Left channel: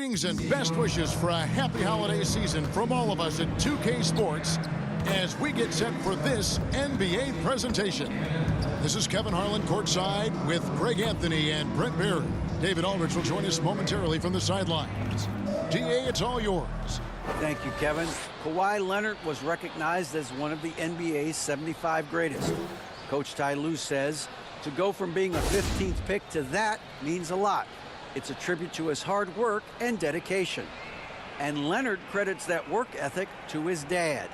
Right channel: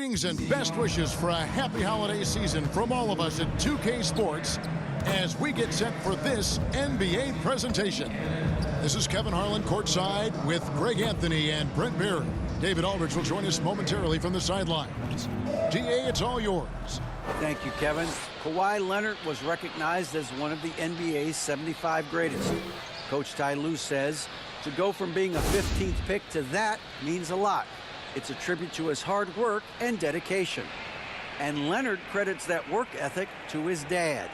Greetings and best wishes for a happy holiday season from all of us at 2K Sports as we get set for this NBA presentation. This is Kevin Harlan courtside with Greg Anthony and Brent Barry. David Aldridge will join us momentarily from the sidelines. DA, it's all yours. Thank you, Kevin. Kawhi Leonard was recognized as one of the NBA's 75 greatest. Coach Ty Lue says to go from being a 15th pick to that means a lot. It's a tribute to his hard work and dedication. And Leonard credits that work ethic to his dad.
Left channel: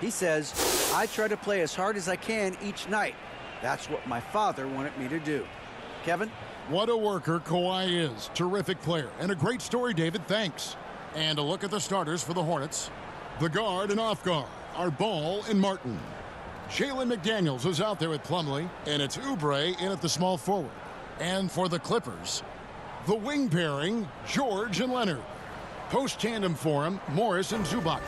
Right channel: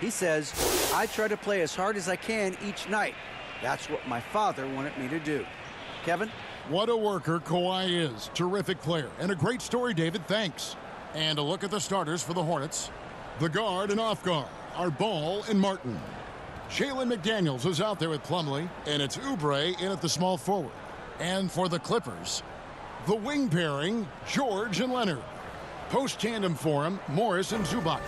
He says, "I try to play as hard as I can each night. That's what my father wanted me to do." Kevin? What a worker Kawhi is. Terrific player. And a great story, David. Thanks. And a look at the starters for the Hornets. The guard and off guard are Ball and Martin. Jalen McDaniels is out there with Plumlee, and it's Oubre in at the small forward. And for the Clippers, the wing pairing, George and Leonard. Post tandem for him, Morris and Zubac.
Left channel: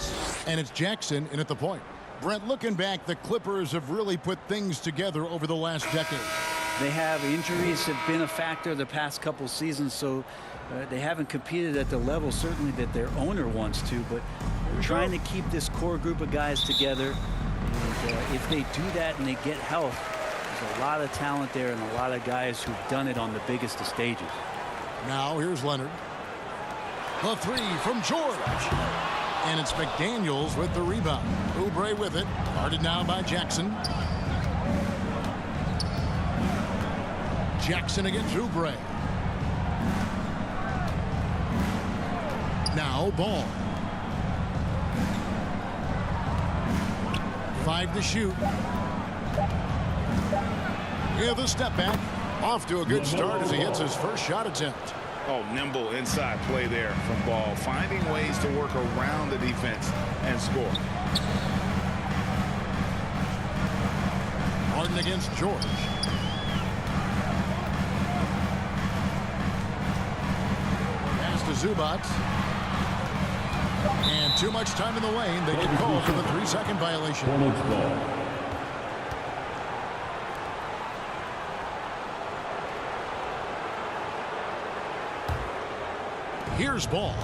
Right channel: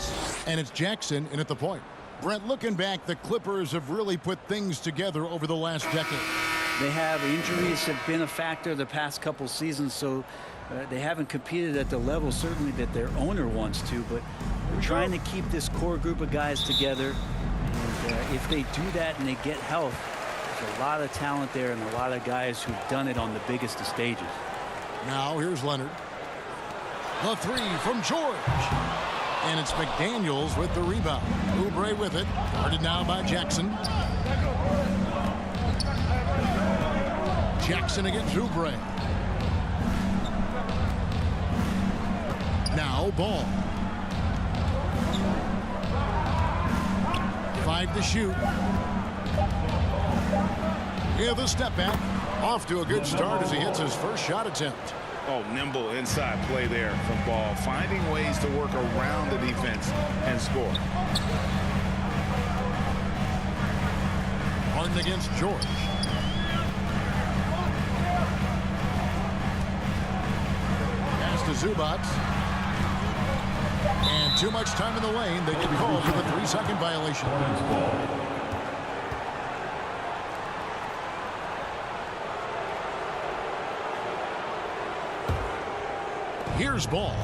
And it's Jackson in at the point. Brent, looking back, the Clippers have really put things together over the last decade. They have. Injuries have been a factor the past couple seasons, so they haven't competed at the level certainly that their owner wants to, but they're trying to keep this core group of guys together. And if they do that and they get health, there's a lot of talent there and a lot of guys who've done it on the biggest of stages. Now here's Leonard. The three from George. And it's McDaniels with the rebound. Oubre with it. Guarded now by Jackson. Jackson against Oubre. Now Ball. 5 to shoot. With a step back. Off to a good start as he hits his first shot attempt. Oh, nimble inside play there from Ball, finding ways to work around the defense and score. Harden against George. Pass to Zubac. And too much time in the lane. They get called for the 3-second violation. Hornets ball. Here's Ball.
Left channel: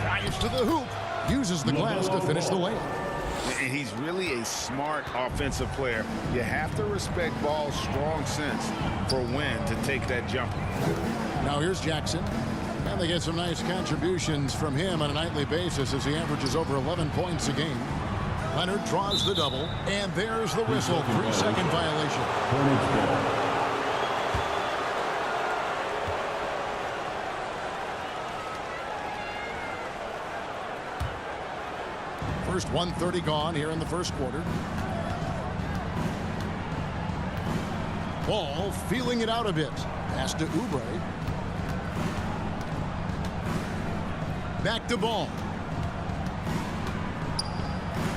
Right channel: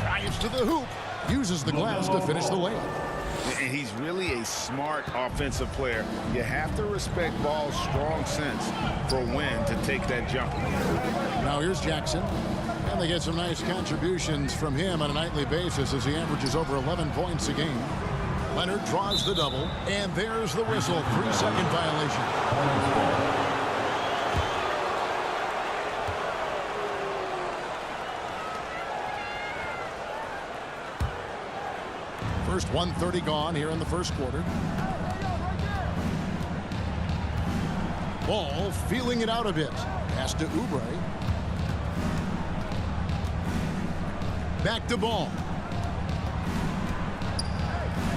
Drives to the hoop. Uses the glass to finish the layup. And he's really a smart offensive player. You have to respect Ball's strong sense for when to take that jumper. Now here's Jackson. And they get some nice contributions from him on a nightly basis as he averages over 11 points a game. Leonard draws the double. And there's the whistle. 3-second violation. Hornets ball. First 1:30 gone here in the first quarter. Ball feeling it out a bit. Pass to Oubre. Back to Ball.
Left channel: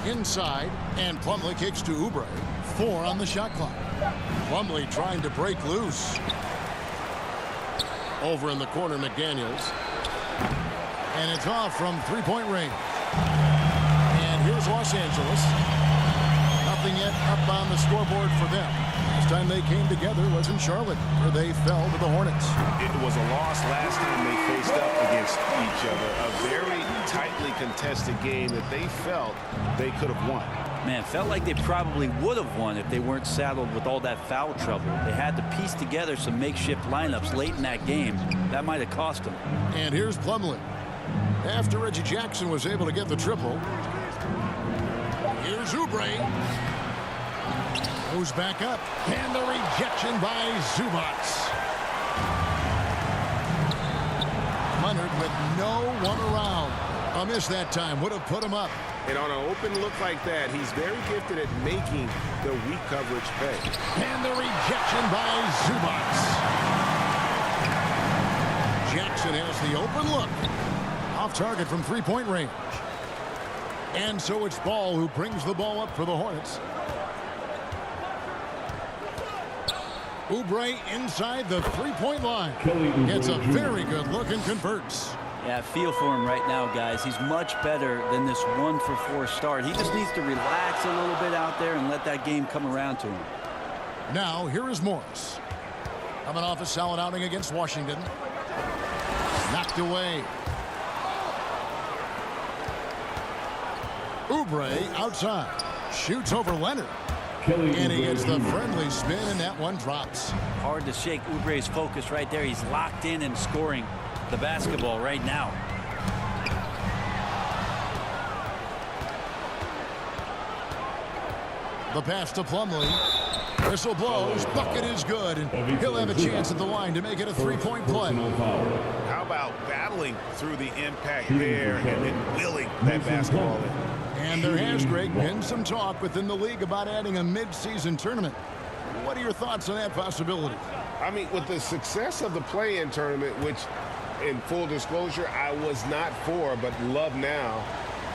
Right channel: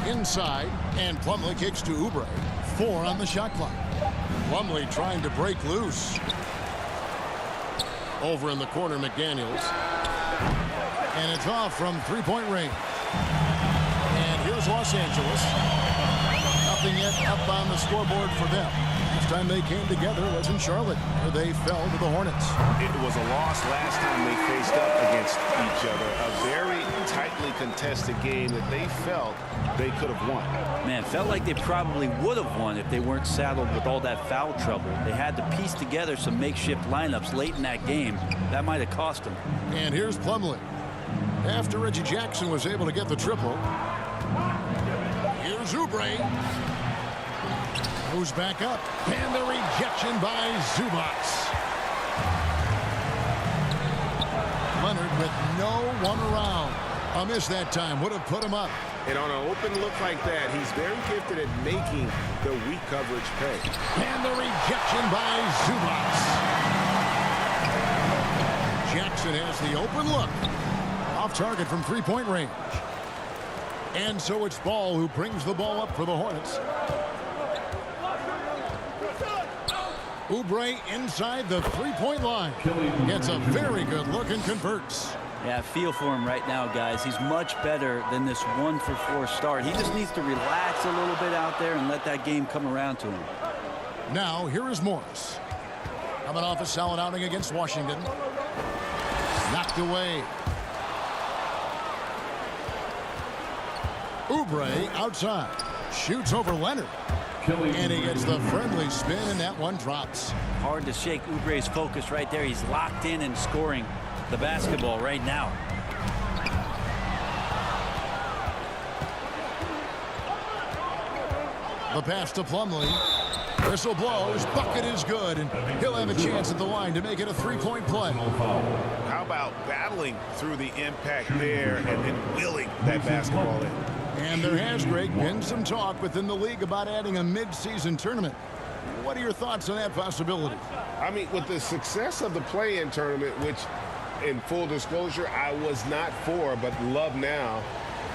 Inside, and Plumlee kicks to Oubre. 4 on the shot clock. Plumlee trying to break loose. Over in the corner, McDaniels. And it's off from three-point range. And here's Los Angeles. Nothing yet up on the scoreboard for them. Last time they came together was in Charlotte, where they fell to the Hornets. It was a loss last time they faced up against each other. A very tightly contested game that they felt they could have won. Man, felt like they probably would have won if they weren't saddled with all that foul trouble. They had to piece together some makeshift lineups late in that game. That might have cost them. And here's Plumlee. After Reggie Jackson was able to get the triple, here's Oubre. Goes back up. And the rejection by Zubac. Leonard with no one around. A miss that time. Would have put him up. And on an open look like that, he's very gifted at making the weak coverage pay. And the rejection by Zubac. Jackson has the open look. Off target from three-point range. And so it's Ball who brings the ball up for the Hornets. Oubre inside the three-point line. Gets a very good look and converts. Yeah, I feel for him right now, guys. He's much better than this 1-for-4 start. He just needs to relax a little bit out there and let that game come around to him. Now, here is Morris. Coming off a solid outing against Washington. Knocked away. Oubre outside. Shoots over Leonard. And he gets the friendly spin, and that one drops. Hard to shake Oubre's focus right there. He's locked in and scoring the basketball right now. The pass to Plumlee. Whistle blows. Bucket is good, and he'll have a chance at the line to make it a three-point play. How about battling through the impact there and then wheeling that basketball in? And there has, Greg, been some talk within the league about adding a mid-season tournament. What are your thoughts on that possibility? I mean, with the success of the play-in tournament, which, in full disclosure, I was not for, but love now,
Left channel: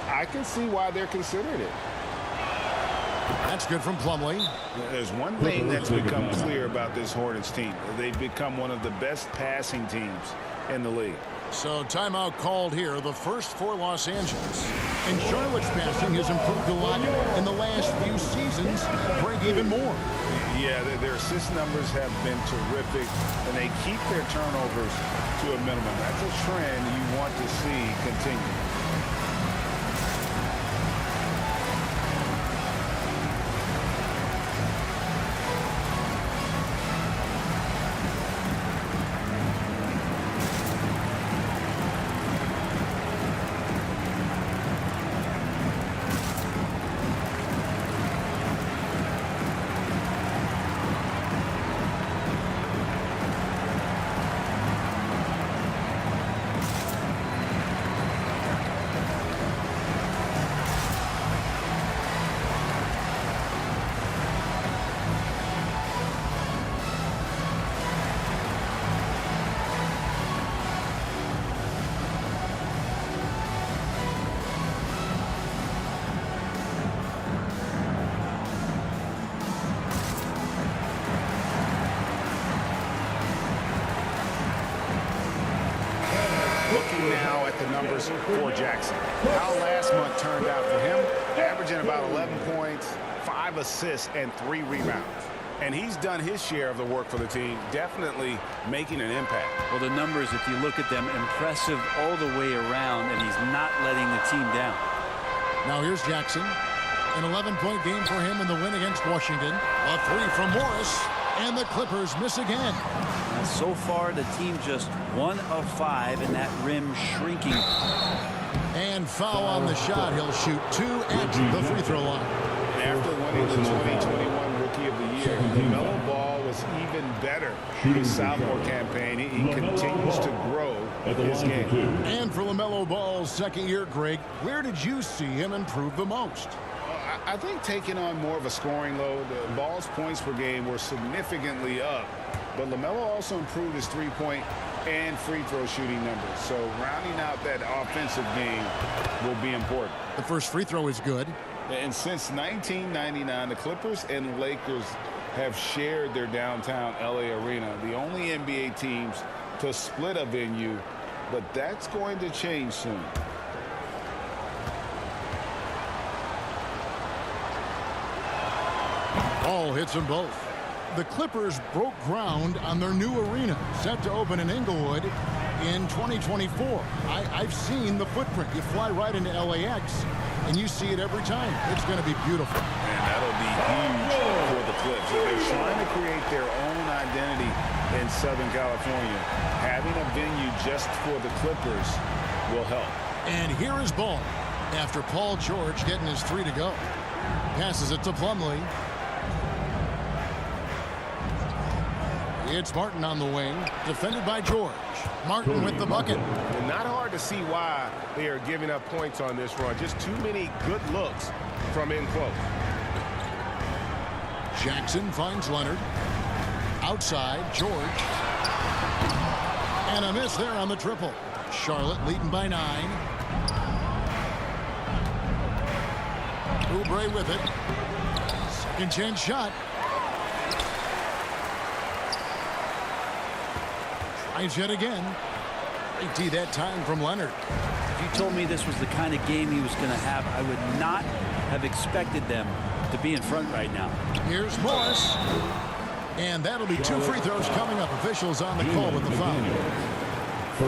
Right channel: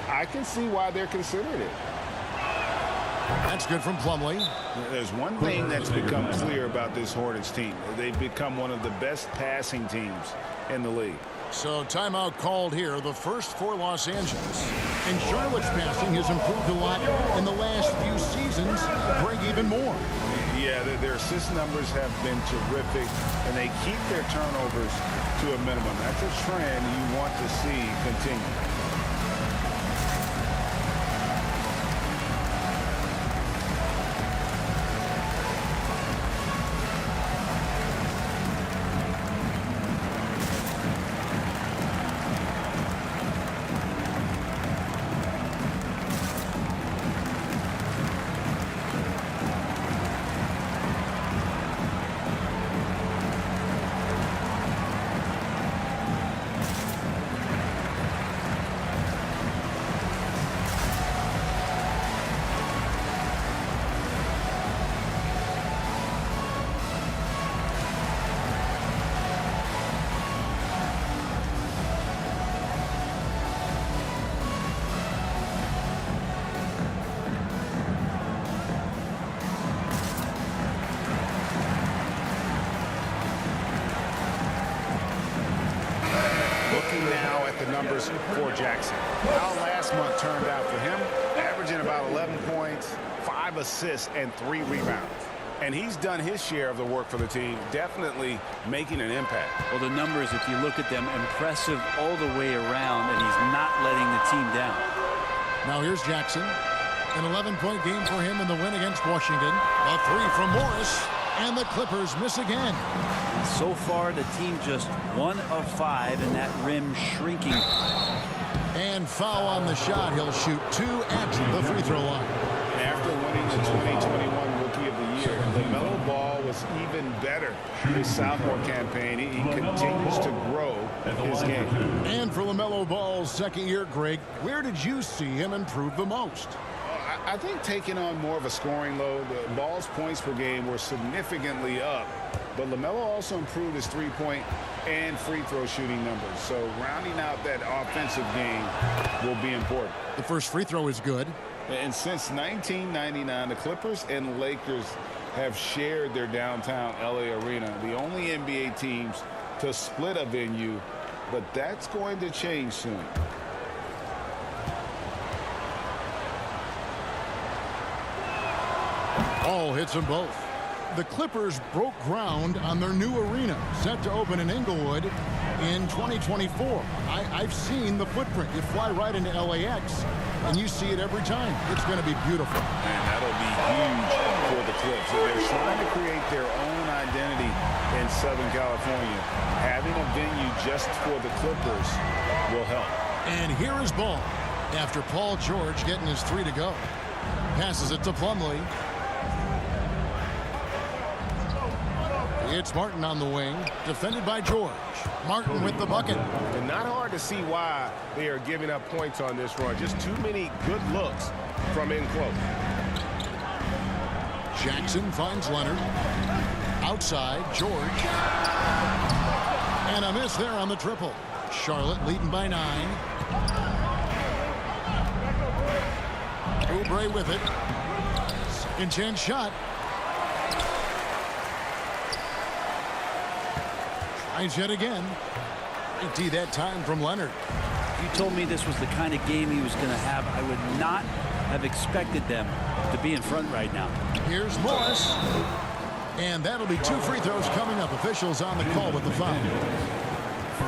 I can see why they're considering it. That's good from Plumlee. There's one thing that's become clear about this Hornets team. They've become one of the best passing teams in the league. So timeout called here, the first for Los Angeles. And Charlotte's passing has improved a lot in the last few seasons. Break even more. Yeah, their assist numbers have been terrific, and they keep their turnovers to a minimum. That's a trend you want to see continue. Looking now at the numbers for Jackson. How last month turned out for him, averaging about 11 points, 5 assists, and 3 rebounds. And he's done his share of the work for the team, definitely making an impact. Well, the numbers, if you look at them, impressive all the way around, and he's not letting the team down. Now here's Jackson. An 11-point game for him in the win against Washington. A three from Morris, and the Clippers miss again. Now, so far, the team just 1 of 5, and that rim shrinking. And foul on the shot. He'll shoot 2 at the free throw line. And after winning the 2021 Rookie of the Year, LaMelo Ball was even better his sophomore campaign. He continues to grow his game. And for LaMelo Ball's second year, Greg, where did you see him improve the most? I think taking on more of a scoring load. Ball's points per game were significantly up, but LaMelo also improved his three-point and free throw shooting numbers. So rounding out that offensive game will be important. The first free throw is good. And since 1999, the Clippers and Lakers have shared their downtown LA arena, the only NBA teams to split a venue, but that's going to change soon. Ball hits them both. The Clippers broke ground on their new arena, set to open in Inglewood in 2024. I've seen the footprint. You fly right into LAX, and you see it every time. It's going to be beautiful. And that'll be huge for the Clips. They're trying to create their own identity in Southern California. Having a venue just for the Clippers will help. And here is Ball after Paul George getting his 3 to go. Passes it to Plumlee. It's Martin on the wing, defended by George. Martin with the bucket. And not hard to see why they are giving up points on this run. Just too many good looks from in close. Jackson finds Leonard. Outside, George. And a miss there on the triple. Charlotte leading by 9. Oubre with it. Second chance shot. Tries yet again. Great D that time from Leonard. If you told me this was the kind of game he was going to have, I would not have expected them to be in front right now. Here's Morris. And that'll be 2 free throws coming up. Officials on the call with the foul.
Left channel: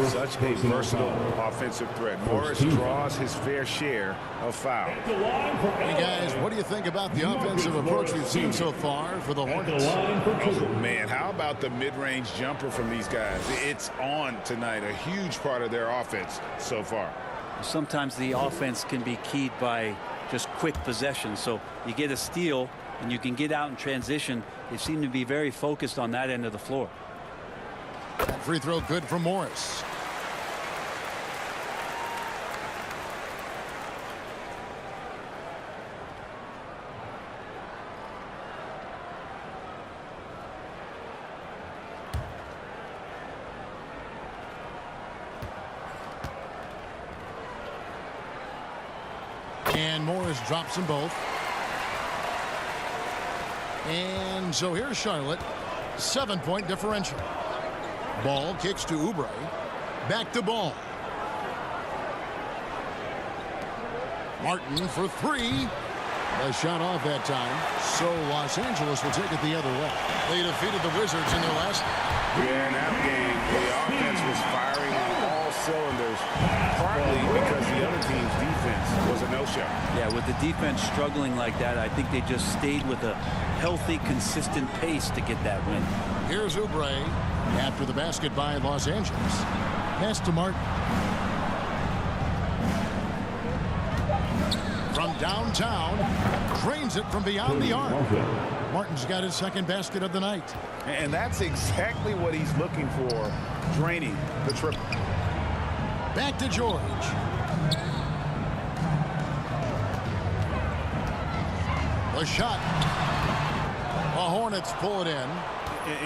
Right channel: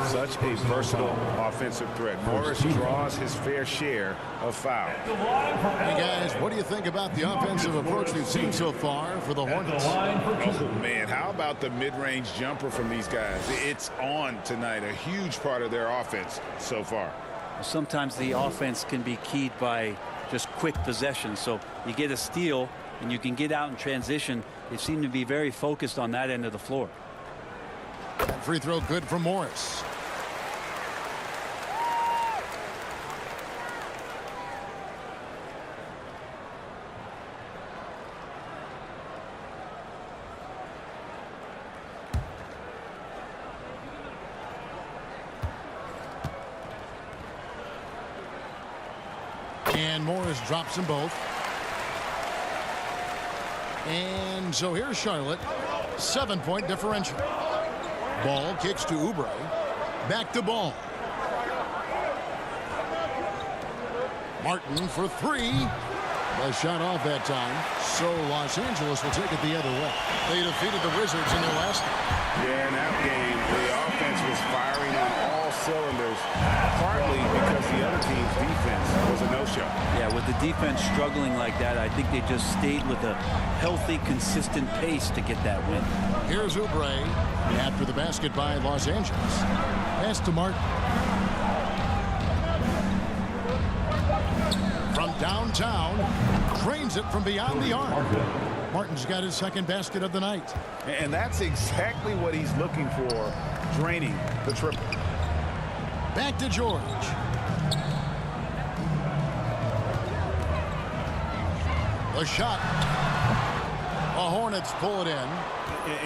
Such a versatile offensive threat. Morris draws his fair share of fouls. Hey, guys, what do you think about the offensive approach we've seen so far for the Hornets? Oh, man, how about the mid-range jumper from these guys? It's on tonight, a huge part of their offense so far. Sometimes the offense can be keyed by just quick possession. So you get a steal and you can get out in transition. They seem to be very focused on that end of the floor. That free throw good for Morris. And Morris drops them both. And so here's Charlotte. 7-point differential. Ball kicks to Oubre. Back to Ball. Martin for 3. The shot off that time. So Los Angeles will take it the other way. They defeated the Wizards in their last game. Yeah, in that game, the offense was firing on all cylinders, partly because the other team's defense was a no-show. Yeah, with the defense struggling like that, I think they just stayed with a healthy, consistent pace to get that win. Here's Oubre after the basket by Los Angeles. Pass to Martin. From downtown, drains it from beyond the arc. Martin's got his second basket of the night. And that's exactly what he's looking for, draining the triple. Back to George. The shot. The Hornets pull it in.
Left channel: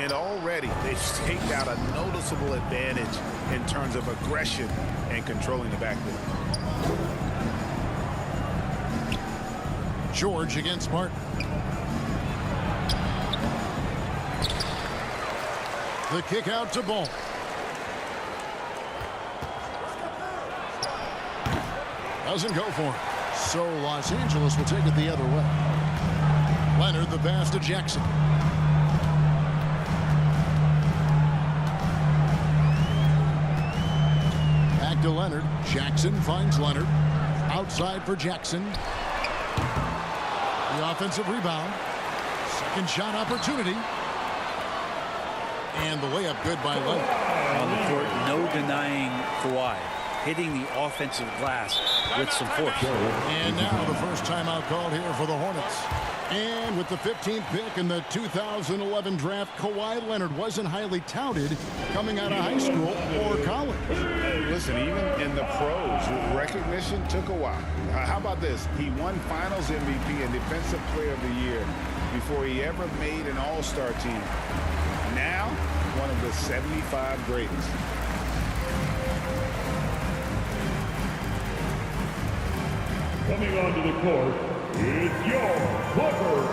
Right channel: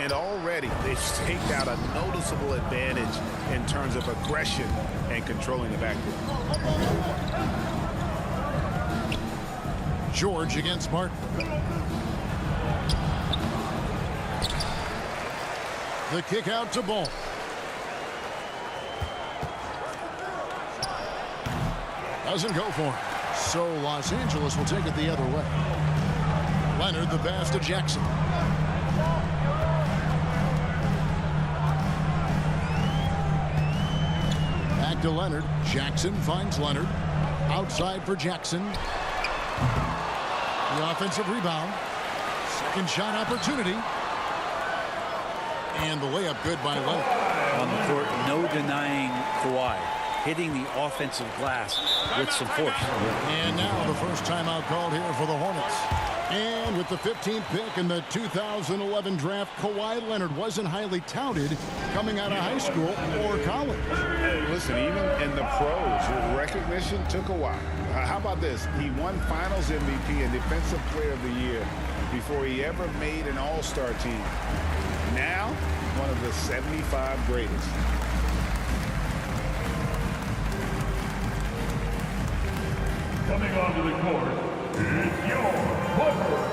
And already they've staked out a noticeable advantage in terms of aggression and controlling the backcourt. George against Martin. The kick out to Ball. Doesn't go for him. So Los Angeles will take it the other way. Leonard the pass to Jackson. Back to Leonard. Jackson finds Leonard. Outside for Jackson. The offensive rebound. Second shot opportunity. And the layup good by Leonard. On the court, no denying Kawhi hitting the offensive glass with some force. And now the first timeout called here for the Hornets. And with the 15th pick in the 2011 draft, Kawhi Leonard wasn't highly touted coming out of high school or college. Listen, even in the pros, recognition took a while. How about this? He won Finals MVP and Defensive Player of the Year before he ever made an All-Star team. Now, one of the 75 greatest. Coming onto the court, it's your Clippers.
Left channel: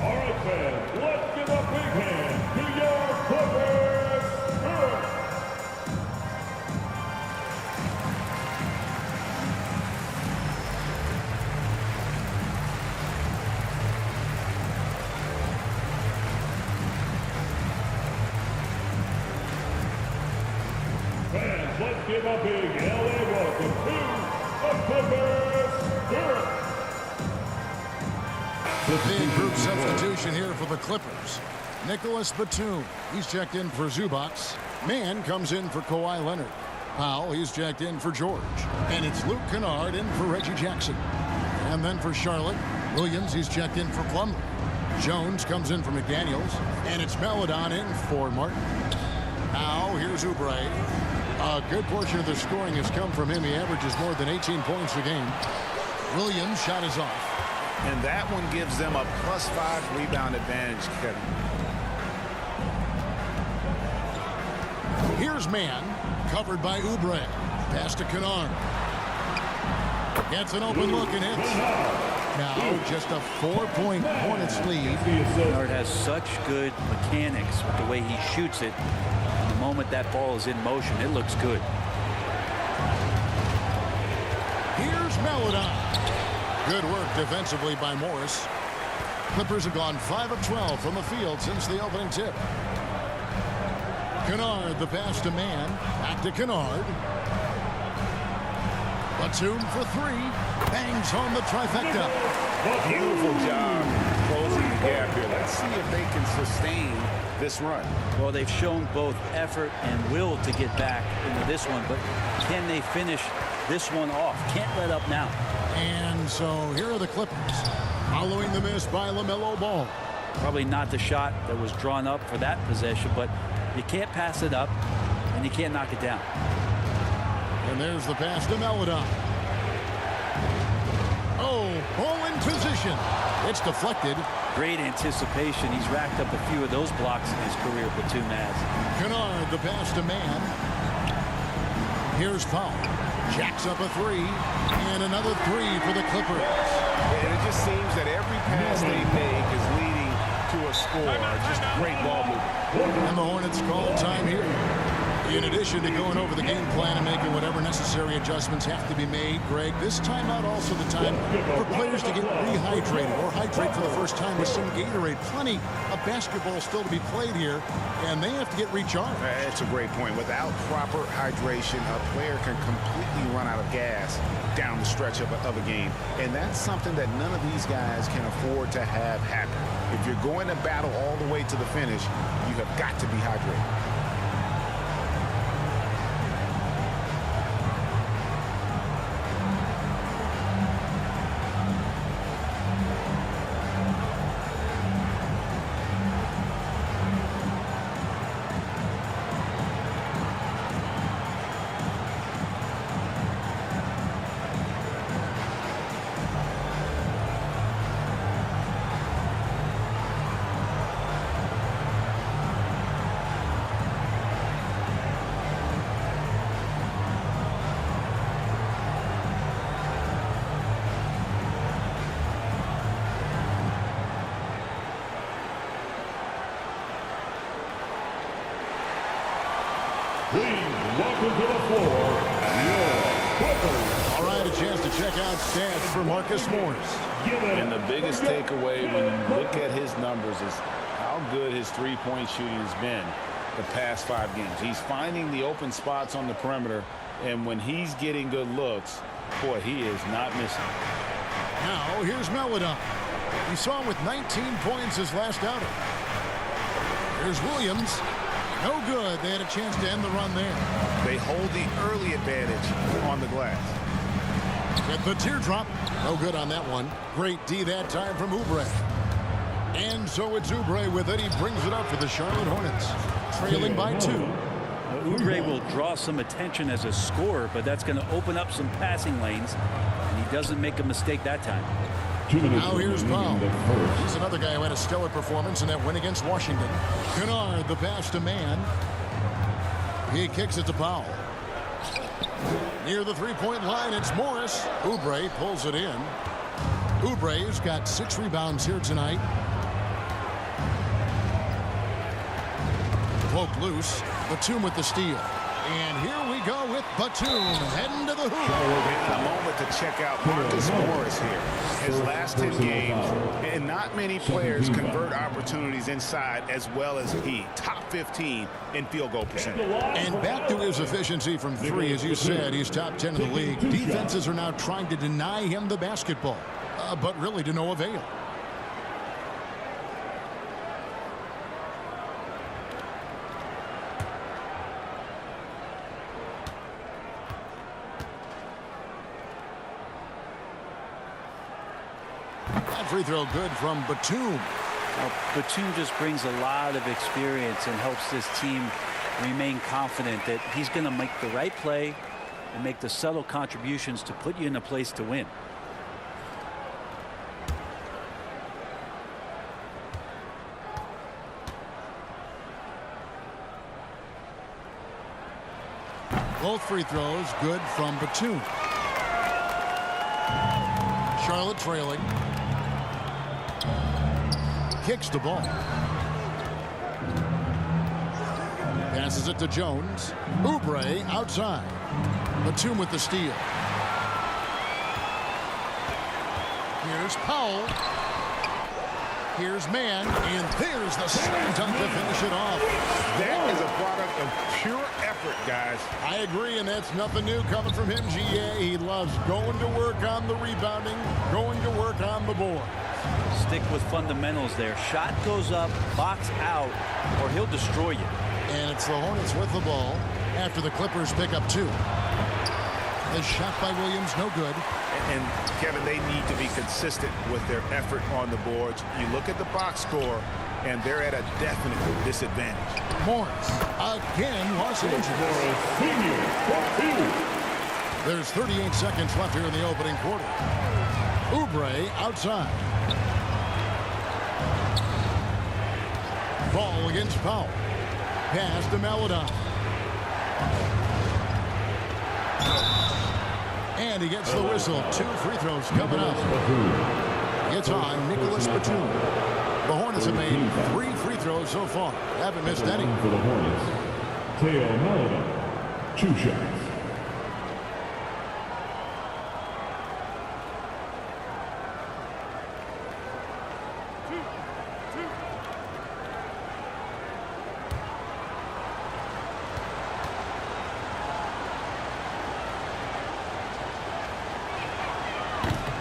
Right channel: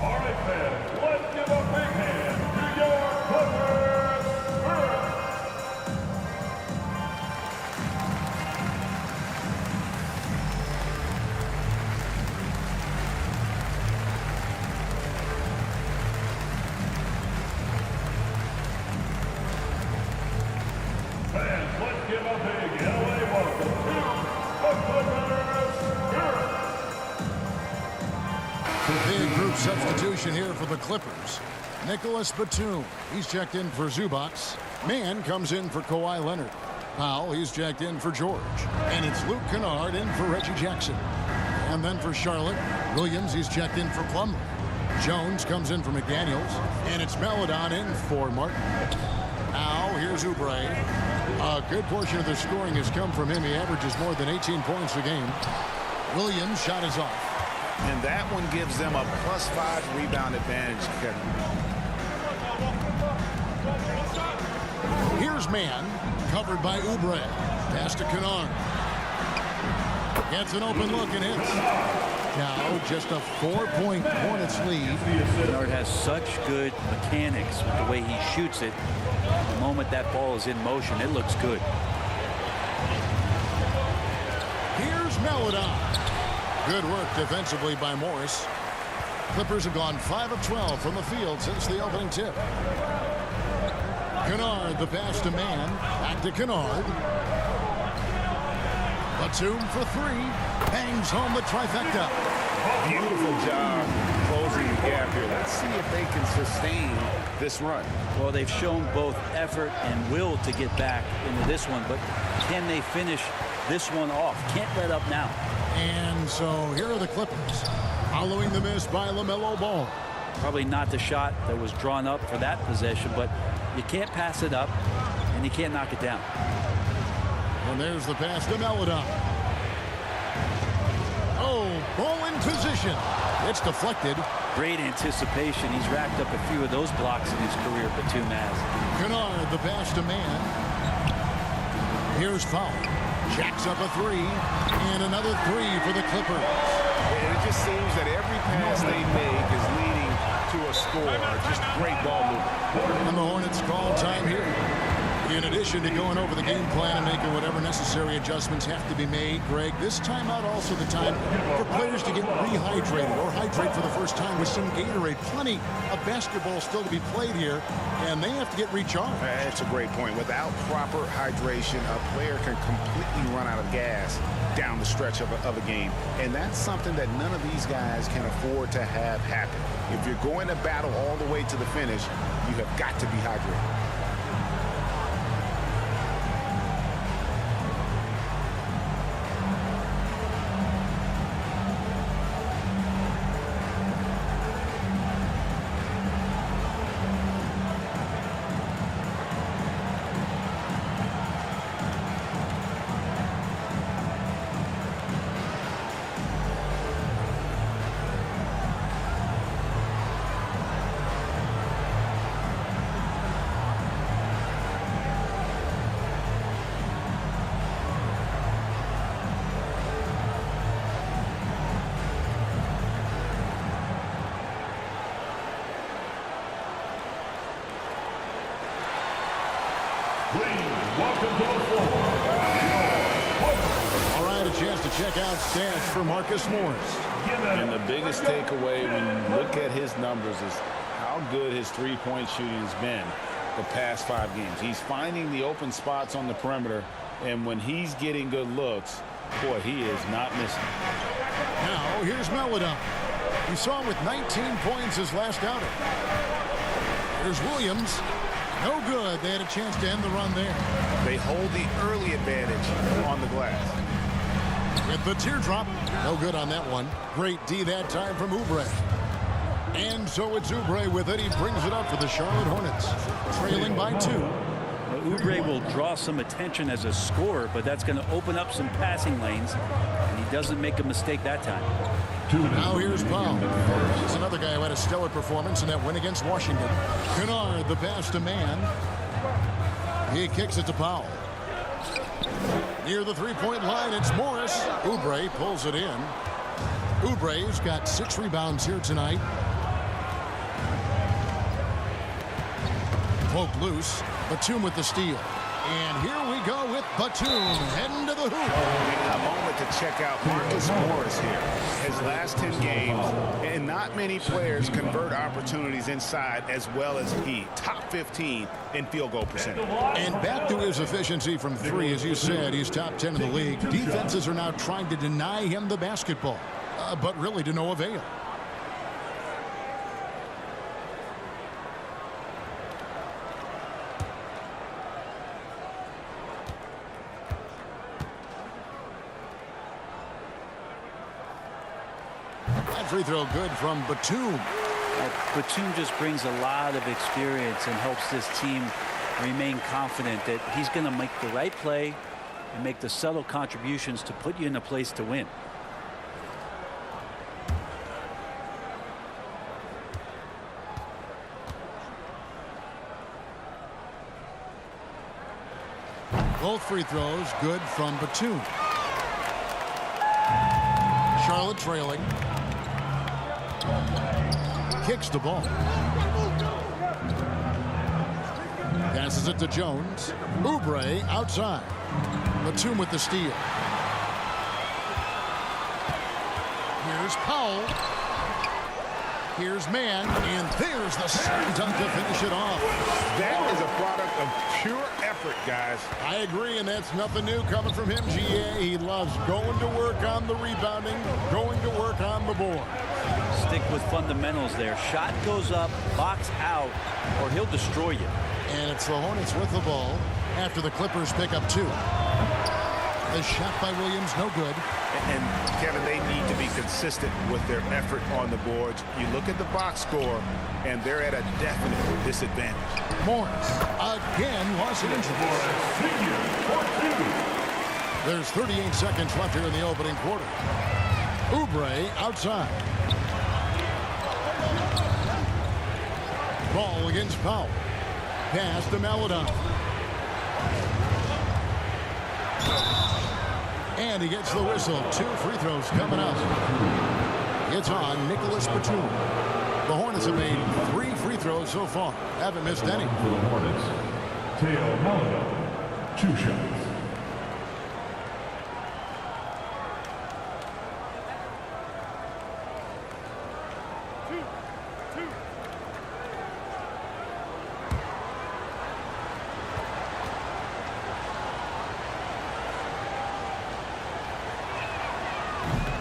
All right, fans, let's give a big hand to your Clippers. Fans, let's give a big LA welcome to the Clippers Spirit. Big group substitution here for the Clippers. Nicholas Batum, he's checked in for Zubac. Mann comes in for Kawhi Leonard. Powell, he's checked in for George. And it's Luke Kennard in for Reggie Jackson. And then for Charlotte, Williams, he's checked in for Plumlee. Jones comes in for McDaniels. And it's Melodon in for Martin. Now, here's Oubre. A good portion of the scoring has come from him. He averages more than 18 points a game. Williams' shot is off. And that one gives them a +5 rebound advantage, Kevin. Here's Mann, covered by Oubre. Pass to Kennard. Gets an open look and hits. now. Just a 4-point Hornets lead. Kennard has such good mechanics with the way he shoots it. And the moment that ball is in motion, it looks good. Here's Melodon. Good work defensively by Morris. Clippers have gone 5 of 12 from the field since the opening tip. Kennard, the pass to man. Back to Kennard. Batum for 3. Bangs home the trifecta. Beautiful job closing the gap here. Let's see if they can sustain this run. Well, they've shown both effort and will to get back into this one, but can they finish this one off? Can't let up now. And so here are the Clippers following the miss by LaMelo Ball. Probably not the shot that was drawn up for that possession, but you can't pass it up and you can't knock it down. And there's the pass to Melodon. Oh, ball in position. It's deflected. Great anticipation. He's racked up a few of those blocks in his career, Batum has. Kennard, the pass to man. Here's Powell. Jacks up a 3. And another 3 for the Clippers. And it just seems that every pass they make is leading to a score. Just great ball movement. And the Hornets call time here. In addition to going over the game plan and making whatever necessary adjustments have to be made, Greg, this timeout also the time for players to get rehydrated or hydrate for the first time with some Gatorade. Plenty of basketball still to be played here, and they have to get recharged. That's a great point. Without proper hydration, a player can completely run out of gas down the stretch of a game. And that's something that none of these guys can afford to have happen. If you're going to battle all the way to the finish, you have got to be hydrated. Please welcome to the floor, your Clippers. All right, a chance to check out stats for Marcus Morris. And the biggest takeaway when you look at his numbers is how good his three-point shooting has been the past 5 games. He's finding the open spots on the perimeter, and when he's getting good looks, boy, he is not missing. Now, here's Melodon. We saw him with 19 points his last outing. Here's Williams. No good. They had a chance to end the run there. They hold the early advantage on the glass. With the teardrop. No good on that one. Great D that time from Oubre. And so it's Oubre with it. He brings it up for the Charlotte Hornets. Trailing by 2. Oubre will draw some attention as a scorer, but that's going to open up some passing lanes, and he doesn't make a mistake that time. Now here's Powell. He's another guy who had a stellar performance in that win against Washington. Kennard, the pass to man. He kicks it to Powell. Near the three-point line, it's Morris. Oubre pulls it in. Oubre's got 6 rebounds here tonight. Poked loose. Batum with the steal. And here we go with Batum heading to the hoop. A moment to check out Marcus Morris here. His last 10 games, and not many players convert opportunities inside as well as he. Top 15 in field goal percentage. And back to his efficiency from 3, as you said, he's top 10 in the league. Defenses are now trying to deny him the basketball, but really to no avail. That free throw good from Batum. Now, Batum just brings a lot of experience and helps this team remain confident that he's going to make the right play and make the subtle contributions to put you in a place to win. Both free throws good from Batum. Charlotte trailing. Kicks the ball. Passes it to Jones. Oubre outside. Batum with the steal. Here's Powell. Here's Mann, and there's the slam dunk to finish it off. That is a product of pure effort, guys. I agree, and that's nothing new coming from him, GA. He loves going to work on the rebounding, going to work on the board. Stick with fundamentals there. Shot goes up, box out, or he'll destroy you. And it's the Hornets with the ball after the Clippers pick up 2. The shot by Williams, no good. And Kevin, they need to be consistent with their effort on the boards. You look at the box score, and they're at a definite disadvantage. Morris again lost an injury. Morris, senior, for 2. There's 38 seconds left here in the opening quarter. Oubre outside. Ball against Powell. Pass to Maladon. And he gets the whistle. 2 free throws coming up. It's on Nicholas Batum. The Hornets have made 3 free throws so far. Haven't missed any. For the Hornets, Teo Maladon, 2 shots.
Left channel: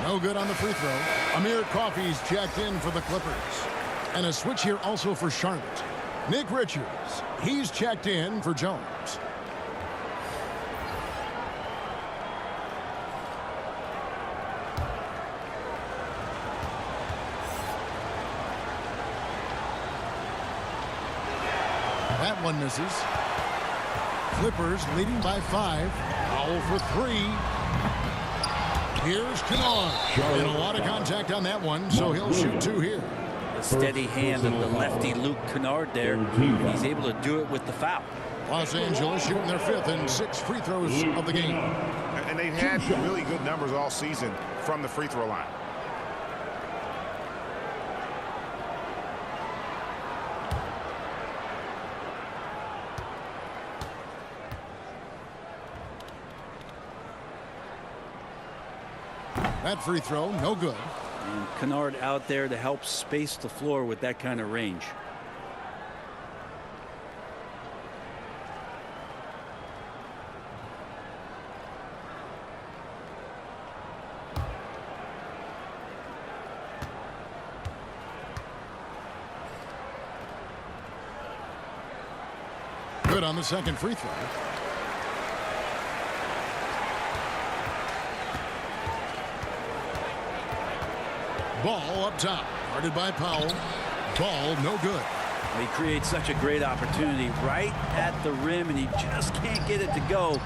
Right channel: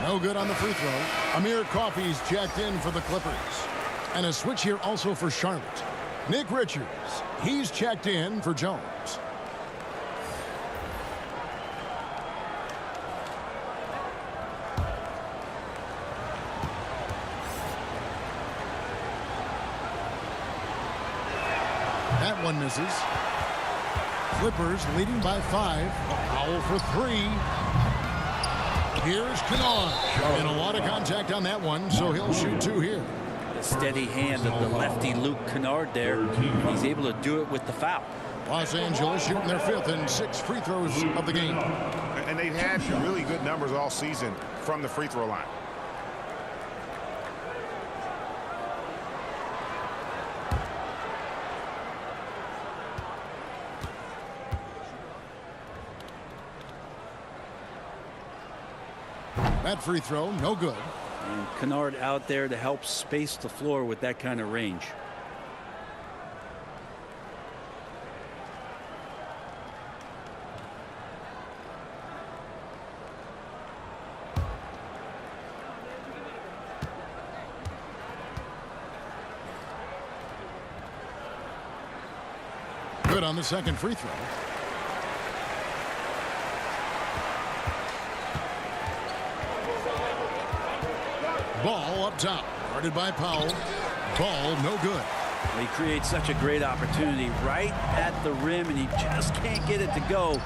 No good on the free throw. Amir Coffey's checked in for the Clippers. And a switch here also for Charlotte. Nick Richards, he's checked in for Jones. That one misses. Clippers leading by 5. Powell for 3. Here's Kennard. And a lot of contact on that one, so he'll shoot 2 here. The steady hand of the lefty Luke Kennard there. He's able to do it with the foul. Los Angeles shooting their 5th and 6th free throws of the game. And they've had really good numbers all season from the free throw line. That free throw, no good. And Kennard out there to help space the floor with that kind of range. Good on the second free throw. Ball up top, guarded by Powell. Ball no good. Well, he creates such a great opportunity right at the rim, and he just can't get it to go.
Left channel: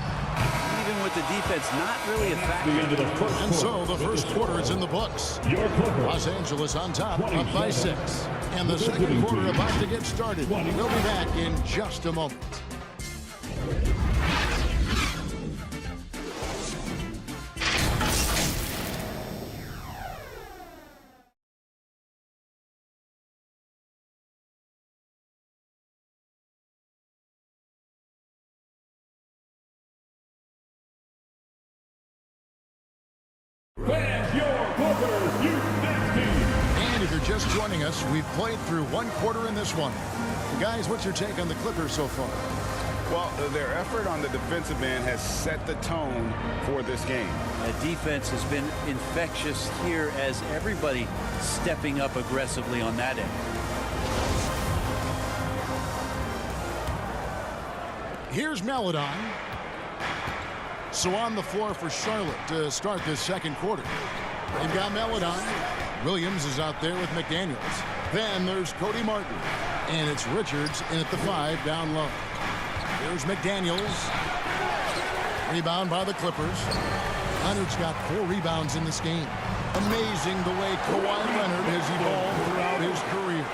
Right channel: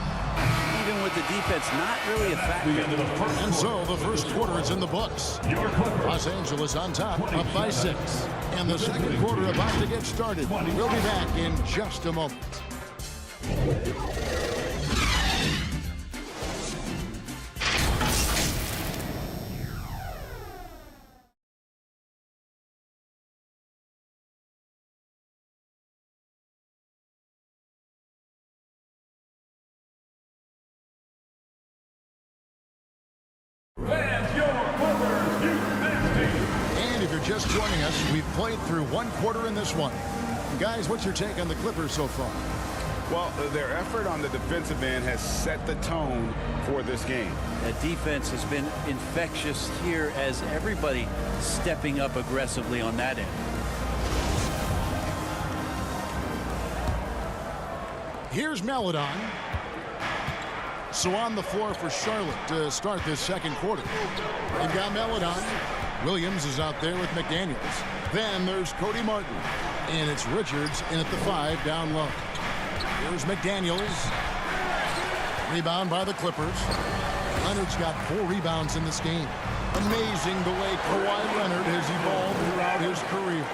Even with the defense not really a factor. And so the first quarter is in the books. Los Angeles on top, up by 6. And the second quarter about to get started. We'll be back in just a moment. Fans, your Clippers Youth Next Team. And if you're just joining us, we've played through 1 quarter in this one. Guys, what's your take on the Clippers so far? Well, their effort on the defensive end has set the tone for this game. That defense has been infectious here as everybody stepping up aggressively on that end. Here's Maladon. So on the floor for Charlotte to start this second quarter. They've got Maladon. Williams is out there with McDaniels. Then there's Cody Martin. And it's Richards in at the 5 down low. Here's McDaniels. Rebound by the Clippers. Leonard's got 4 rebounds in this game. Amazing the way Kawhi Leonard has evolved throughout his career.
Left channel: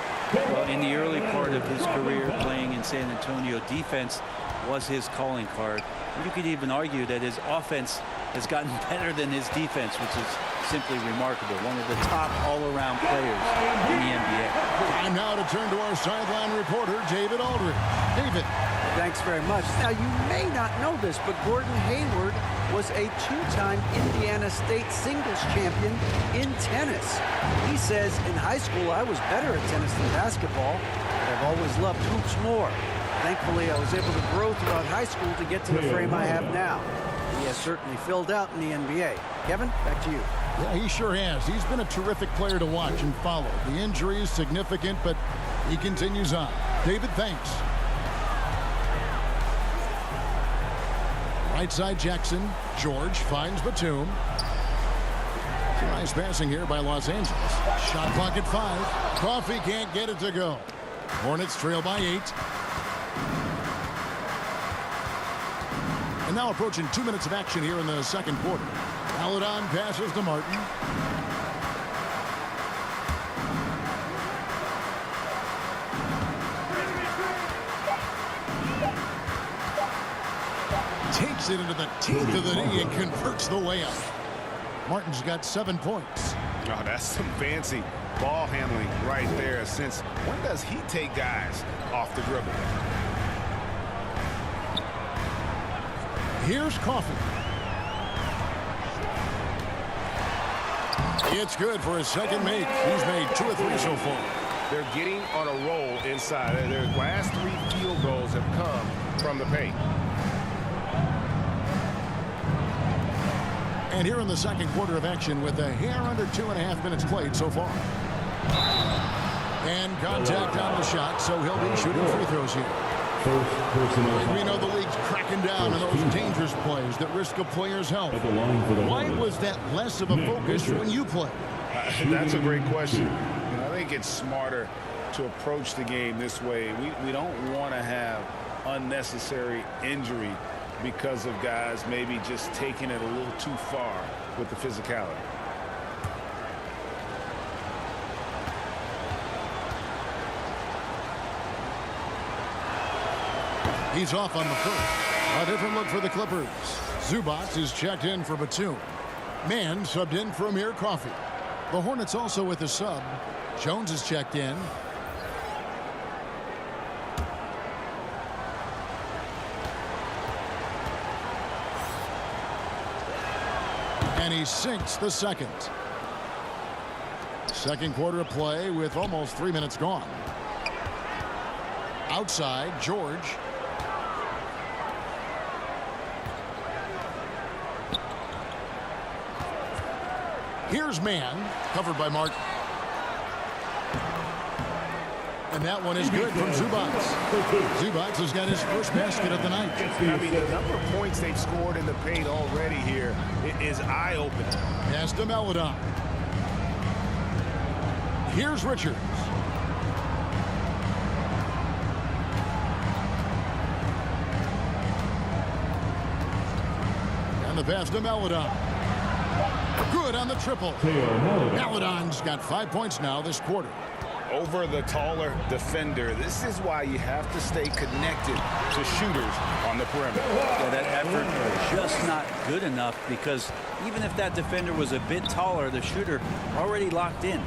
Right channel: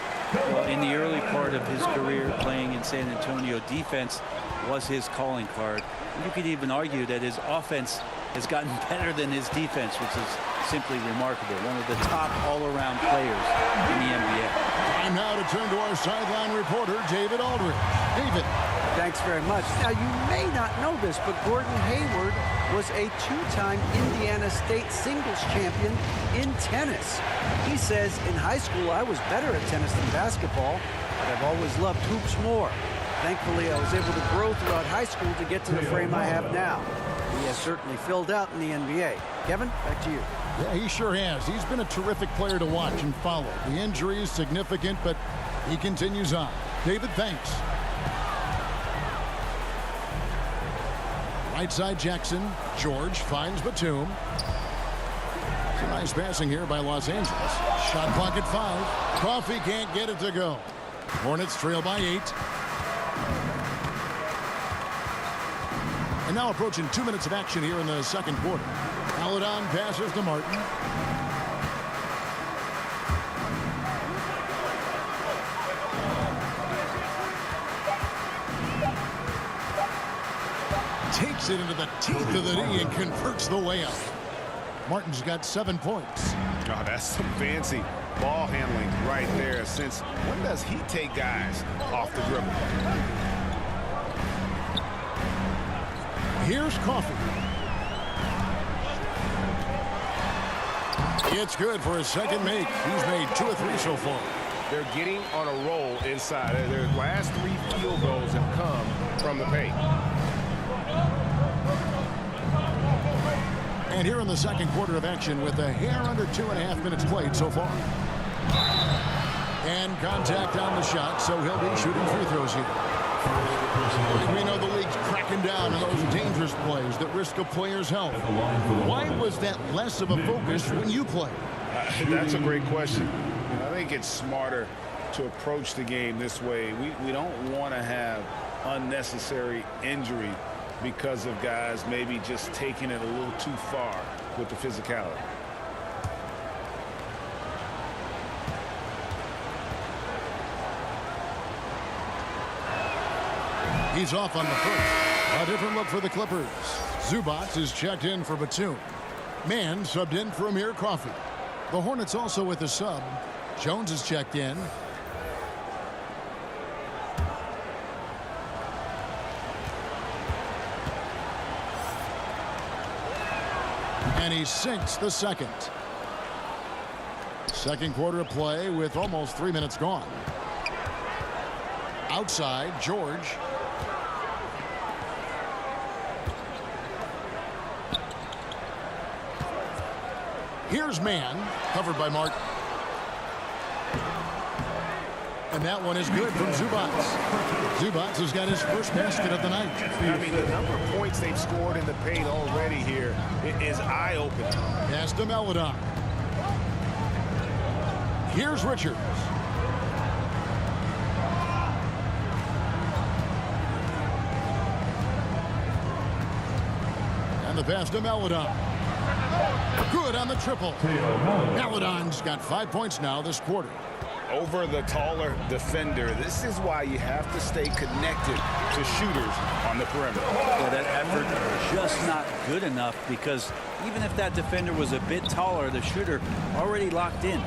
Well, in the early part of his career playing in San Antonio, defense was his calling card. And you could even argue that his offense has gotten better than his defense, which is simply remarkable. One of the top all-around players in the NBA. Time now to turn to our sideline reporter, David Aldridge. David. Thanks very much. Now, you may not know this, but Gordon Hayward was a two-time Indiana State singles champion in tennis. He says, in high school, I was better at tennis than basketball, but I've always loved hoops more. Thankfully, I was able to grow throughout high school to get to the frame I have now. He has certainly filled out in the NBA. Kevin, back to you. Yeah, he sure has. He's been a terrific player to watch and follow. The injury is significant, but he continues on. David, thanks. Right side Jackson. George finds Batum. Some nice passing here by Los Angeles. Shot clock at 5. Coffee can't get it to go. Hornets trail by 8. And now approaching 2 minutes of action here in the second quarter. Paladon passes to Martin. Takes it into the teeth of the knee and converts the layup. Martin's got 7 points. Oh, that's some fancy ball handling right there. Since when does he take guys off the dribble? Here's Coffee. It's good for his second make. He's made 2 of 3 so far. They're getting on a roll inside. Their last 3 field goals have come from the paint. And here in the second quarter of action with a hair under 2.5 minutes played so far. And contact on the shot, so he'll be shooting free throws here. We know the league's cracking down on those dangerous plays that risk a player's health. Why was that less of a focus when you play? That's a great question. You know, I think it's smarter to approach the game this way. We don't want to have unnecessary injury because of guys maybe just taking it a little too far with the physicality. He's off on the first. A different look for the Clippers. Zubac is checked in for Batum. Mann subbed in for Amir Coffee. The Hornets also with a sub. Jones is checked in. And he sinks the second. Second quarter of play with almost 3 minutes gone. Outside, George. Here's Mann, covered by Martin. And that one is good from Zubac. Zubac has got his first basket of the night. I mean, the number of points they've scored in the paint already here is eye-opening. Pass to Paladon. Here's Richards. And the pass to Paladon. Good on the triple. Paladon's got 5 points now this quarter. Over the taller defender. This is why you have to stay connected to shooters on the perimeter. Yeah, that effort just not good enough, because even if that defender was a bit taller, the shooter already locked in.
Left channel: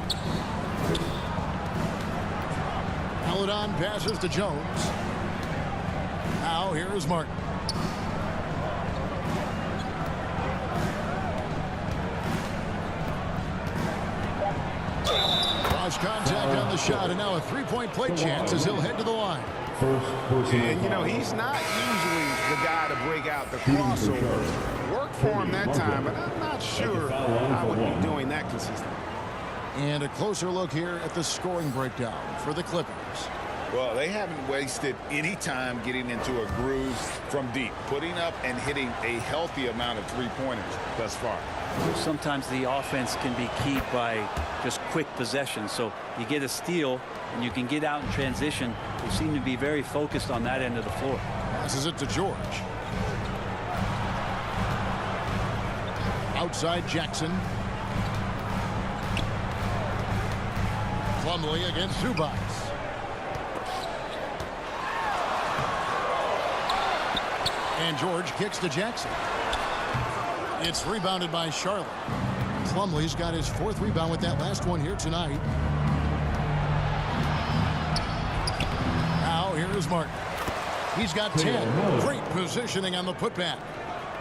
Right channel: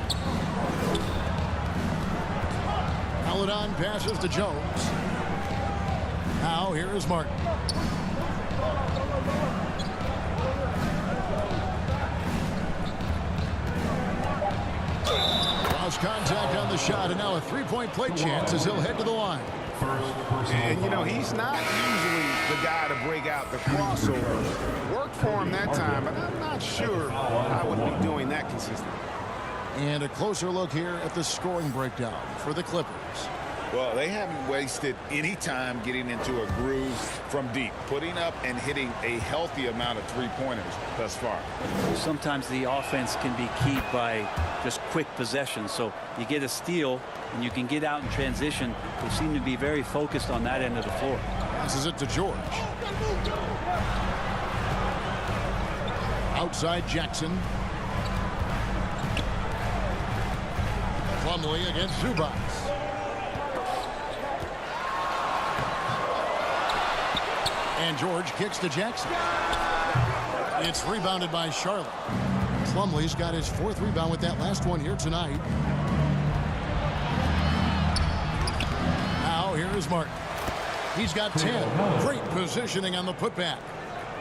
Paladon passes to Jones. Now here is Martin. Lost contact on the shot, and now a three-point play chance as he'll head to the line. And, you know, he's not usually the guy to break out the crossover. Worked for him that time, but I'm not sure I would be doing that consistently. And a closer look here at the scoring breakdown for the Clippers. Well, they haven't wasted any time getting into a groove from deep, putting up and hitting a healthy amount of three-pointers thus far. Sometimes the offense can be keyed by just quick possession. So you get a steal and you can get out in transition. They seem to be very focused on that end of the floor. Passes it to George. Outside Jackson. Plumlee against Zubac. And George kicks to Jackson. It's rebounded by Charlotte. Plumlee's got his 4th rebound with that last one here tonight. Now here is Martin. He's got 10. Great positioning on the putback.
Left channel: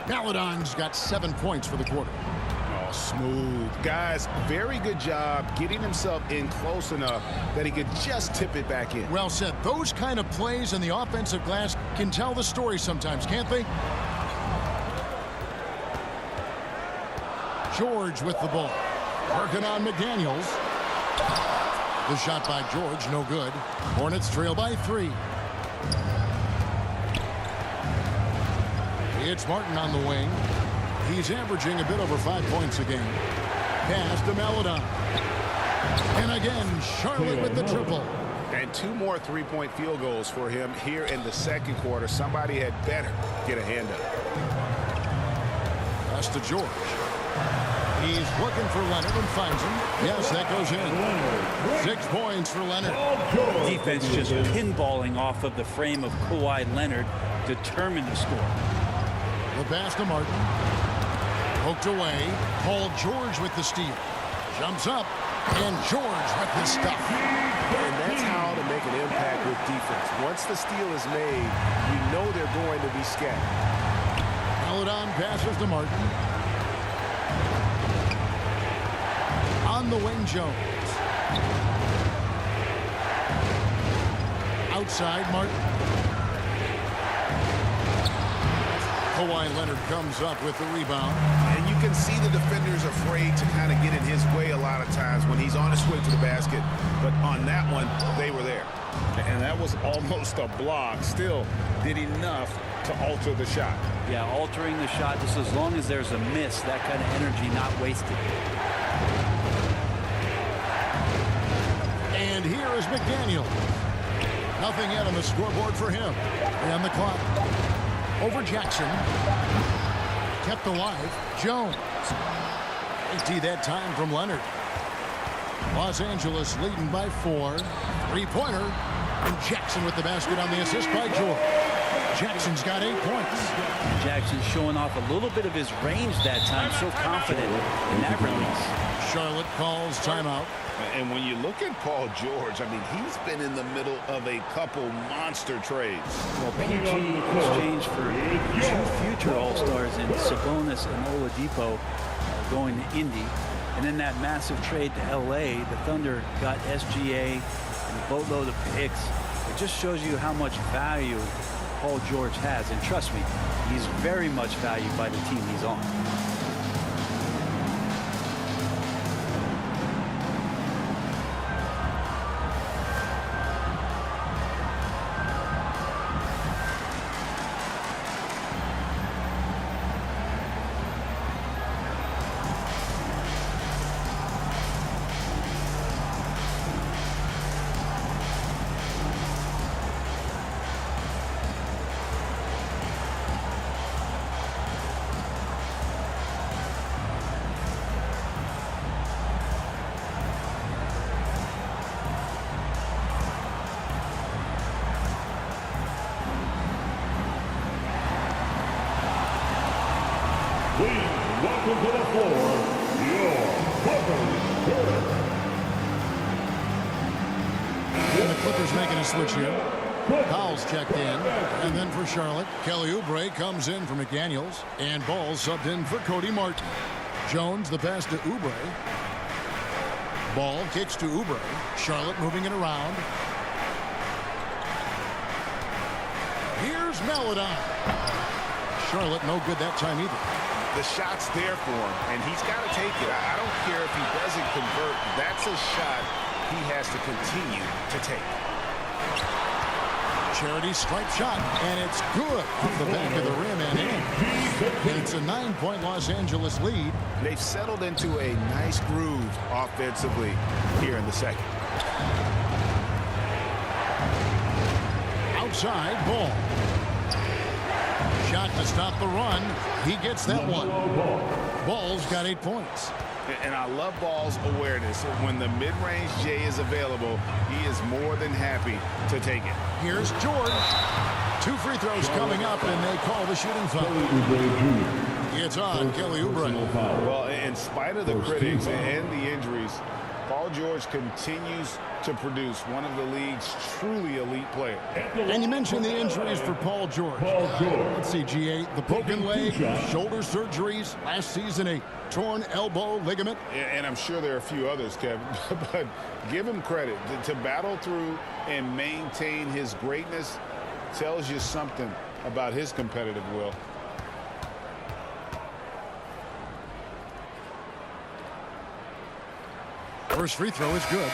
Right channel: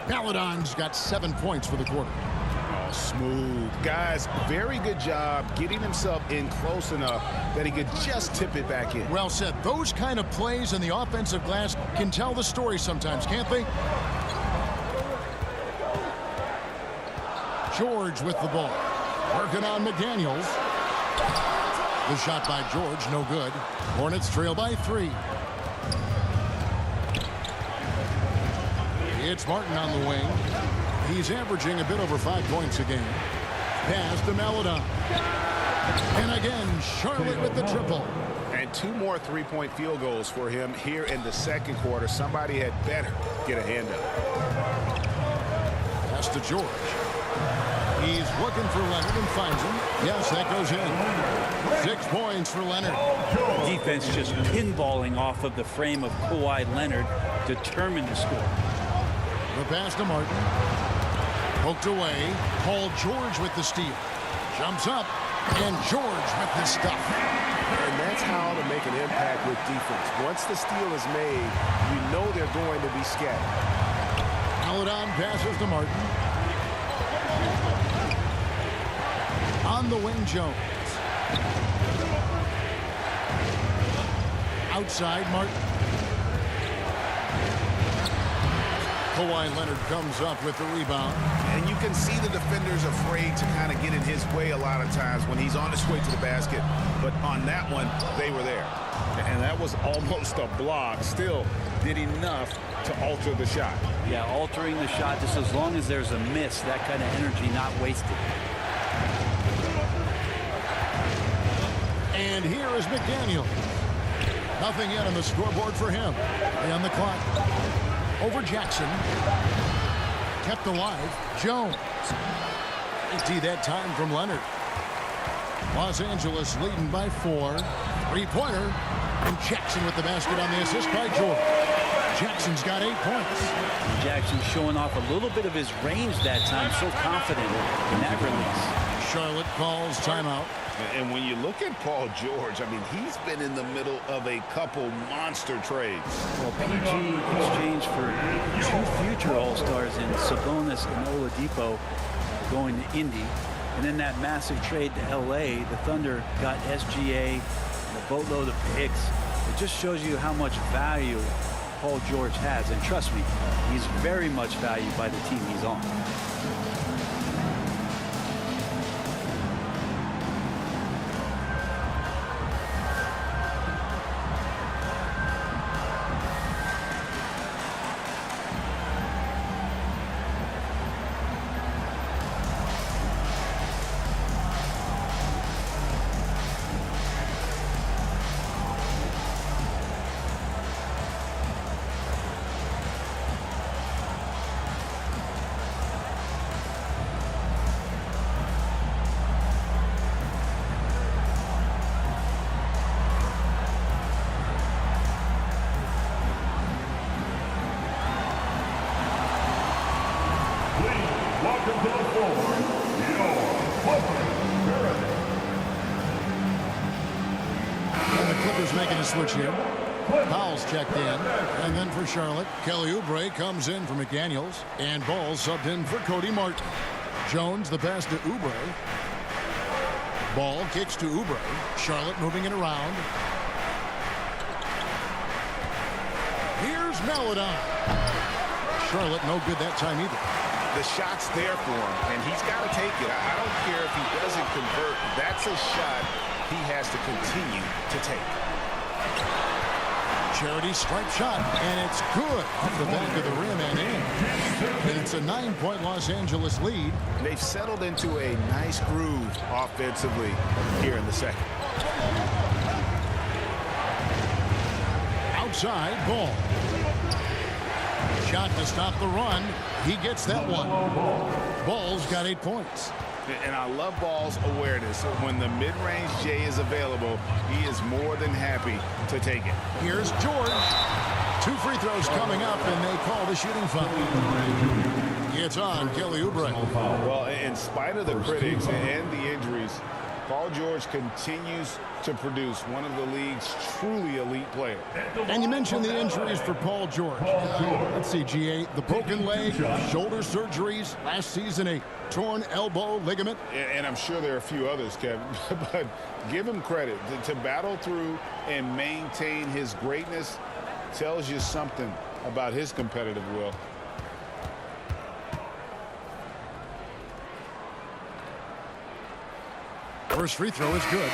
Maledon's got 7 points for the quarter. Oh, smooth. Guys, very good job getting himself in close enough that he could just tip it back in. Well said. Those kind of plays in the offensive glass can tell the story sometimes, can't they? George with the ball. Working on McDaniels. The shot by George, no good. Hornets trail by 3. It's Martin on the wing. He's averaging a bit over 5 points a game. Pass to Maledon. And again, Charlotte with the triple. And 2 more 3-point field goals for him here in the second quarter. Somebody had better get a hand up. Pass to George. He's looking for Leonard and finds him. Yes, that goes in. 6 points for Leonard. Defense just pinballing off of the frame of Kawhi Leonard, determined to score. The pass to Martin. Poked away. Paul George with the steal. Jumps up. And George with the stuff. And that's how to make an impact with defense. Once the steal is made, you know they're going to be scattered. Maledon passes to Martin. On the wing, Jones. Outside, Martin. Kawhi Leonard comes up with the rebound. And you can see the defenders afraid to kind of get in his way a lot of times when he's on his way to the basket. But on that one, they were there. And that was almost a block. Still did enough to alter the shot. Yeah, altering the shot just as long as there's a miss, that kind of energy not wasted. And here is McDaniels. Nothing yet on the scoreboard for him. And the clock. Over Jackson. Kept alive. Jones. Great D that time from Leonard. Los Angeles leading by 4. 3-pointer. And Jackson with the basket on the assist by George. Jackson's got 8 points. And Jackson showing off a little bit of his range that time. So confident in that release. Charlotte calls timeout. And when you look at Paul George, I mean, he's been in the middle of a couple monster trades. Well, PG exchanged for 2 future All-Stars in Sabonis and Oladipo going to Indy. And then that massive trade to L.A., the Thunder got SGA and a boatload of picks. It just shows you how much value Paul George has. And trust me, he's very much valued by the team he's on. Please welcome to the floor, your Clippers current. And the Clippers making a switch here. Powell's checked in. And then for Charlotte, Kelly Oubre comes in for McDaniels. And Ball subbed in for Cody Martin. Jones, the pass to Oubre. Ball kicks to Oubre. Charlotte moving it around. Here's Maledon. Charlotte no good that time either. The shot's there for him, and he's got to take it. I don't care if he doesn't convert. That's a shot he has to continue to take. Charity stripe shot, and it's good off the back of the rim and in. And it's a 9-point Los Angeles lead. They've settled into a nice groove offensively here in the second. Outside, Ball. Shot to stop the run. He gets that one. Ball's got 8 points. And I love Ball's awareness. When the mid-range J is available, he is more than happy to take it. Here's George. 2 free throws coming up, and they call the shooting foul. It's on Kelly Oubre. Well, in spite of the critics and the injuries, Paul George continues to produce one of the league's truly elite players. And you mentioned the injuries for Paul George. Let's see, GA, the broken leg, shoulder surgeries, last season a torn elbow ligament. And I'm sure there are a few others, Kevin, but give him credit. To battle through and maintain his greatness tells you something about his competitive will. First free throw is good.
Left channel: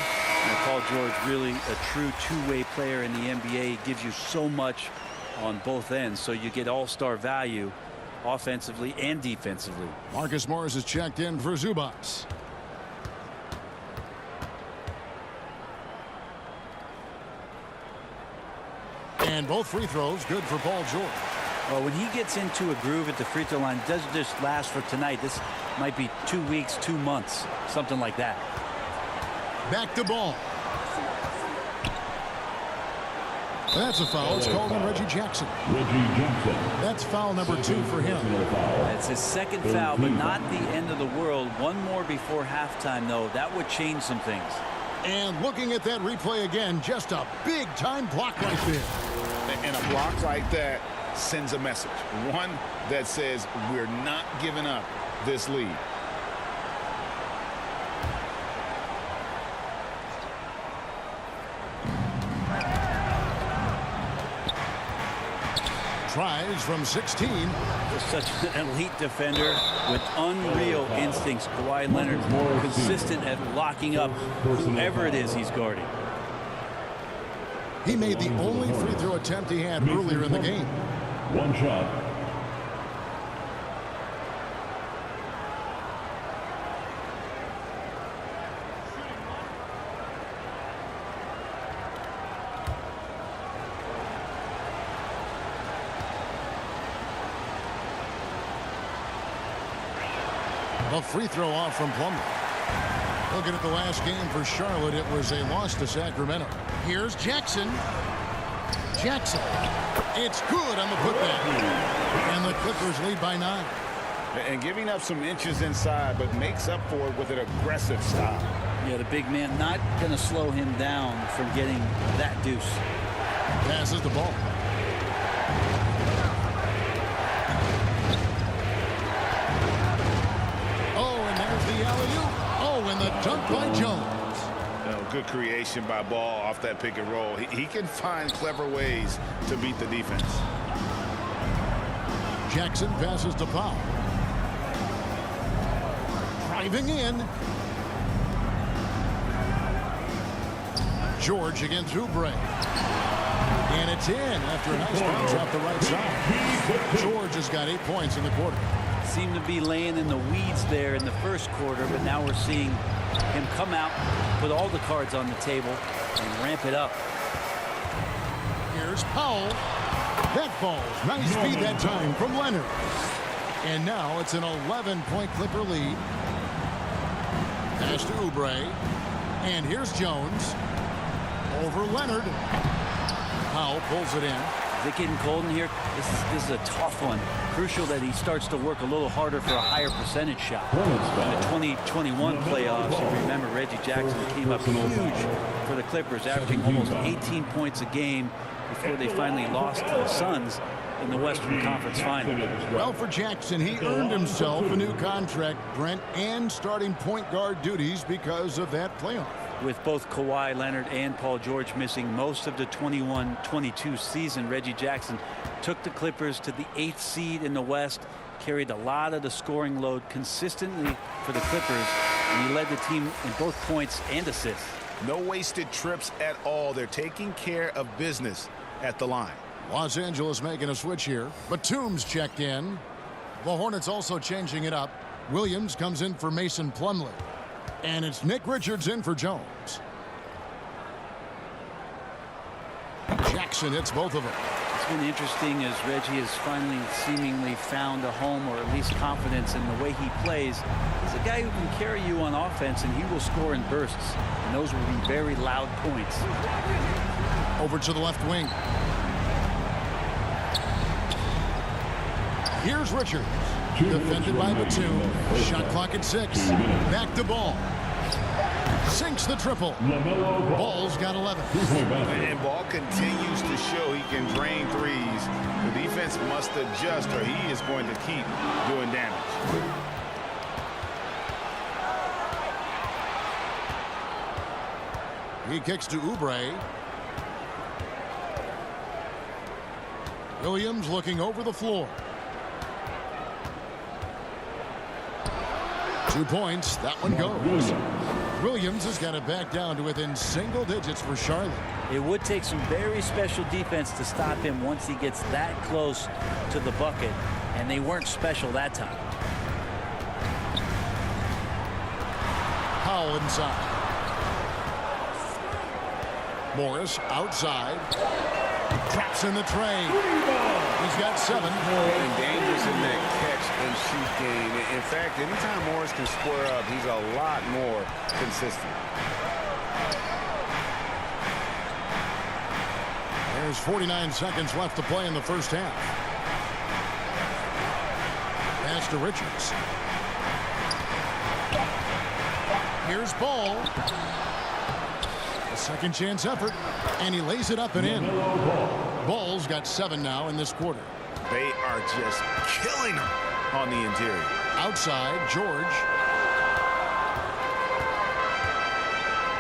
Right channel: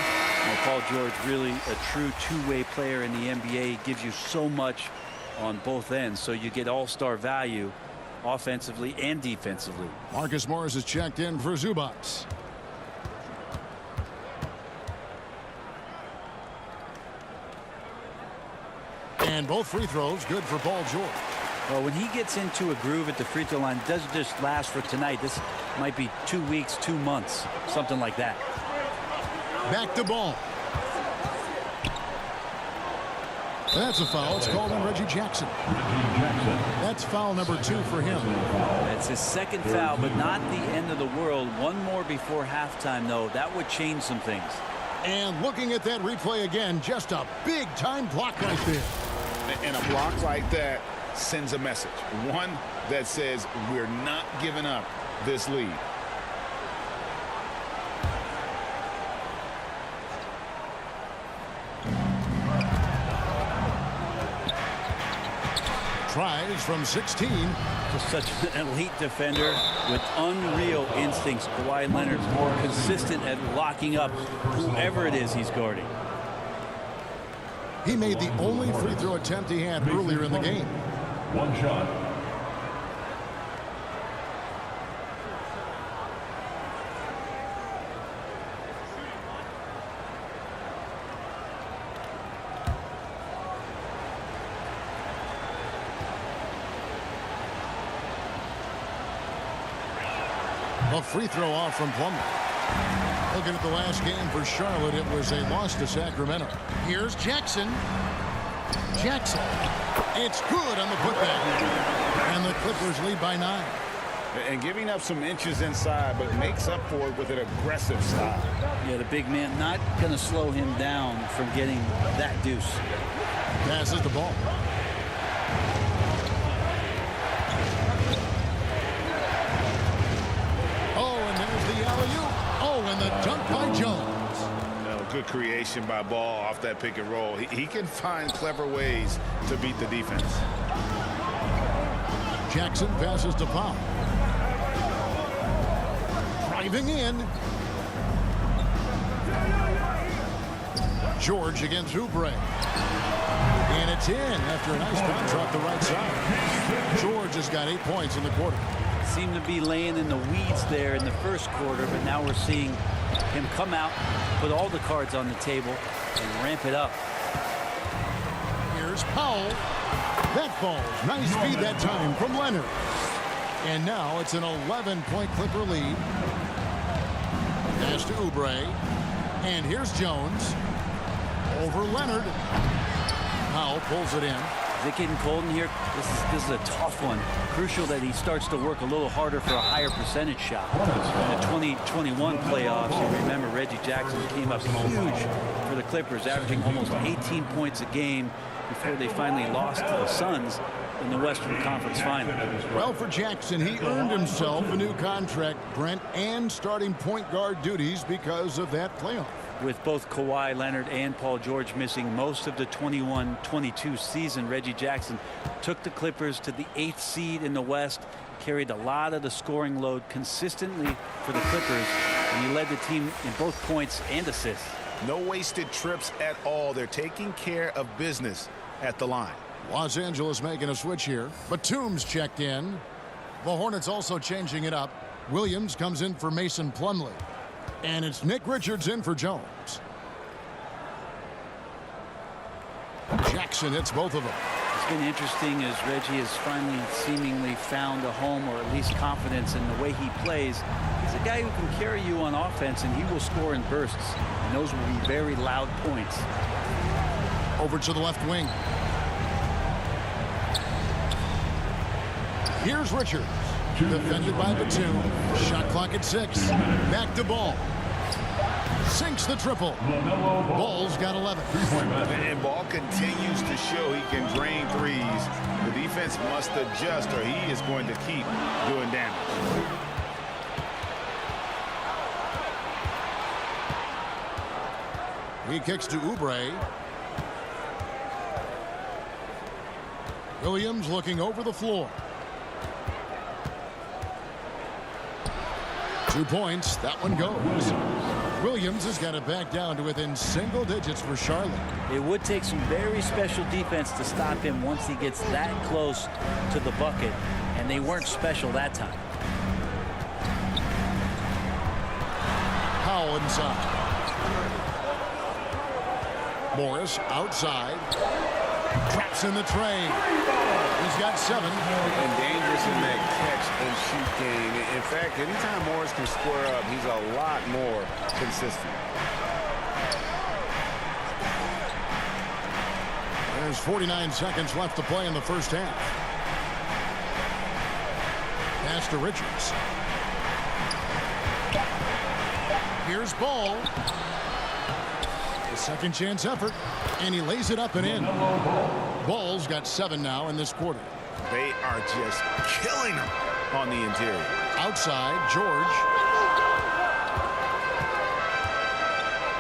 Paul George, really a true two-way player in the NBA. He gives you so much on both ends, so you get all-star value offensively and defensively. Marcus Morris is checked in for Zubats. And both free throws good for Paul George. Well, when he gets into a groove at the free throw line, it doesn't just last for tonight. This might be 2 weeks, 2 months, something like that. Back to ball. That's a foul. It's called on Reggie Jackson. That's foul number 2 for him. That's his second foul, but not the end of the world. One more before halftime, though. That would change some things. And looking at that replay again, just a big-time block right there. And a block like that sends a message. One that says we're not giving up this lead. Tries from 16. Just such an elite defender with unreal instincts. Kawhi Leonard consistent at locking up whoever it is he's guarding. He made the only free throw attempt he had earlier in the game. One shot. A free throw off from Plumlee. Looking at the last game for Charlotte, it was a loss to Sacramento. Here's Jackson. Jackson. It's good on the putback. And the Clippers lead by 9. And giving up some inches inside, but makes up for it with an aggressive style. Yeah, the big man not going to slow him down from getting that deuce. Passes the ball. Oh, and there's the alley-oop. Oh, and the dunk by Jones. Good creation by Ball off that pick and roll. He can find clever ways to beat the defense. Jackson passes to Powell. Driving in. George against Oubre. And it's in after a nice bounce off the right side. George has got 8 points in the quarter. Seemed to be laying in the weeds there in the first quarter, but now we're seeing him come out, put all the cards on the table, and ramp it up. Here's Powell. That falls. Nice feed that time from Leonard. And now it's an 11-point Clipper lead. Pass to Oubre. And here's Jones. Over Leonard. Powell pulls it in. Is it getting cold in here? This is a tough one. Crucial that he starts to work a little harder for a higher percentage shot. In the 2021 playoffs, you remember Reggie Jackson came up huge for the Clippers, averaging almost 18 points a game before they finally lost to the Suns in the Western Conference Final. Well, for Jackson, he earned himself a new contract, Brent, and starting point guard duties because of that playoff. With both Kawhi Leonard and Paul George missing most of the 21-22 season, Reggie Jackson took the Clippers to the 8th seed in the West, carried a lot of the scoring load consistently for the Clippers, and he led the team in both points and assists. No wasted trips at all. They're taking care of business at the line. Los Angeles making a switch here. Batum's checked in. The Hornets also changing it up. Williams comes in for Mason Plumlee. And it's Nick Richards in for Jones. Jackson hits both of them. It's been interesting as Reggie has finally seemingly found a home, or at least confidence in the way he plays. He's a guy who can carry you on offense, and he will score in bursts. And those will be very loud points. Over to the left wing. Here's Richards. Defended by Batum. Shot clock at 6. Back to Ball. Sinks the triple. Ball's got 11. And Ball continues to show he can drain threes. The defense must adjust or he is going to keep doing damage. He kicks to Oubre. Williams looking over the floor. 2 points. That one goes. Williams has got it back down to within single digits for Charlotte. It would take some very special defense to stop him once he gets that close to the bucket, and they weren't special that time. Howell inside. Morris outside. Traps in the tray. He's got 7. And dangerous in that catch and shoot game. In fact, anytime Morris can square up, he's a lot more consistent. There's 49 seconds left to play in the first half. Pass to Richards. Here's Ball. A second chance effort, and he lays it up and in. Ball's got 7 now in this quarter. They are just killing him on the interior. Outside, George.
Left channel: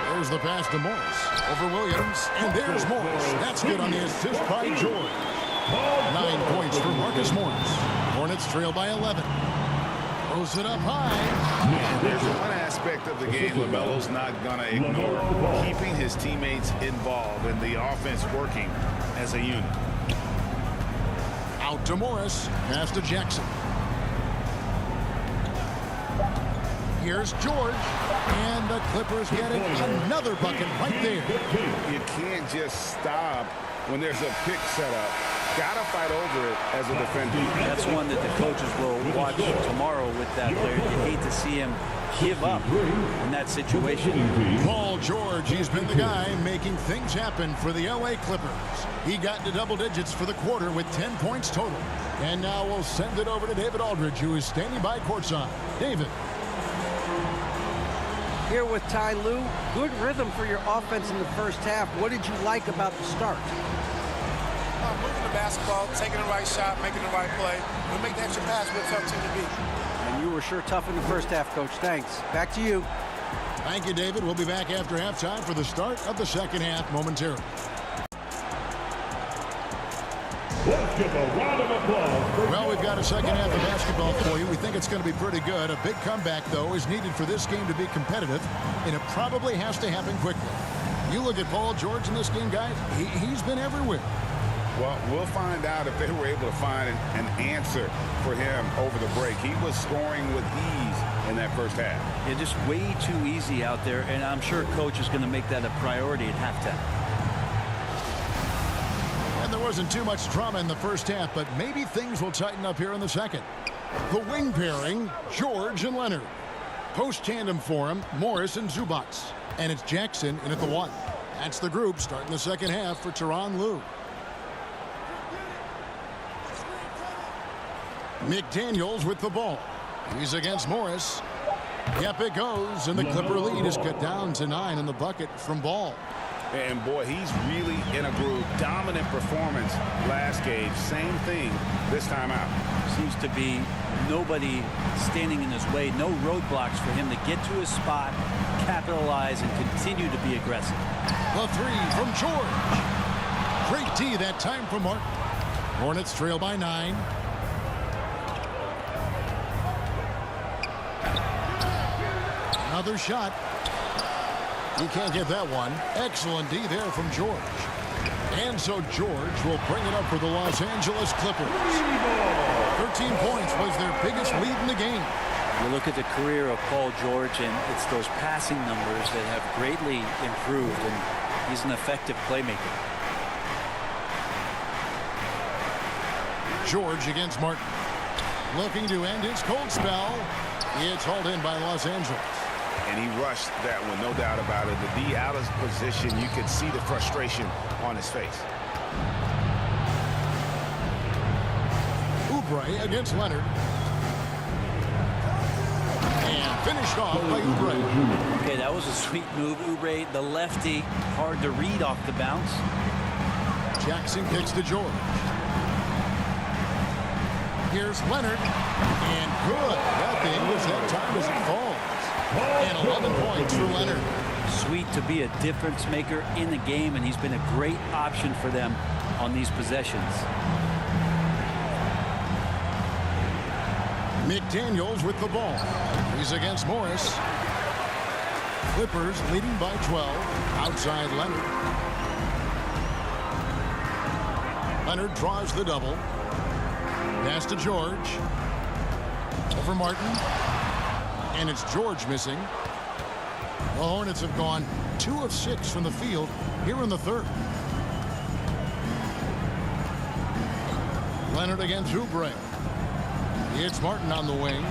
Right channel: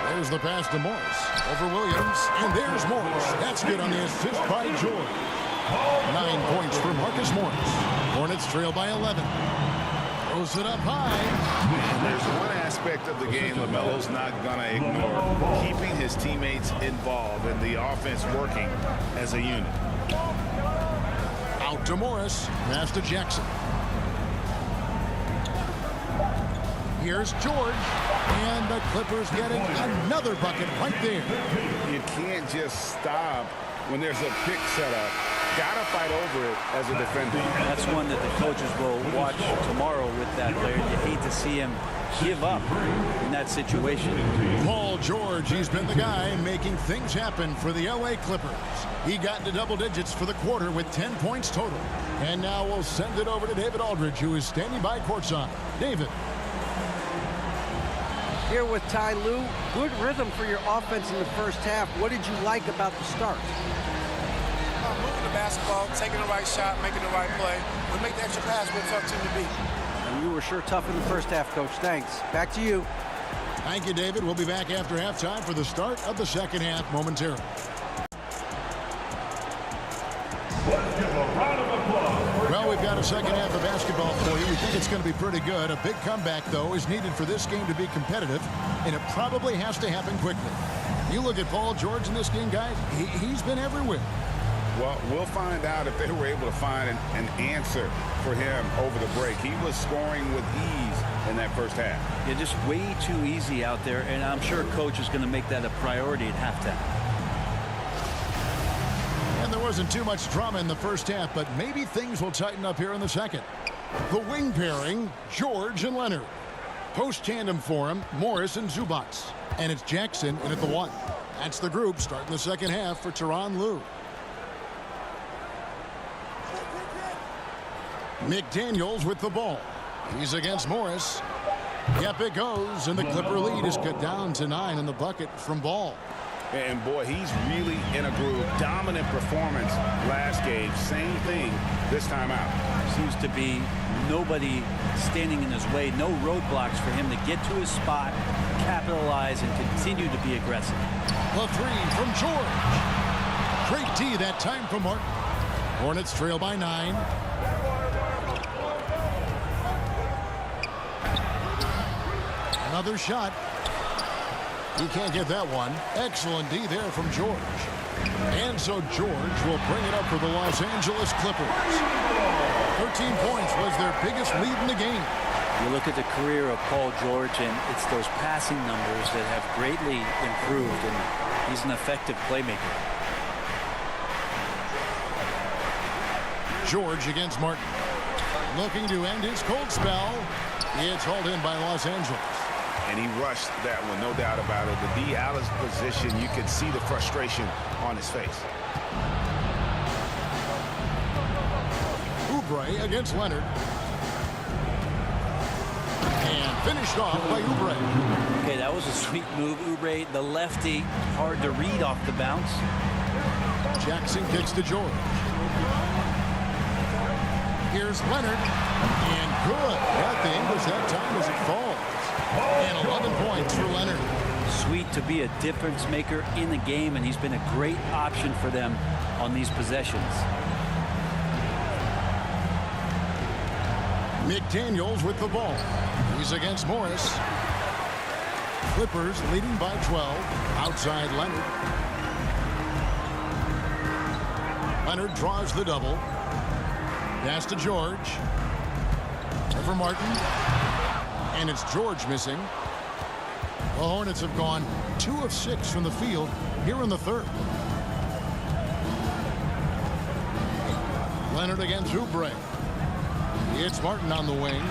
There's the pass to Morris. Over Williams, and there's Morris. That's good on the assist by George. 9 points for Marcus Morris. Hornets trail by 11. Throws it up high. And there's one aspect of the game LaMelo's not going to ignore. Keeping his teammates involved and the offense working as a unit. Out to Morris. Pass to Jackson. Here's George. And the Clippers getting another bucket right there. You can't just stop when there's a pick set up. Gotta fight over it as a defender. That's one that the coaches will watch tomorrow with that player. You hate to see him give up in that situation. Paul George, he's been the guy making things happen for the LA Clippers. He got into double digits for the quarter with 10 points total. And now we'll send it over to David Aldridge, who is standing by courtside. David. Here with Ty Lue. Good rhythm for your offense in the first half. What did you like about the start? Moving the basketball, taking the right shot, making the right play. We make the extra pass, we're a tough team to beat. And you were sure tough in the first half, Coach. Thanks. Back to you. Thank you, David. We'll be back after halftime for the start of the second half momentarily. Let's give a round of applause. Well, we've got a second half of basketball for you. We think it's going to be pretty good. A big comeback, though, is needed for this game to be competitive, and it probably has to happen quickly. You look at Paul George in this game, guys, he's been everywhere. Well, we'll find out if they were able to find an answer for him over the break. He was scoring with ease in that first half. Yeah, just way too easy out there, and I'm sure Coach is going to make that a priority at halftime. And there wasn't too much drama in the first half, but maybe things will tighten up here in the second. The wing pairing, George and Leonard. Post tandem for him, Morris and Zubats. And it's Jackson in at the 1. That's the group starting the second half for Tyronn Lue. McDaniels with the ball. He's against Morris. Yep, it goes, and the Clipper lead is cut down to 9 in the bucket from Ball. And boy, he's really in a groove. Dominant performance last game. Same thing this time out. Seems to be nobody standing in his way. No roadblocks for him to get to his spot, capitalize, and continue to be aggressive. The 3 from George. Great D that time from Martin. Hornets trail by 9. Another shot. He can't get that one. Excellent D there from George. And so George will bring it up for the Los Angeles Clippers. 13 points was their biggest lead in the game. You look at the career of Paul George, and it's those passing numbers that have greatly improved, and he's an effective playmaker. George against Martin. Looking to end his cold spell. It's hauled in by Los Angeles. And he rushed that one, no doubt about it. The D out of position, you could see the frustration on his face. Oubre against Leonard. And finished off by Oubre. Okay, that was a sweet move. Oubre, the lefty, hard to read off the bounce. Jackson kicks to George. Here's Leonard. And good. Got the English that time as it falls. And 11 points for Leonard. Sweet to be a difference maker in the game, and he's been a great option for them on these possessions. McDaniels with the ball. He's against Morris. Clippers leading by 12. Outside Leonard. Leonard draws the double. Pass to George. Over Martin. And it's George missing. The Hornets have gone 2 of 6 from the field here in the third. Leonard against Oubre. It's Martin on the wing.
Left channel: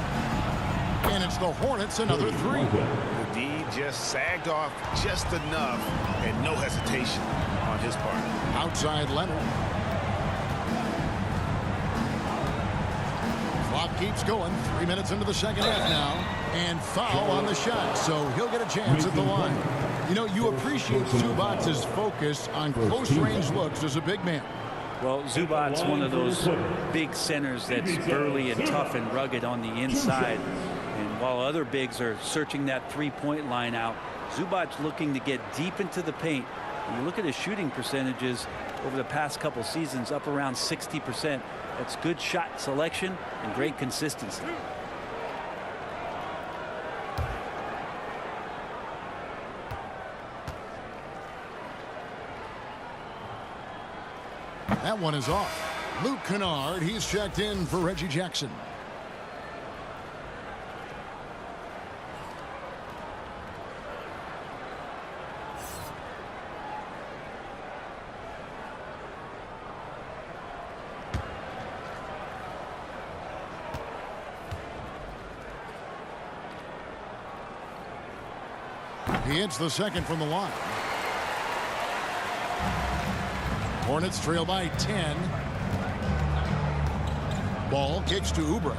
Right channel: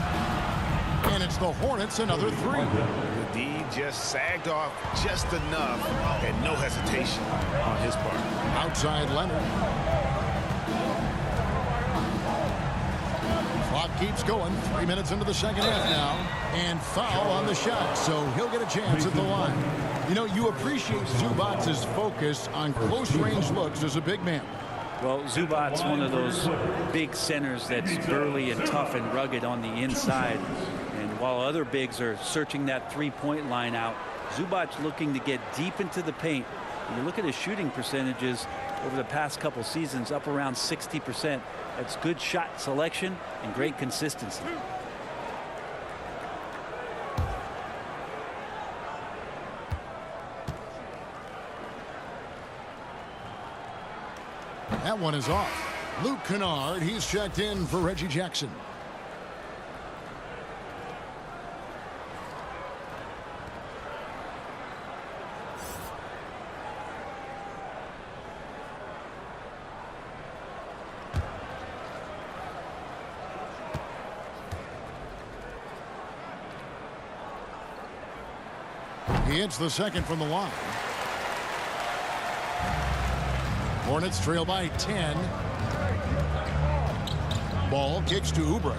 And it's the Hornets another 3. The D just sagged off just enough and no hesitation on his part. Outside Leonard. Clock keeps going. 3 minutes into the second half now. And foul on the shot, so he'll get a chance at the line. You know, you appreciate Zubac's focus on close-range looks as a big man. Well, Zubac's one of those big centers that's burly and tough and rugged on the inside. And while other bigs are searching that three-point line out, Zubac's looking to get deep into the paint. When you look at his shooting percentages over the past couple seasons, up around 60%. That's good shot selection and great consistency. That one is off. Luke Kennard, he's checked in for Reggie Jackson. He hits the second from the line. Hornets trail by 10. Ball kicks to Oubre.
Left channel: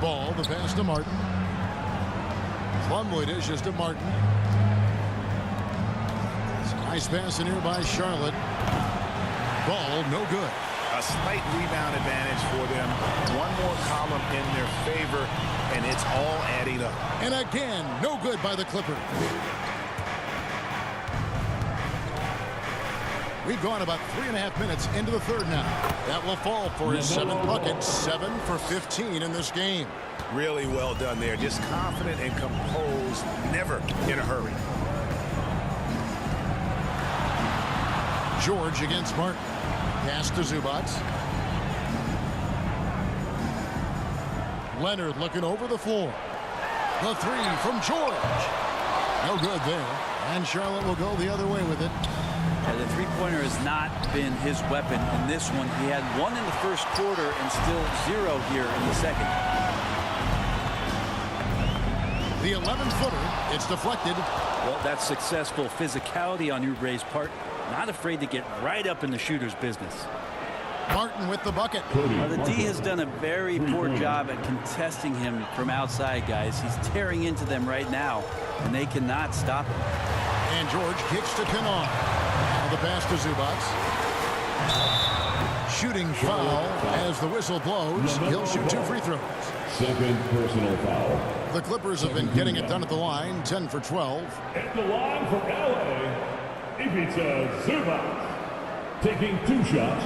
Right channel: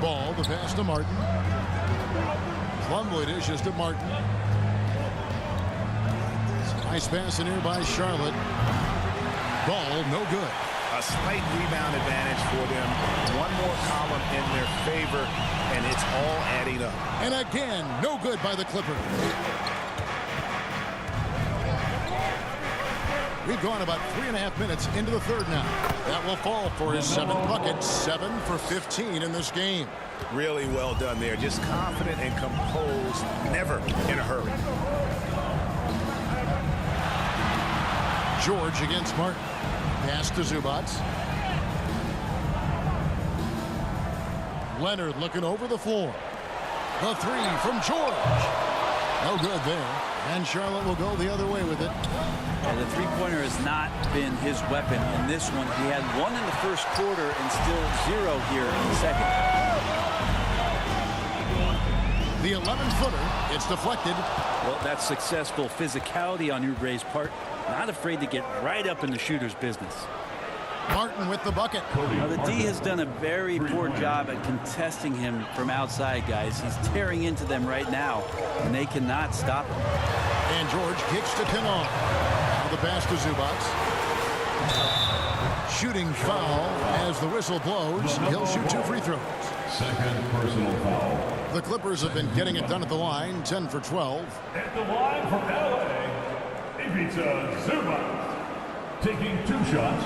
Ball, the pass to Martin. Plumlee dishes to Martin. It's a nice pass in here by Charlotte. Ball, no good. A slight rebound advantage for them. One more column in their favor, and it's all adding up. And again, no good by the Clippers. We've gone about 3.5 minutes into the third now. That will fall for his 7th bucket. 7 for 15 in this game. Really well done there. Just confident and composed, never in a hurry. George against Martin. Pass to Zubac. Leonard looking over the floor. The 3 from George. No good there. And Charlotte will go the other way with it. The three-pointer has not been his weapon in this one. He had 1 in the first quarter and still 0 here in the second. The 11-footer, it's deflected. Well, that's successful physicality on Oubre's part. Not afraid to get right up in the shooter's business. Martin with the bucket. Now, the D has done a very poor job at contesting him from outside, guys. He's tearing into them right now, and they cannot stop him. And George kicks to Kennard. Now the pass to Zubac. Shooting foul as the whistle blows. He'll shoot 2 free throws. Second personal foul. The Clippers have been getting it done at the line. 10 for 12. At the line for LA, Ivica Zubac, taking 2 shots.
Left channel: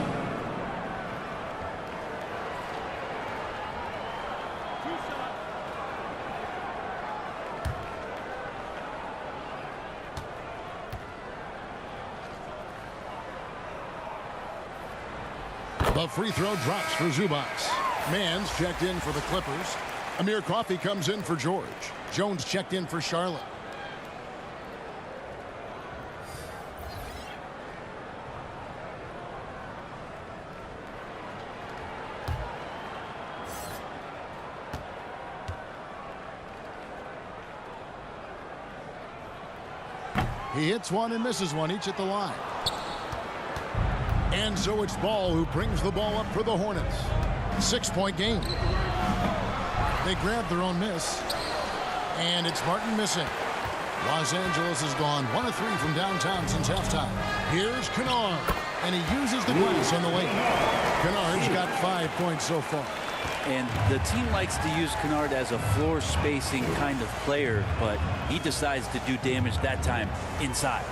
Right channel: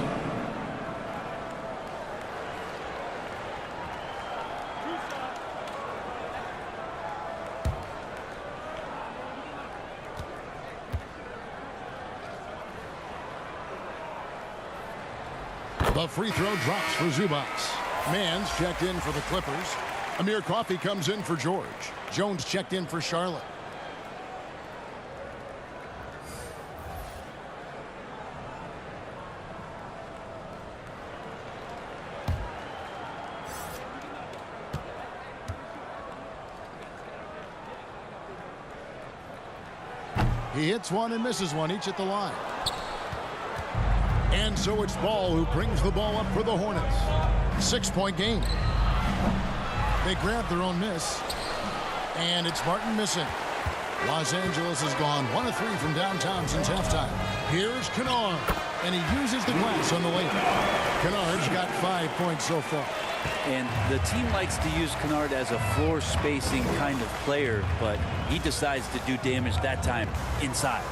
The free throw drops for Zubac. Mann's checked in for the Clippers. Amir Coffey comes in for George. Jones checked in for Charlotte. He hits one and misses one, each at the line. And so it's Ball who brings the ball up for the Hornets. 6-point game. They grab their own miss. And it's Martin missing. Los Angeles has gone 1 of 3 from downtown since halftime. Here's Kennard. And he uses the glass on the layup. Kennard's got 5 points so far. And the team likes to use Kennard as a floor spacing kind of player, but he decides to do damage that time inside.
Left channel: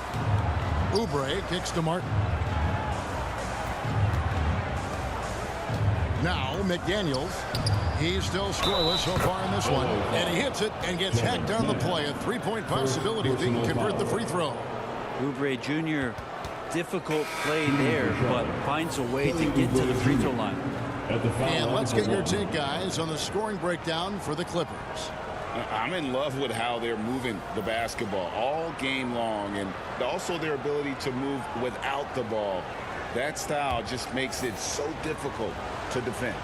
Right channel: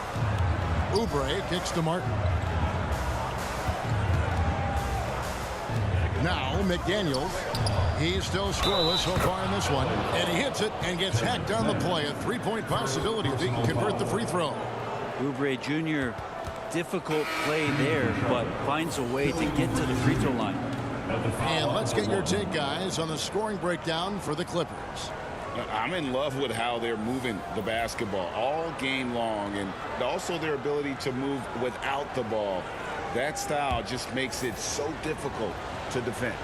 Oubre kicks to Martin. Now McDaniels. He's still scoreless so far in this one. And he hits it and gets hacked on the play. A 3-point possibility if he can convert the free throw. Oubre Jr., difficult play there, but finds a way to get to the free throw line. And let's get your take, guys, on the scoring breakdown for the Clippers. I'm in love with how they're moving the basketball all game long, and also their ability to move without the ball. That style just makes it so difficult to defend.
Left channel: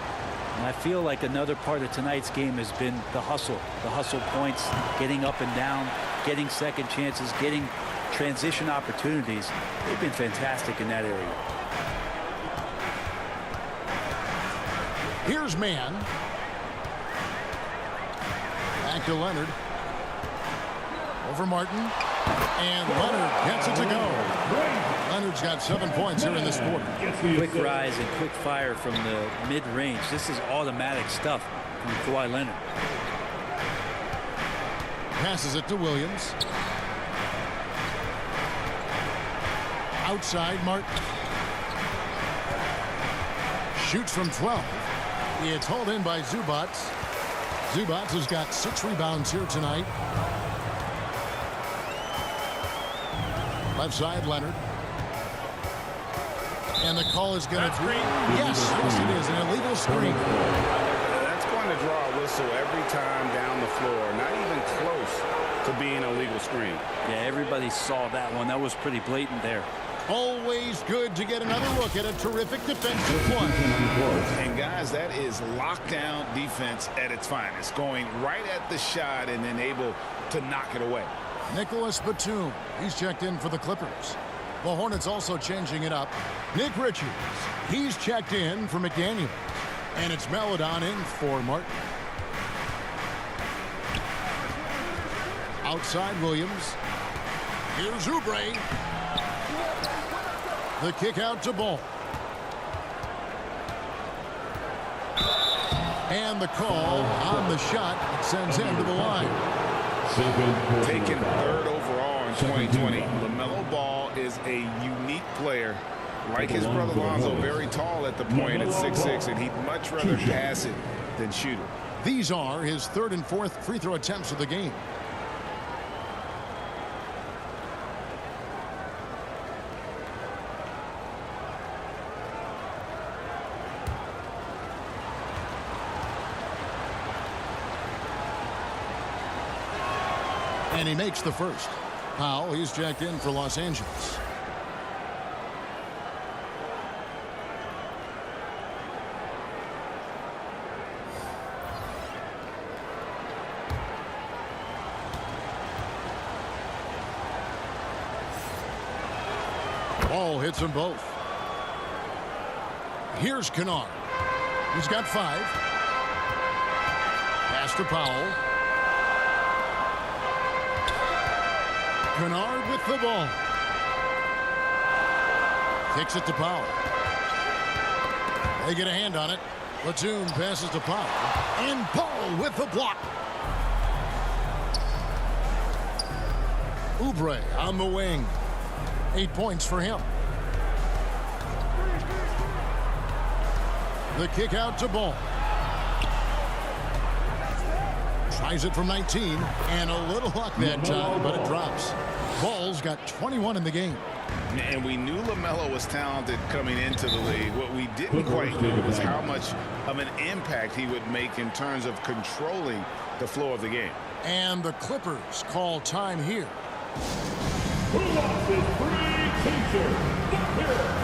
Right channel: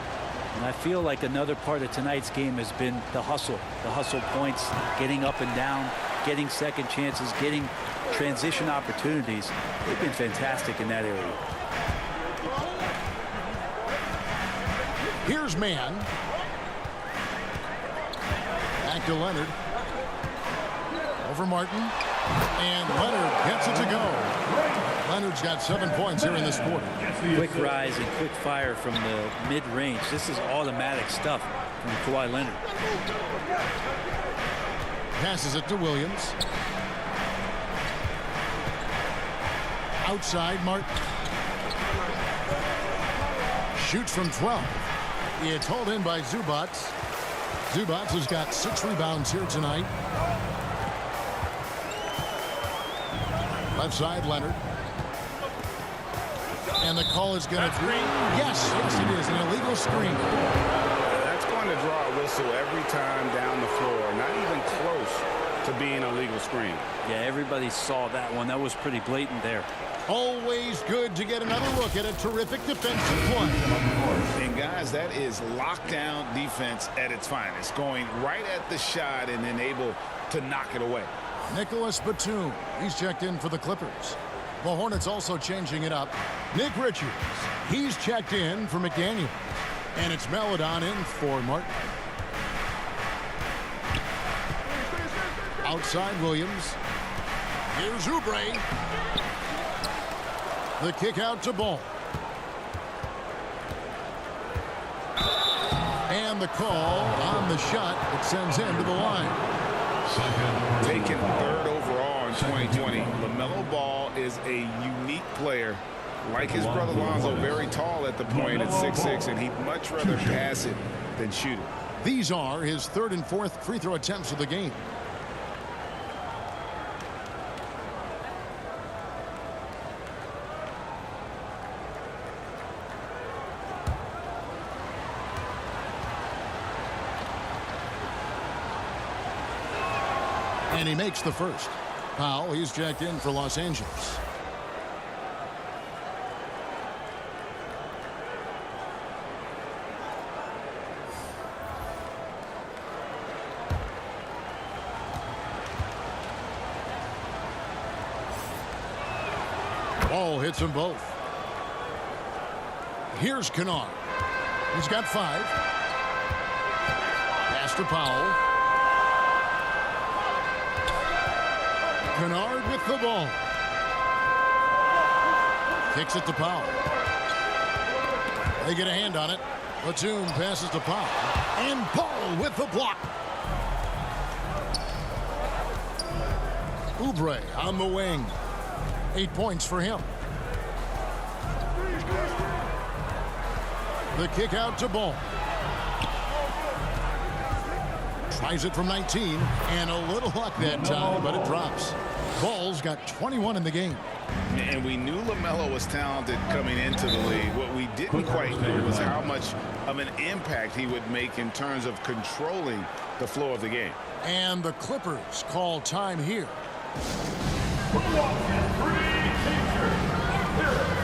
And I feel like another part of tonight's game has been the hustle points, getting up and down, getting second chances, getting transition opportunities. They've been fantastic in that area. Here's Mann. Back to Leonard. Over Martin. And Leonard gets it to go. Leonard's got 7 points here in this quarter. Quick rise and quick fire from the mid-range. This is automatic stuff from Kawhi Leonard. Passes it to Williams. Outside Martin. Shoots from 12. It's hauled in by Zubac. Zubac has got 6 rebounds here tonight. Left side, Leonard. And the call is going to be... Yes, it is. An illegal screen. That's going to draw a whistle every time down the floor. Not even close to being a legal screen. Yeah, everybody saw that one. That was pretty blatant there. Always good to get another look at a terrific defensive play. And guys, that is lockdown defense at its finest. Going right at the shot and then able to knock it away. Nicholas Batum. He's checked in for the Clippers. The Hornets also changing it up. Nick Richards. He's checked in for McDaniels. And it's Maledon in for Martin. Outside Williams. Here's Oubre. The kick out to Ball. And the call on the shot that sends him to the line. Taken 3rd overall in 2020. LaMelo Ball is a unique player. Like his brother Lonzo, very tall at the point at 6'6", and he'd much rather pass it than shoot it. These are his 3rd and 4th free throw attempts of the game. And he makes the first. Powell, he's checked in for Los Angeles. Ball hits them both. Here's Kennard. He's got 5. Pass to Powell. Kennard with the ball. Kicks it to Powell. They get a hand on it. Batum passes to Powell. And Powell with the block. Oubre on the wing. 8 points for him. The kick out to Ball. Tries it from 19, and a little luck that time, but it drops. Ball's got 21 in the game. And we knew LaMelo was talented coming into the league. What we didn't quite know was how much of an impact he would make in terms of controlling the flow of the game. And the Clippers call time here. Who wants his free t-shirt? Let's hear it.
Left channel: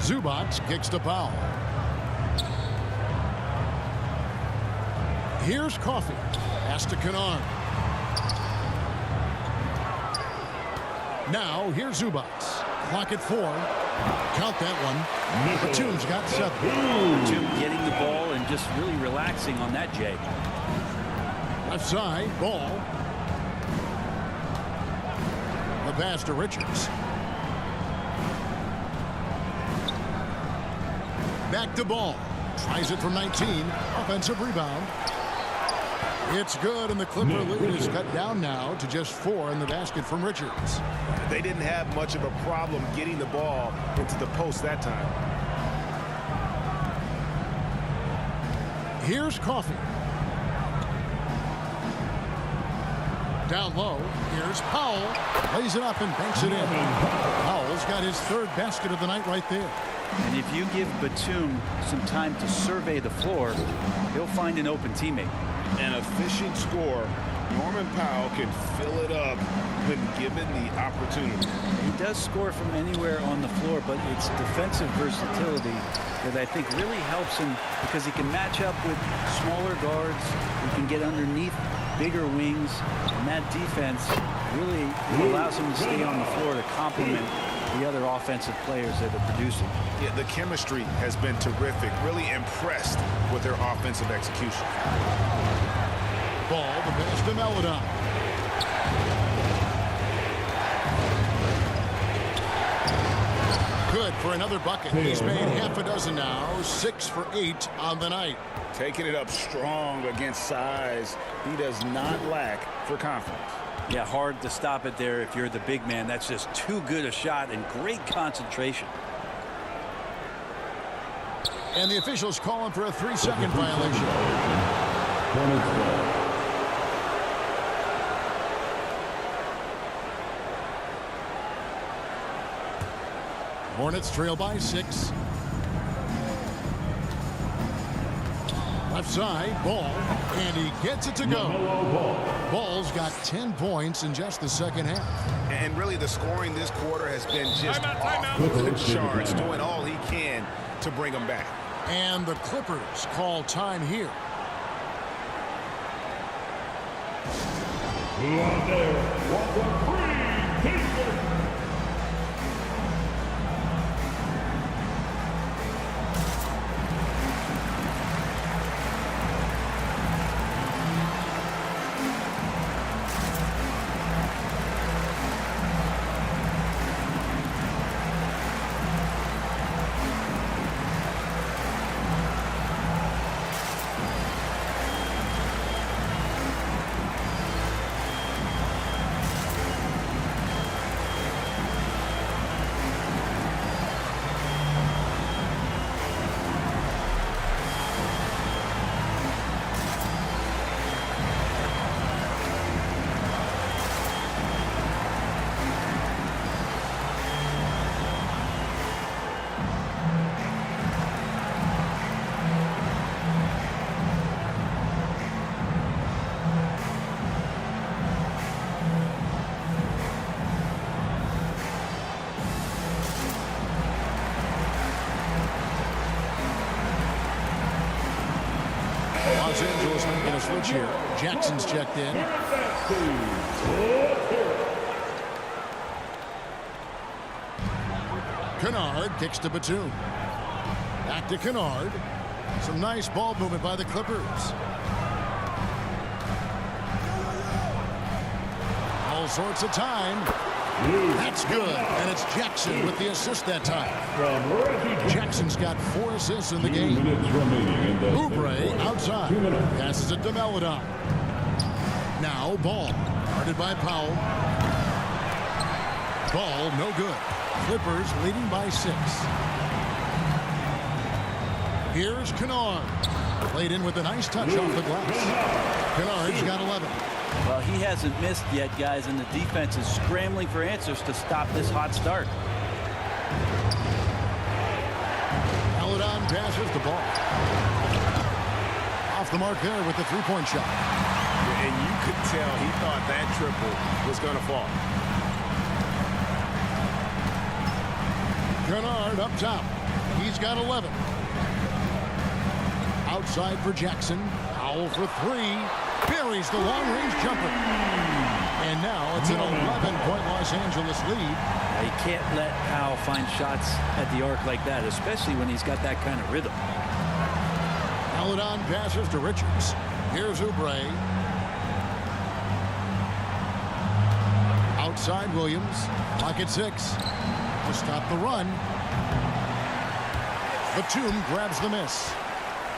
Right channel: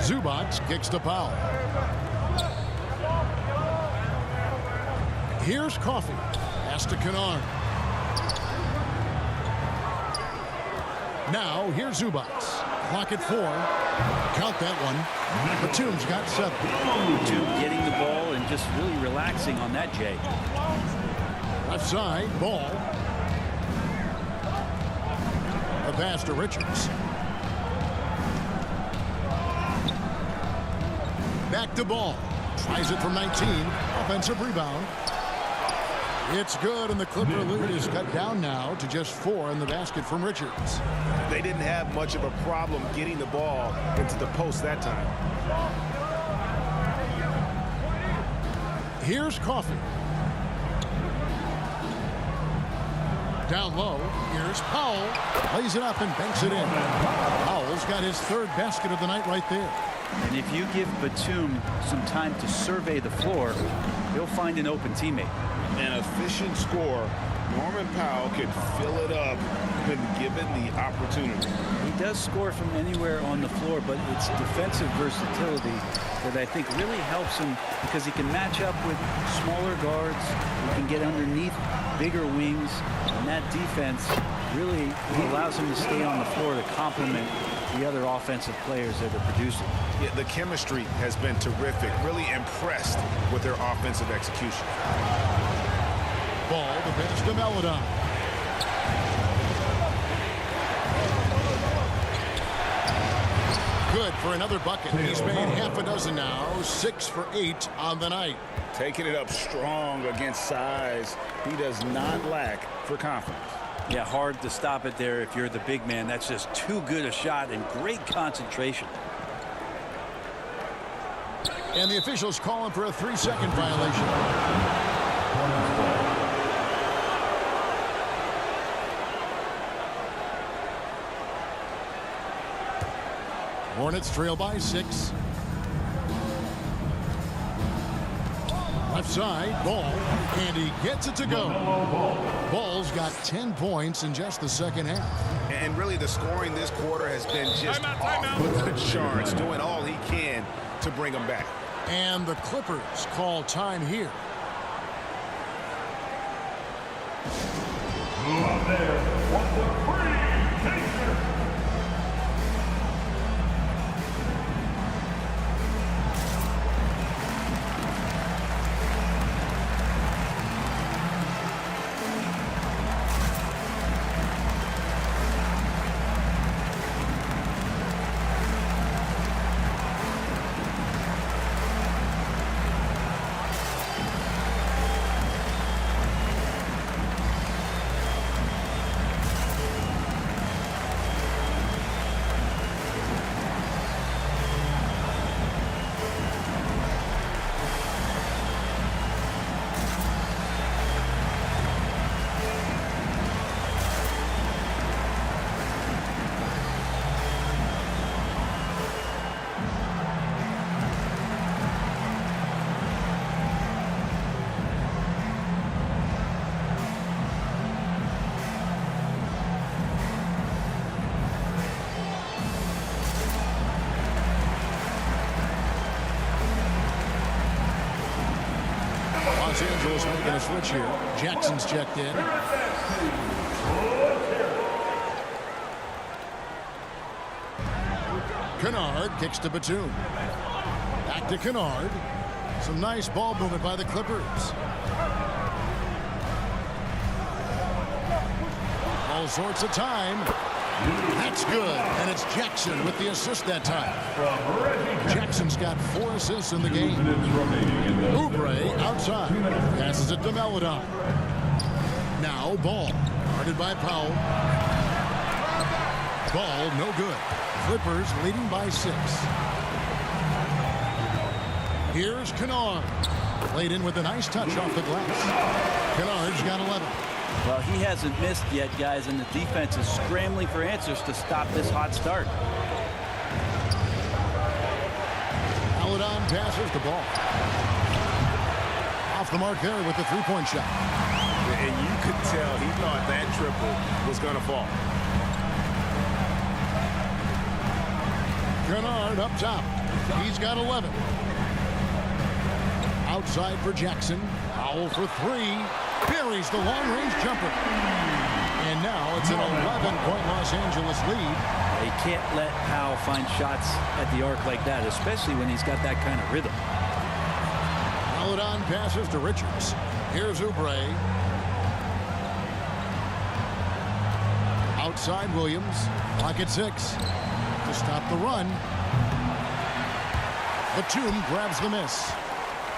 Zubac kicks to Powell. Here's Coffey. Pass to Kennard. Now here's Zubac. Clock at 4. Count that one. Batum's got 7. Batum getting the ball and just really relaxing on that, Jay. Left side, Ball. A pass to Richards. Back to Ball. Tries it from 19. Offensive rebound. It's good, and the Clipper lead is cut down now to just 4 in the basket from Richards. They didn't have much of a problem getting the ball into the post that time. Here's Coffey. Down low, here's Powell. Lays it up and banks it in. Powell's got his 3rd basket of the night right there. And if you give Batum some time to survey the floor, he'll find an open teammate. An efficient scorer. Norman Powell can fill it up when given the opportunity. He does score from anywhere on the floor, but it's defensive versatility that I think really helps him because he can match up with smaller guards. He can get underneath bigger wings, and that defense really allows him to stay on the floor to complement the other offensive players that are producing. Yeah, the chemistry has been terrific. Really impressed with their offensive execution. Ball, the pass to Melodon. Good for another bucket. He's made half a dozen now. 6 for 8 on the night. Taking it up strong against size. He does not lack for confidence. Yeah, hard to stop it there if you're the big man. That's just too good a shot and great concentration. And the officials call him for a 3-second violation. Hornets ball. Hornets trail by 6. Left side, Ball, and he gets it to go. Ball's got 10 points in just the second half. And really the scoring this quarter has been just off the charts, doing all he can to bring them back. And the Clippers call time here. Who out there wants a free t-shirt? Los Angeles making a switch here. Jackson's checked in. Kennard kicks to Batum. Back to Kennard. Some nice ball movement by the Clippers. All sorts of time. That's good. And it's Jackson with the assist that time. Jackson's got 4 assists in the game. Oubre outside. Passes it to Melodon. Now Ball. Guarded by Powell. Ball no good. Clippers leading by 6. Here's Kennard. Played in with a nice touch off the glass. Kennard's got 11. Well, he hasn't missed yet, guys, and the defense is scrambling for answers to stop this hot start. Melodon passes the ball. Off the mark there with the 3-point shot. And you could tell he thought that triple was going to fall. Kennard up top. He's got 11. Outside for Jackson. Powell for 3. Buries the long-range jumper. And now it's an 11-point Los Angeles lead. You can't let Powell find shots at the arc like that, especially when he's got that kind of rhythm. Maledon passes to Richards. Here's Oubre. Outside Williams. Clock at 6. To stop the run. Batum grabs the miss.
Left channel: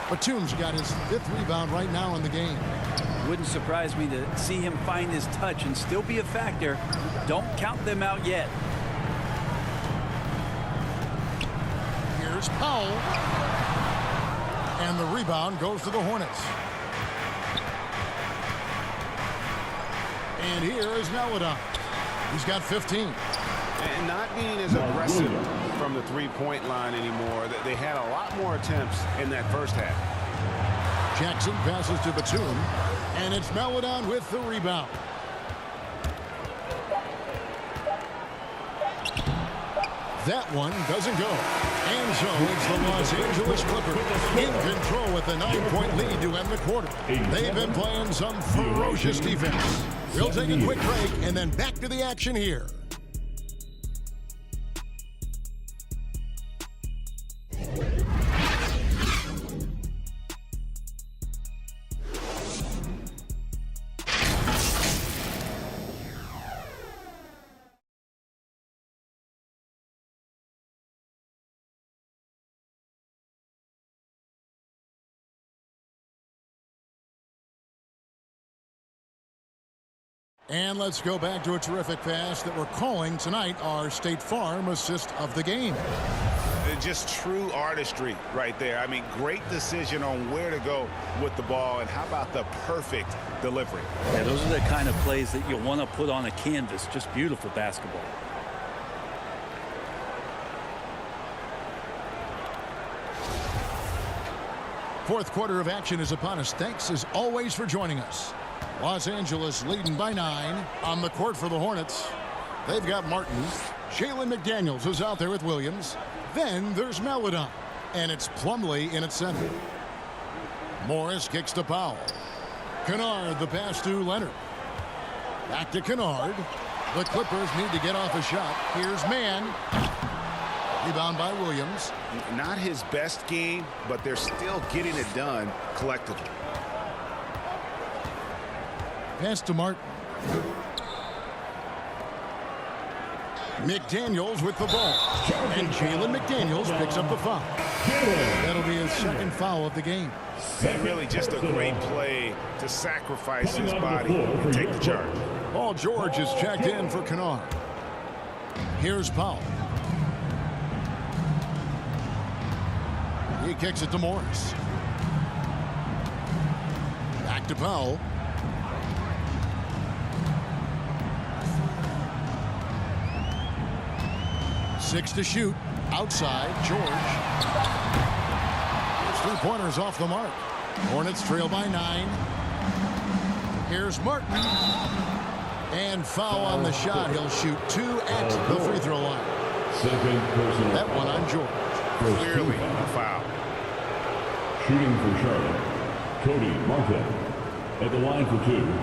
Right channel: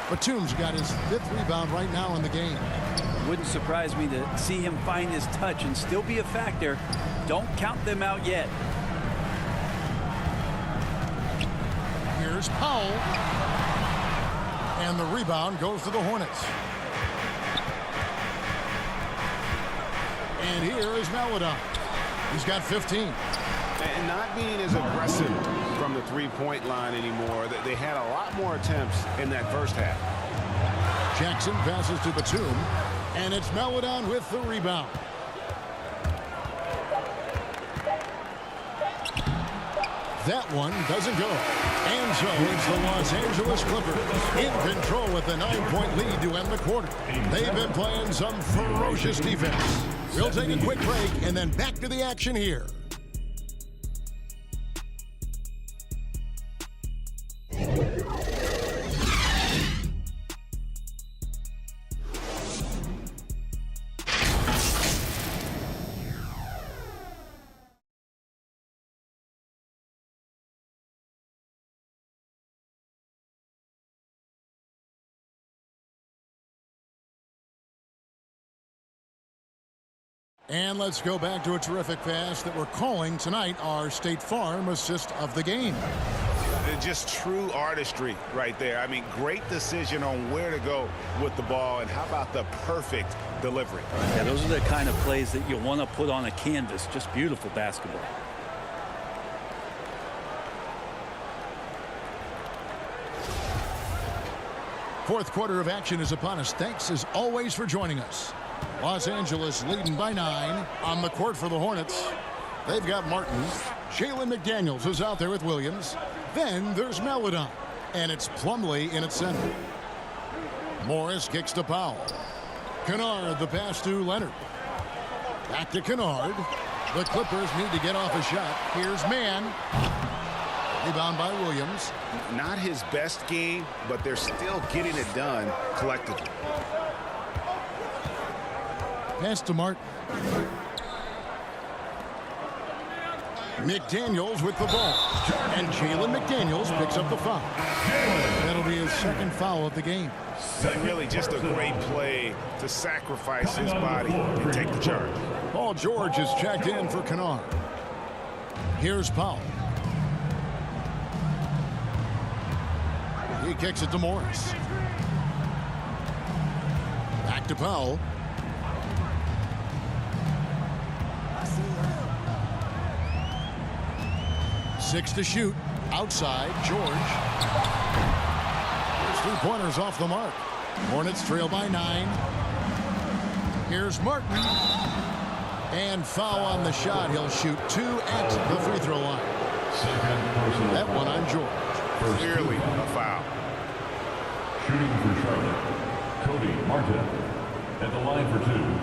Batum's got his 5th rebound right now in the game. Wouldn't surprise me to see him find his touch and still be a factor. Don't count them out yet. Here's Powell. And the rebound goes to the Hornets. And here is Maledon. He's got 15. And not being as aggressive from the three-point line anymore. They had a lot more attempts in that first half. Jackson passes to Batum. And it's Maledon with the rebound. That one doesn't go. And so it's the Los Angeles Clippers in control with a 9-point lead to end the quarter. They've been playing some ferocious defense. We'll take a quick break and then back to the action here. And let's go back to a terrific pass that we're calling tonight our State Farm assist of the game. Just true artistry right there. I mean, great decision on where to go with the ball, and how about the perfect delivery? Yeah, those are the kind of plays that you want to put on a canvas. Just beautiful basketball. Fourth quarter of action is upon us. Thanks as always for joining us. Los Angeles leading by 9 on the court for the Hornets. They've got Martin. Jalen McDaniels is out there with Williams. Then there's Maledon. And it's Plumlee in its center. Morris kicks to Powell. Kennard the pass to Leonard. Back to Kennard. The Clippers need to get off a shot. Here's Mann. Rebound by Williams. Not his best game, but they're still getting it done collectively. Pass to Martin. McDaniels with the ball. And Jalen McDaniels picks up the foul. That'll be his second foul of the game. Really just a great play to sacrifice his body and take the charge. Paul George is checked in for Kennard. Here's Powell. He kicks it to Morris. Back to Powell. Six to shoot. Outside, George. His three-pointers off the mark. Hornets trail by 9. Here's Martin. And foul on the shot. He'll shoot 2 at the free throw line. Second personal That one on George. Clearly a foul. Shooting for Charlotte, Cody Martin at the line for 2.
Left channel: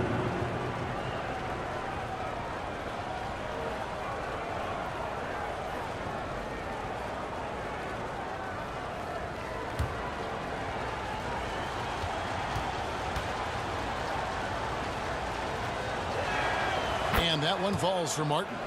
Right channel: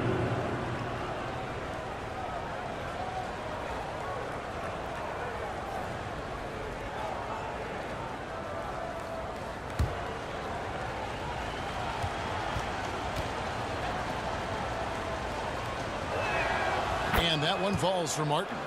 And that one falls for Martin.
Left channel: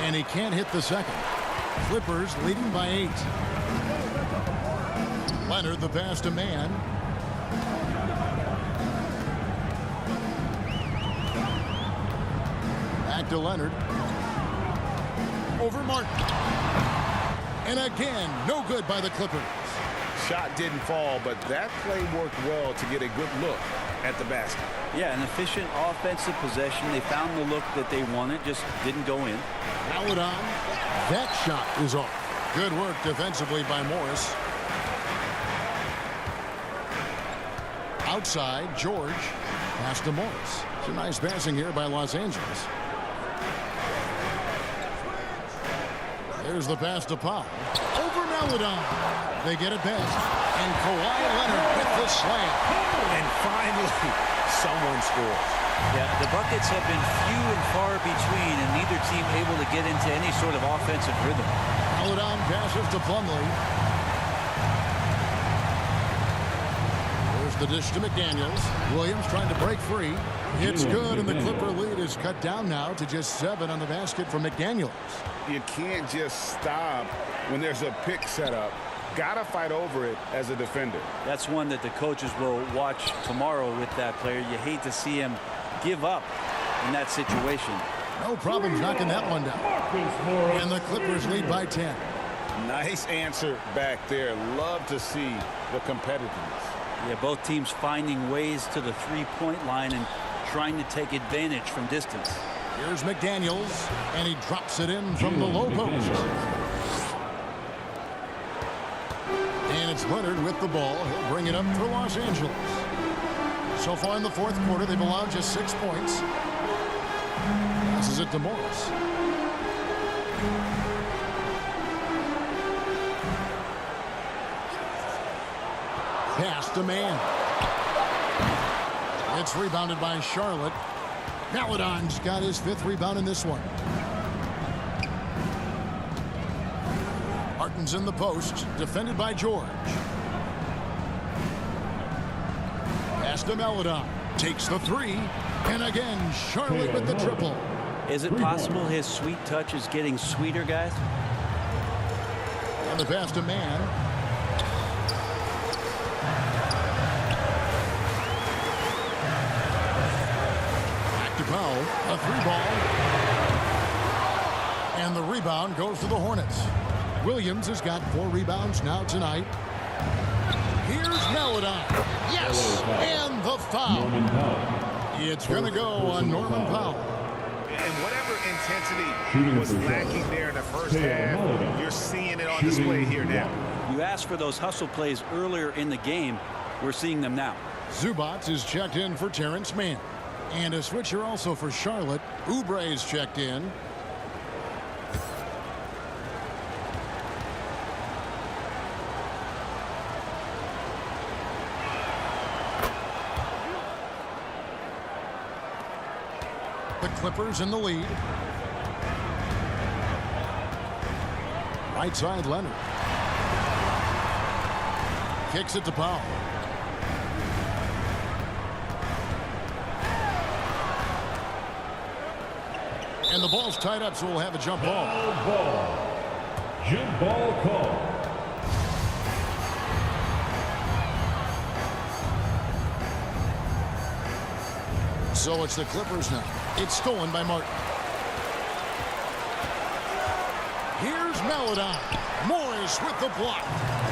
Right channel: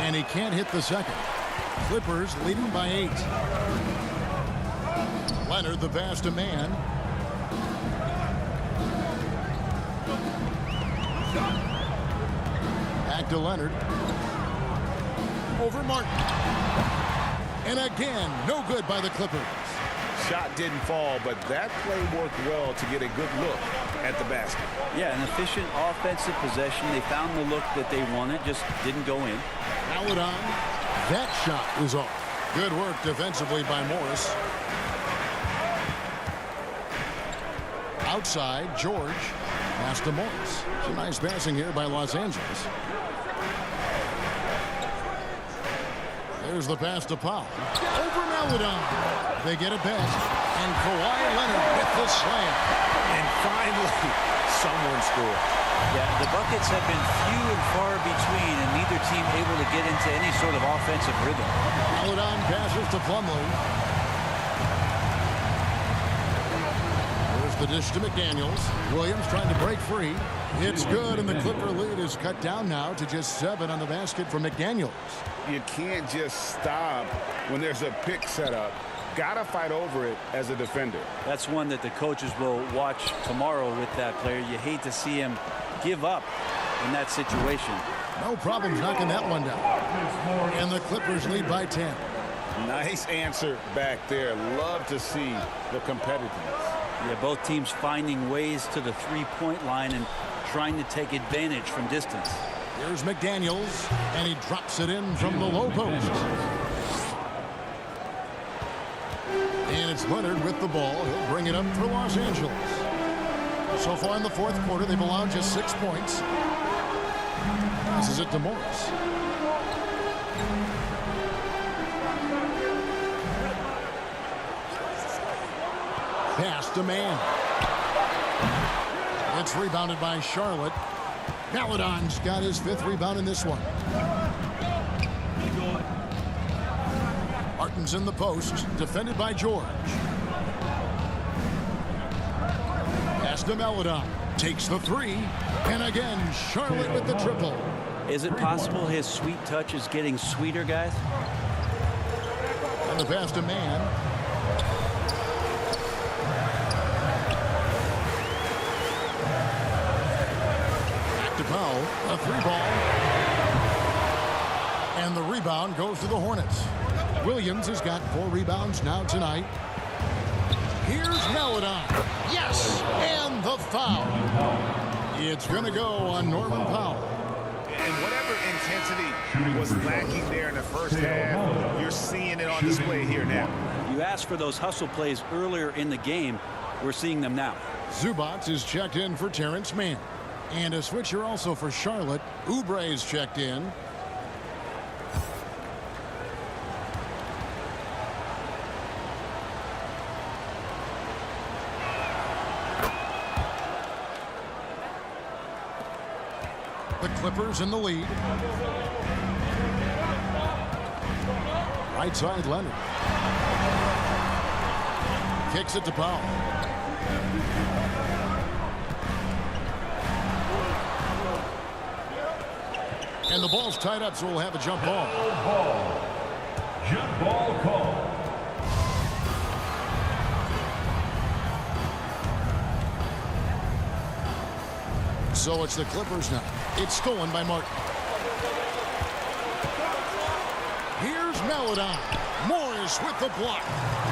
And he can't hit the second. Clippers leading by 8. Leonard the pass to Mann. Back to Leonard. Over Martin. And again, no good by the Clippers. Shot didn't fall, but that play worked well to get a good look at the basket. Yeah, an efficient offensive possession. They found the look that they wanted, just didn't go in. Maladon. That shot is off. Good work defensively by Morris. Outside, George. Pass to Morris. Some nice passing here by Los Angeles. There's the pass to Powell. Over Maladon. They get it back. And Kawhi Leonard with the slam. And finally, someone scores. Yeah, the buckets have been few and far between, and neither team able to get into any sort of offensive rhythm. Maladon passes to Plumlee. There's the dish to McDaniels. Williams trying to break free. It's good, and the Clipper lead is cut down now to just 7 on the basket for McDaniels. You can't just stop when there's a pick set up. Gotta fight over it as a defender. That's one that the coaches will watch tomorrow with that player. You hate to see him give up in that situation. No problems knocking that one down. And the Clippers lead by 10. Nice answer back there. Love to see the competitiveness. Yeah, both teams finding ways to the three-point line and trying to take advantage from distance. Here's McDaniels, and he drops it in from the low post. And it's Leonard with the ball. He'll bring it up for Los Angeles. So far in the fourth quarter, they've allowed just 6 points. Passes it to Morris. Pass to Mann. It's rebounded by Charlotte. Maladon's got his 5th rebound in this one. Martin's in the post, defended by George. Pass to Maladon. Takes the 3. And again, Charlotte with the triple. Is it possible his sweet touch is getting sweeter, guys? And the pass to Mann. Back to Powell. A 3-ball. And the rebound goes to the Hornets. Williams has got 4 rebounds now tonight. Here's Maladon. Yes! And the foul. It's going to go on Norman Powell. And whatever intensity was lacking there in the first half, you're seeing it on display here now. You asked for those hustle plays earlier in the game. We're seeing them now. Zubats is checked in for Terrence Mann. And a switcher also for Charlotte. Oubre is checked in. The Clippers in the lead. Right side, Leonard. Kicks it to Powell. And the ball's tied up, so we'll have a jump ball. Jump ball call. So it's the Clippers now. It's stolen by Martin. Here's Maladon. Morris with the block.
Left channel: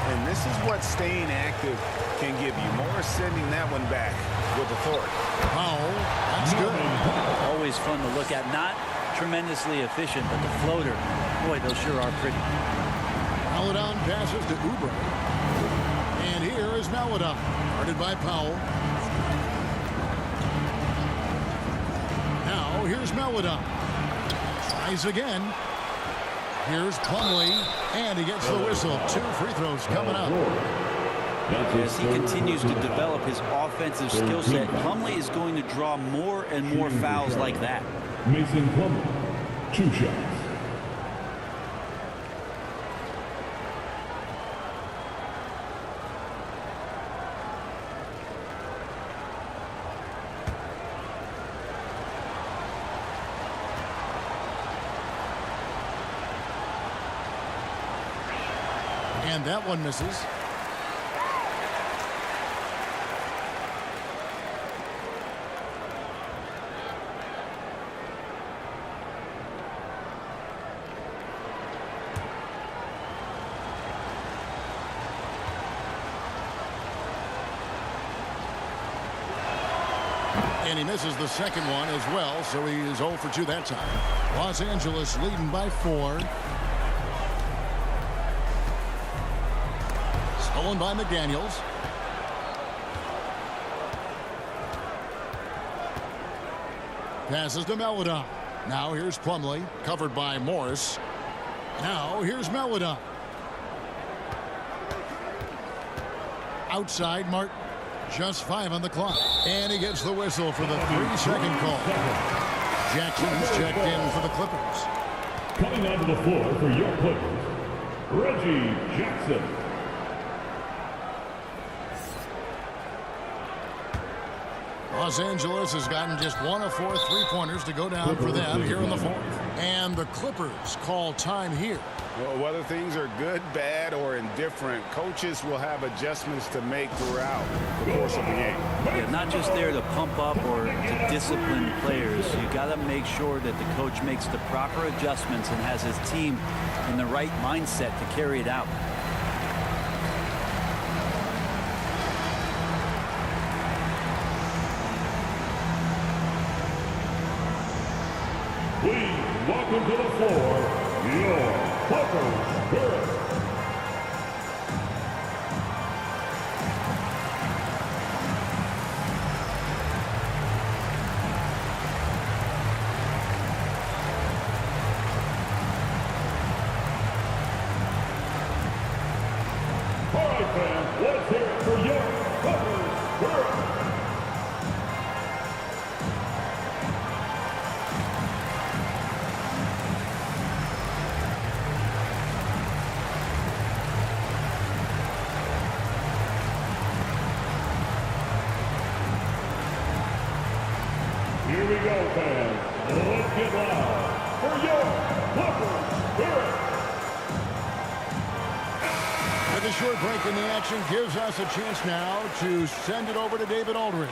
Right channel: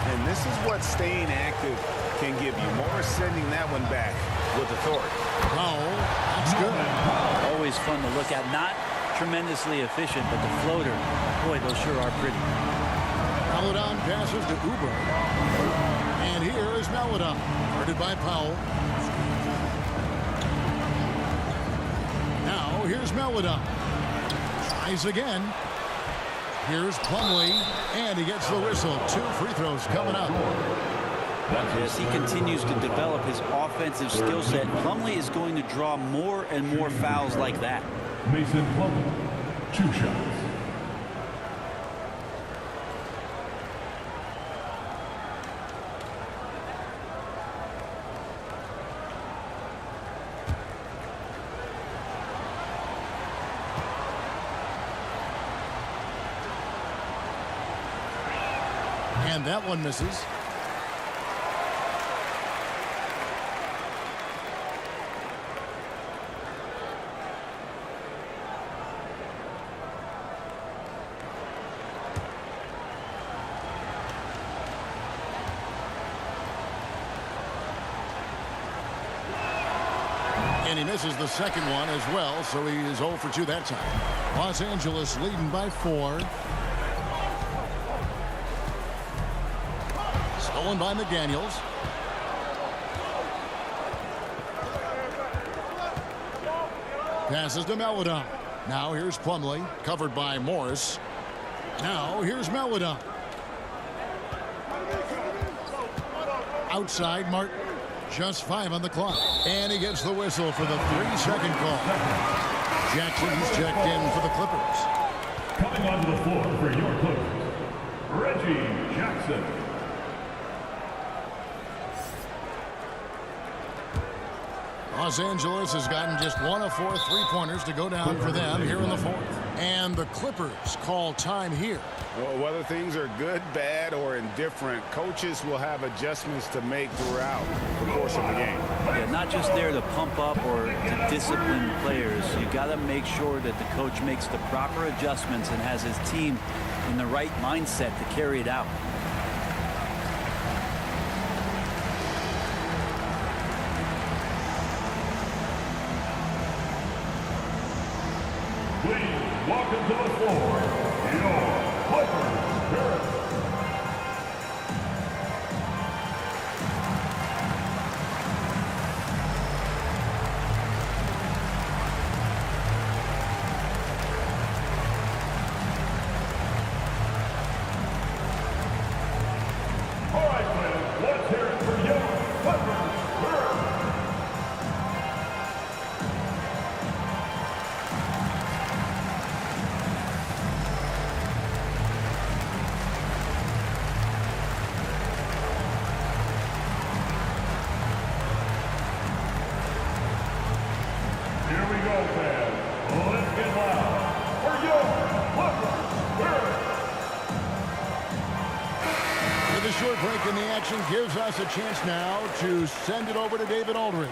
And this is what staying active can give you. Morris sending that one back with authority. Powell, that's good. Always fun to look at. Not tremendously efficient, but the floater, boy, those sure are pretty. Maladon passes to Oubre. And here is Maladon, guarded by Powell. Now here's Maladon. Tries again. Here's Plumlee, and he gets the whistle. 2 free throws coming up. As he continues to develop his offensive skill set, Plumlee is going to draw more and more fouls like that. Mason Plumlee, 2 shots. And that one misses. And he misses the second one as well, so he is 0 for 2 that time. Los Angeles leading by 4. Stolen by McDaniels. Passes to Melodon. Now here's Plumlee, covered by Morris. Now here's Melodon. Outside Martin. Just 5 on the clock. And he gets the whistle for the 3-second call. Jackson's checked in for the Clippers. Coming onto the floor for your Clippers, Reggie Jackson. Los Angeles has gotten just 1 of 4 3-pointers to go down for them here in the 4th. And the Clippers call time here. Well, whether things are good, bad, or indifferent, coaches will have adjustments to make throughout the course of the game. Yeah, not just there to pump up or to discipline players. You got to make sure that the coach makes the proper adjustments and has his team in the right mindset to carry it out. Please welcome to the floor your Clippers Spirit. All right, fans, let's hear it for your Clippers Spirit. Here we go, fans. Let's get loud for your Clippers Spirit. With a short break in the action gives us a chance now to send it over to David Aldridge.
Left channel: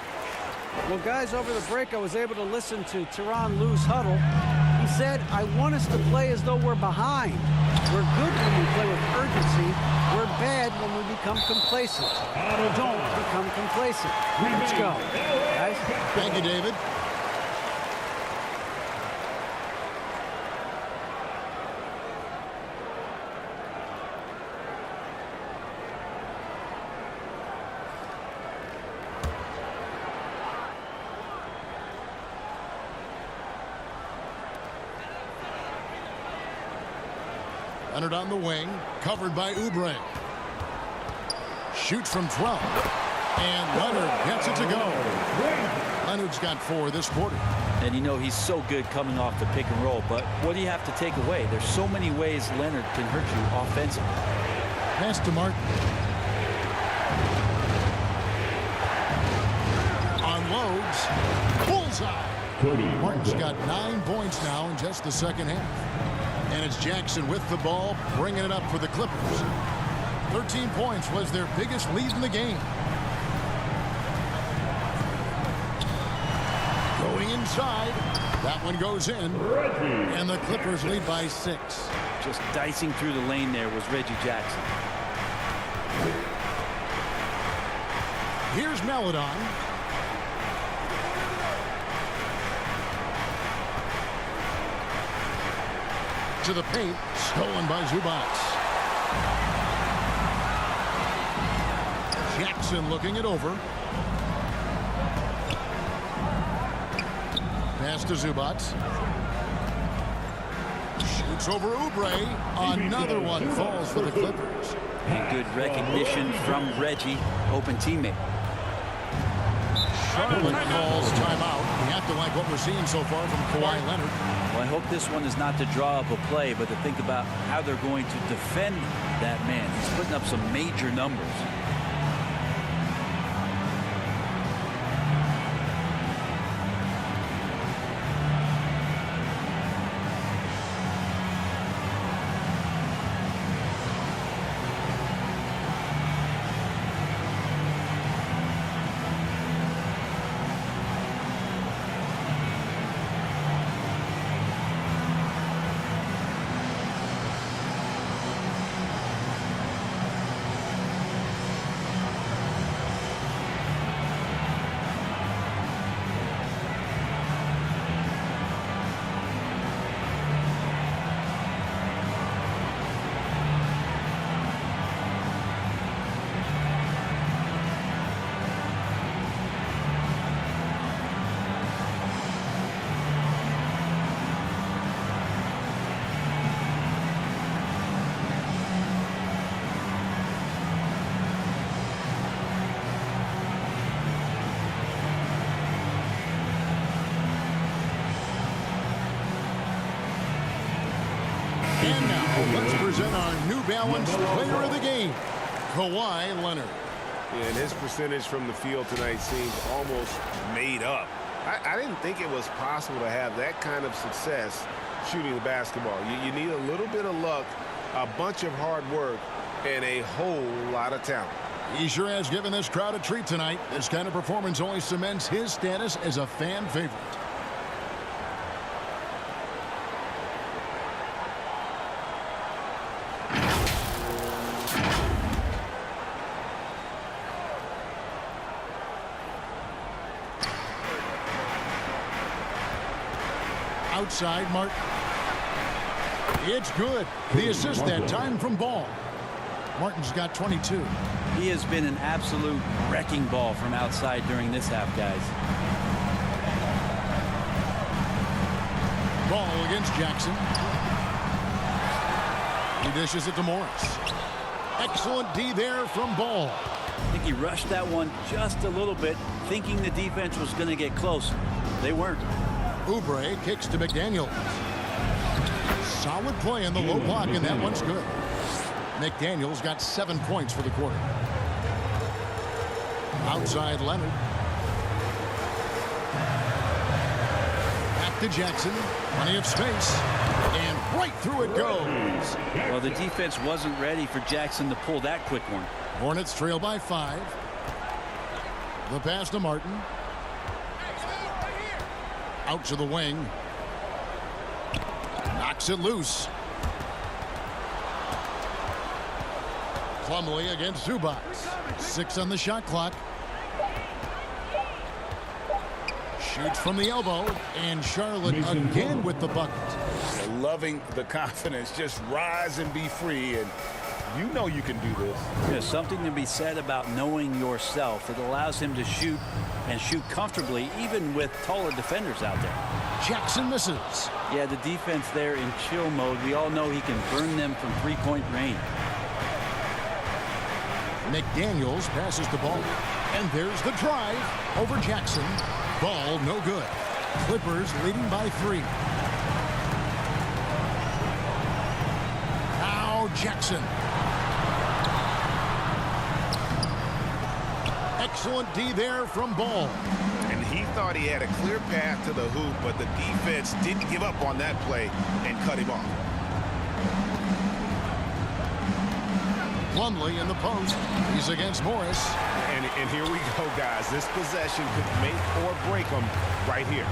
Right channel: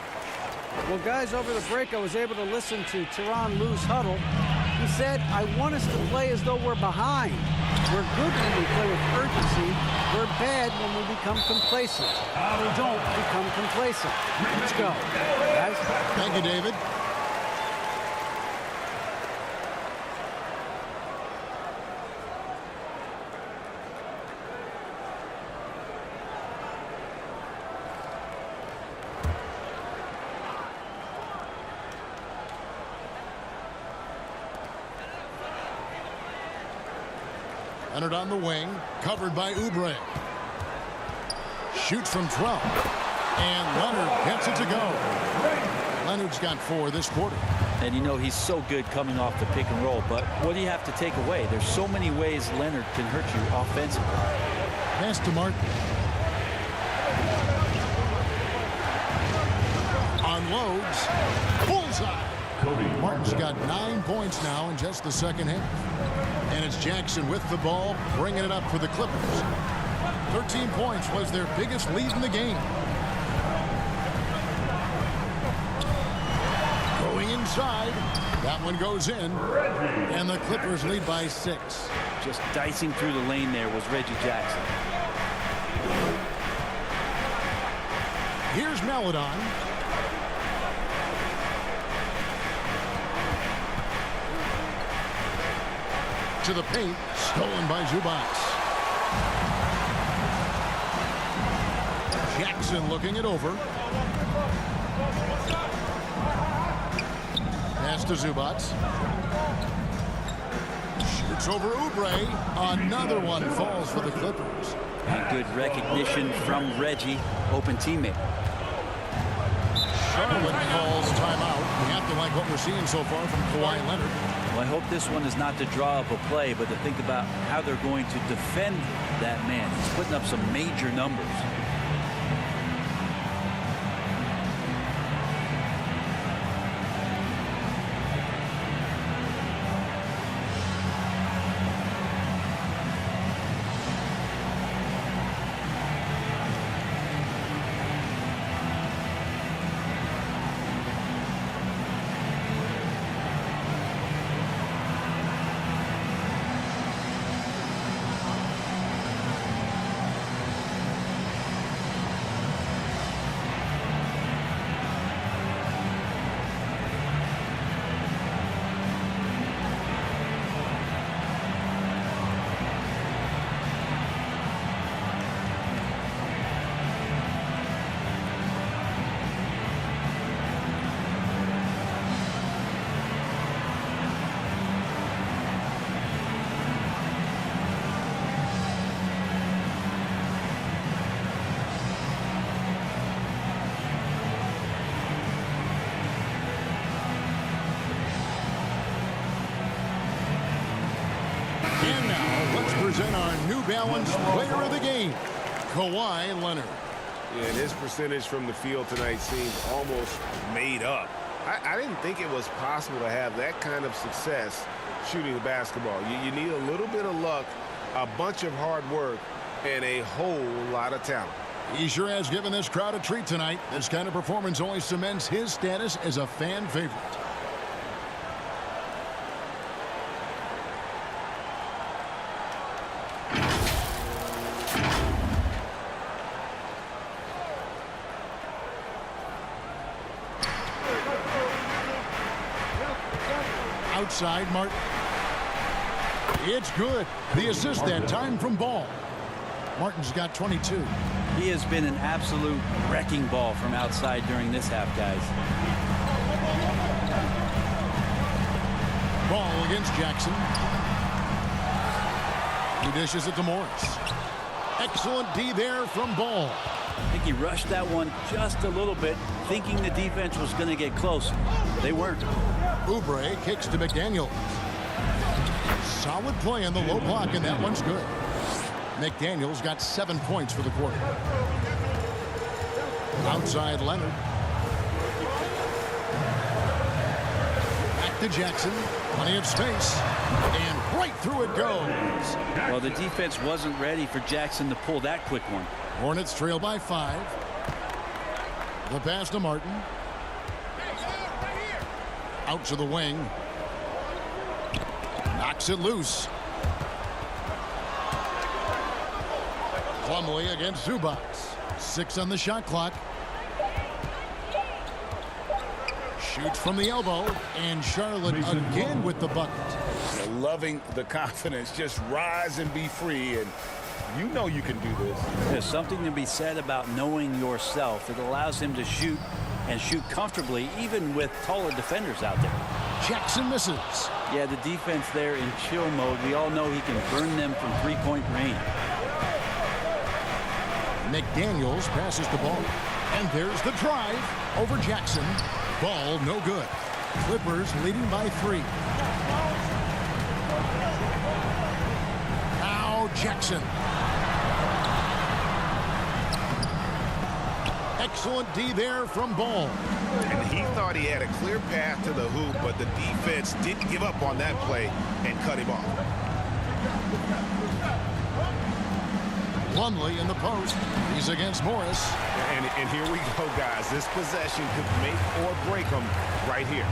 Well, guys, over the break, I was able to listen to Tyronn Lue's huddle. He said, I want us to play as though we're behind. We're good when we play with urgency. We're bad when we become complacent. Don't become complacent. Let's go, guys. Thank you, David. Leonard on the wing, covered by Oubre. Shoots from 12. And Leonard gets it to go. Leonard's got 4 this quarter. And you know he's so good coming off the pick and roll, but what do you have to take away? There's so many ways Leonard can hurt you offensively. Pass to Martin. Unloads. Bullseye. Martin's got 9 points now in just the second half. And it's Jackson with the ball, bringing it up for the Clippers. 13 points was their biggest lead in the game. Going inside. That one goes in. And the Clippers lead by 6. Just dicing through the lane there was Reggie Jackson. Here's Melodon. To the paint, stolen by Zubac. Jackson looking it over. Pass to Zubac. Shoots over Oubre. Another one falls for the Clippers. And good recognition from Reggie, open teammate. Charlotte calls timeout. We have to like what we're seeing so far from Kawhi Leonard. Well, I hope this one is not to draw up a play, but to think about how they're going to defend that man. He's putting up some major numbers. And now let's present our New Balance player of the game, Kawhi Leonard. Yeah, and his percentage from the field tonight seems almost made up. I didn't think it was possible to have that kind of success shooting the basketball. You need a little bit of luck, a bunch of hard work, and a whole lot of talent. He sure has given this crowd a treat tonight. This kind of performance only cements his status as a fan favorite. Outside, Martin. It's good. The assist that time from Ball. Martin's got 22. He has been an absolute wrecking ball from outside during this half, guys. Ball against Jackson. He dishes it to Morris. Excellent D there from Ball. I think he rushed that one just a little bit, thinking the defense was going to get close. They weren't. Oubre kicks to McDaniels. Solid play in the low block, and that one's good. McDaniels got 7 points for the quarter. Outside Leonard. Back to Jackson. Plenty of space. And right through it goes. Well, the defense wasn't ready for Jackson to pull that quick one. Hornets trail by 5. The pass to Martin. Out to the wing. Knocks it loose. Plumlee against Zubac. 6 on the shot clock. Shoots from the elbow, and Charlotte again with the bucket. Loving the confidence. Just rise and be free, and you know you can do this. There's something to be said about knowing yourself. It allows him to shoot and shoot comfortably, even with taller defenders out there. Jackson misses. Yeah, the defense there in chill mode. We all know he can burn them from three-point range. McDaniels passes the ball. And there's the drive over Jackson. Ball no good. Clippers leading by 3. Now Jackson. Excellent D there from Ball. And he thought he had a clear path to the hoop, but the defense didn't give up on that play and cut him off. Plumlee in the post. He's against Morris. And here we go, guys. This possession could make or break them right here.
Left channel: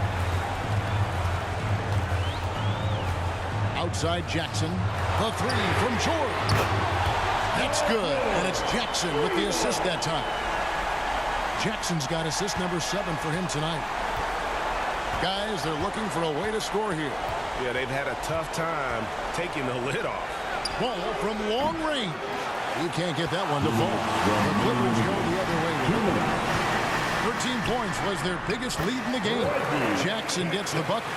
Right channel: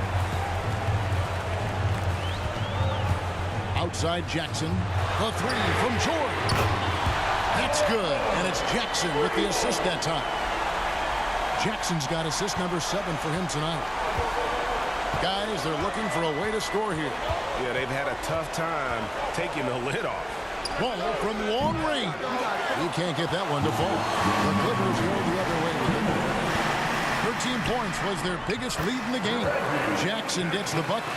Outside Jackson. The 3 from George. That's good. And it's Jackson with the assist that time. Jackson's got assist number 7 for him tonight. Guys, they're looking for a way to score here. Yeah, they've had a tough time taking the lid off. Ball from long range. He can't get that one to fall. The Clippers go the other way with it. 13 points was their biggest lead in the game. Jackson gets the bucket.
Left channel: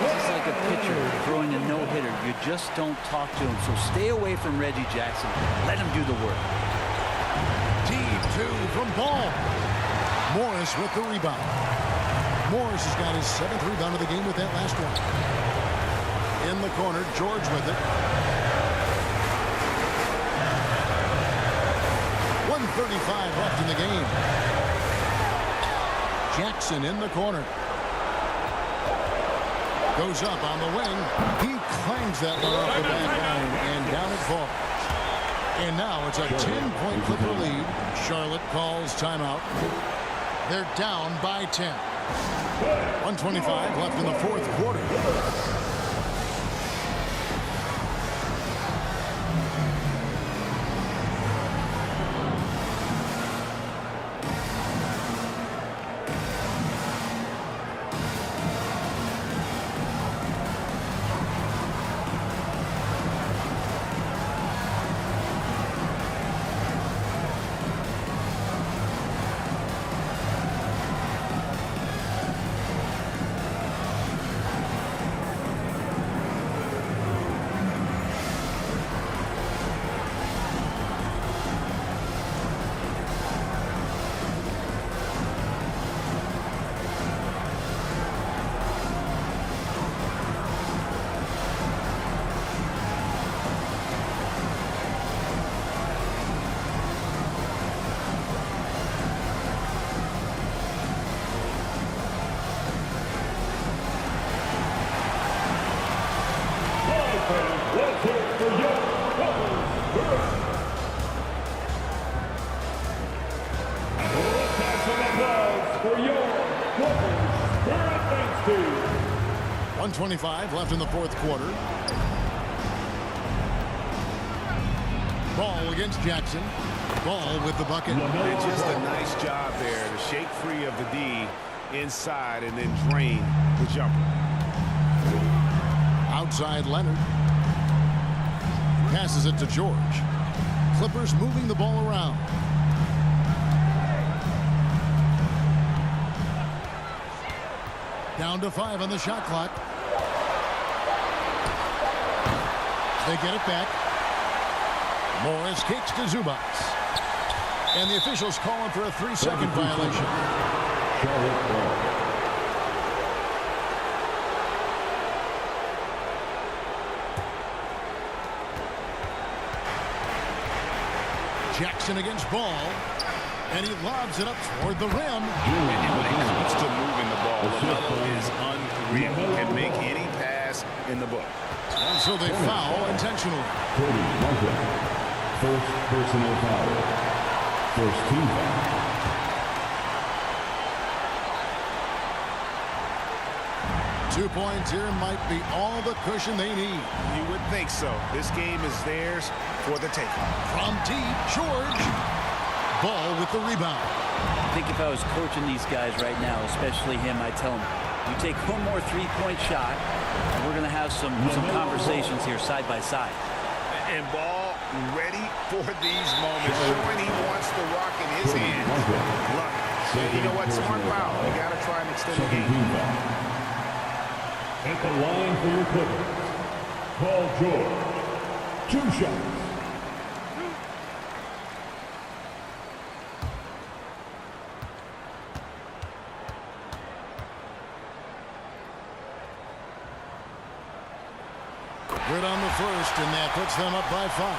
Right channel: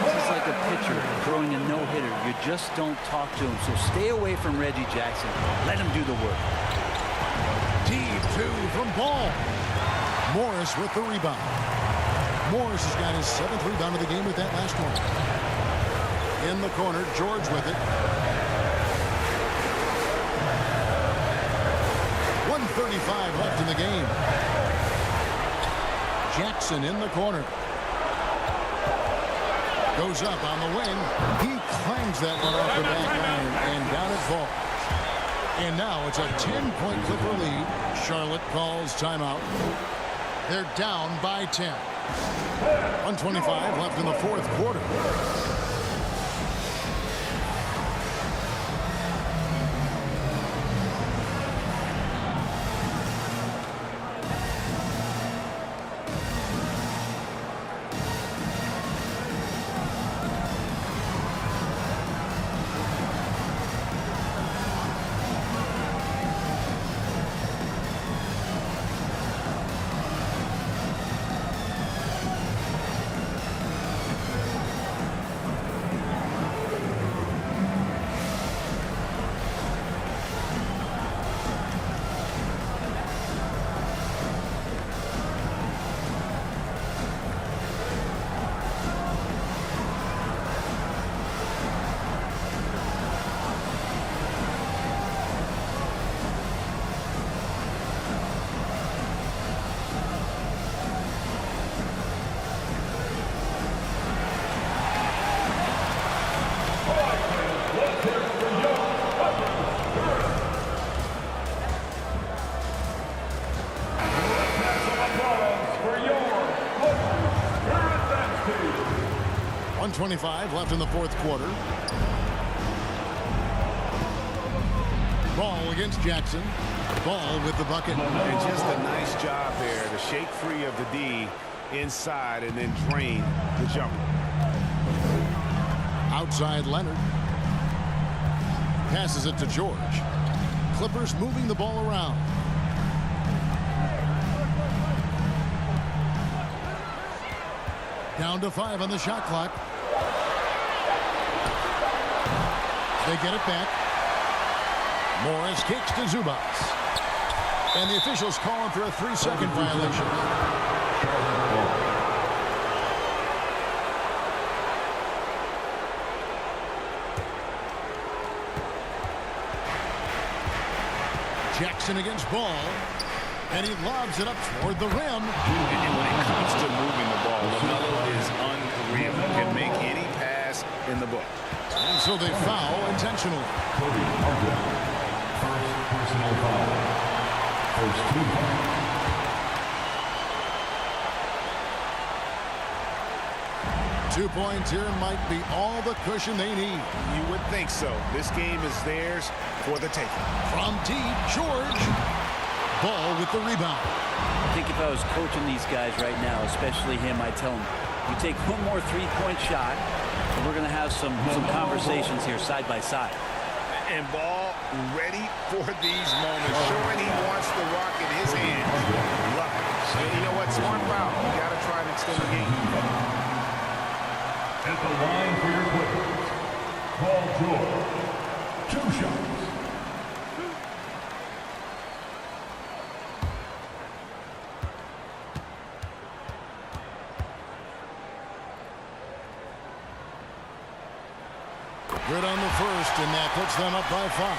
This is like a pitcher throwing a no-hitter. You just don't talk to him. So stay away from Reggie Jackson. Let him do the work. Deep 2 from Ball. Morris with the rebound. Morris has got his 7th rebound of the game with that last one. In the corner, George with it. 1:35 left in the game. Jackson in the corner. Goes up on the wing. He clangs that one off the back iron, and down it falls. And now it's a 10-point Clipper lead. Charlotte calls timeout. They're down by 10. 1:25 left in the 4th quarter. Clippers fans, let's hear it for your Clippers Spirit. Let's have some applause for your Clippers Spirit dance team. 1:25 left in the fourth quarter. Ball against Jackson. Ball with the bucket. And just a nice job there to shake free of the D inside and then drain the jumper. Outside Leonard. Passes it to George. Clippers moving the ball around. Down to 5 on the shot clock. They get it back. Morris kicks to Zubats. And the officials calling for a 3-second violation. Charlotte ball. Jackson against Ball. And he lobs it up toward the rim. And when it comes to moving the ball, LaMelo is unreal. Can make any pass in the book. And so they foul intentionally. Cody Martin. First personal foul. First team foul. Two points here might be all the cushion they need. You would think so. This game is theirs for the taking. From deep, George. Ball with the rebound. I think if I was coaching these guys right now, especially him, I'd tell him, you take one more three-point shot, and we're going to have some conversations here side by side. And Ball ready for these moments, showing he wants the rock in his hands. Love it. And you know what? Smart foul. You got to try and extend the game. At the line for your Clippers, Paul George. 2 shots. Good on the first, and that puts them up by 5.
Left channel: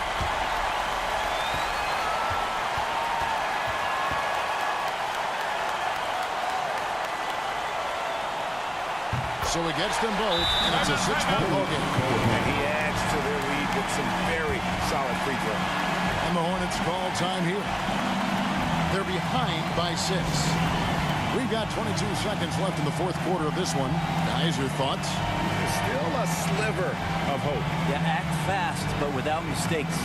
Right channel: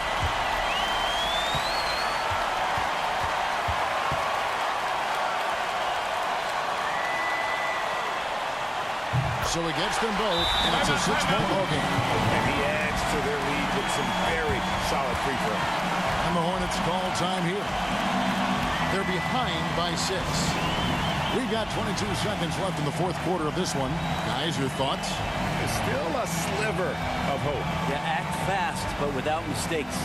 So he gets them both, and it's a 6-point ball game. And he adds to their lead with some very solid free throws. And the Hornets call time here. They're behind by 6. We've got 22 seconds left in the fourth quarter of this one. Guys, your thoughts? There's still a sliver of hope. Yeah, act fast, but without mistakes.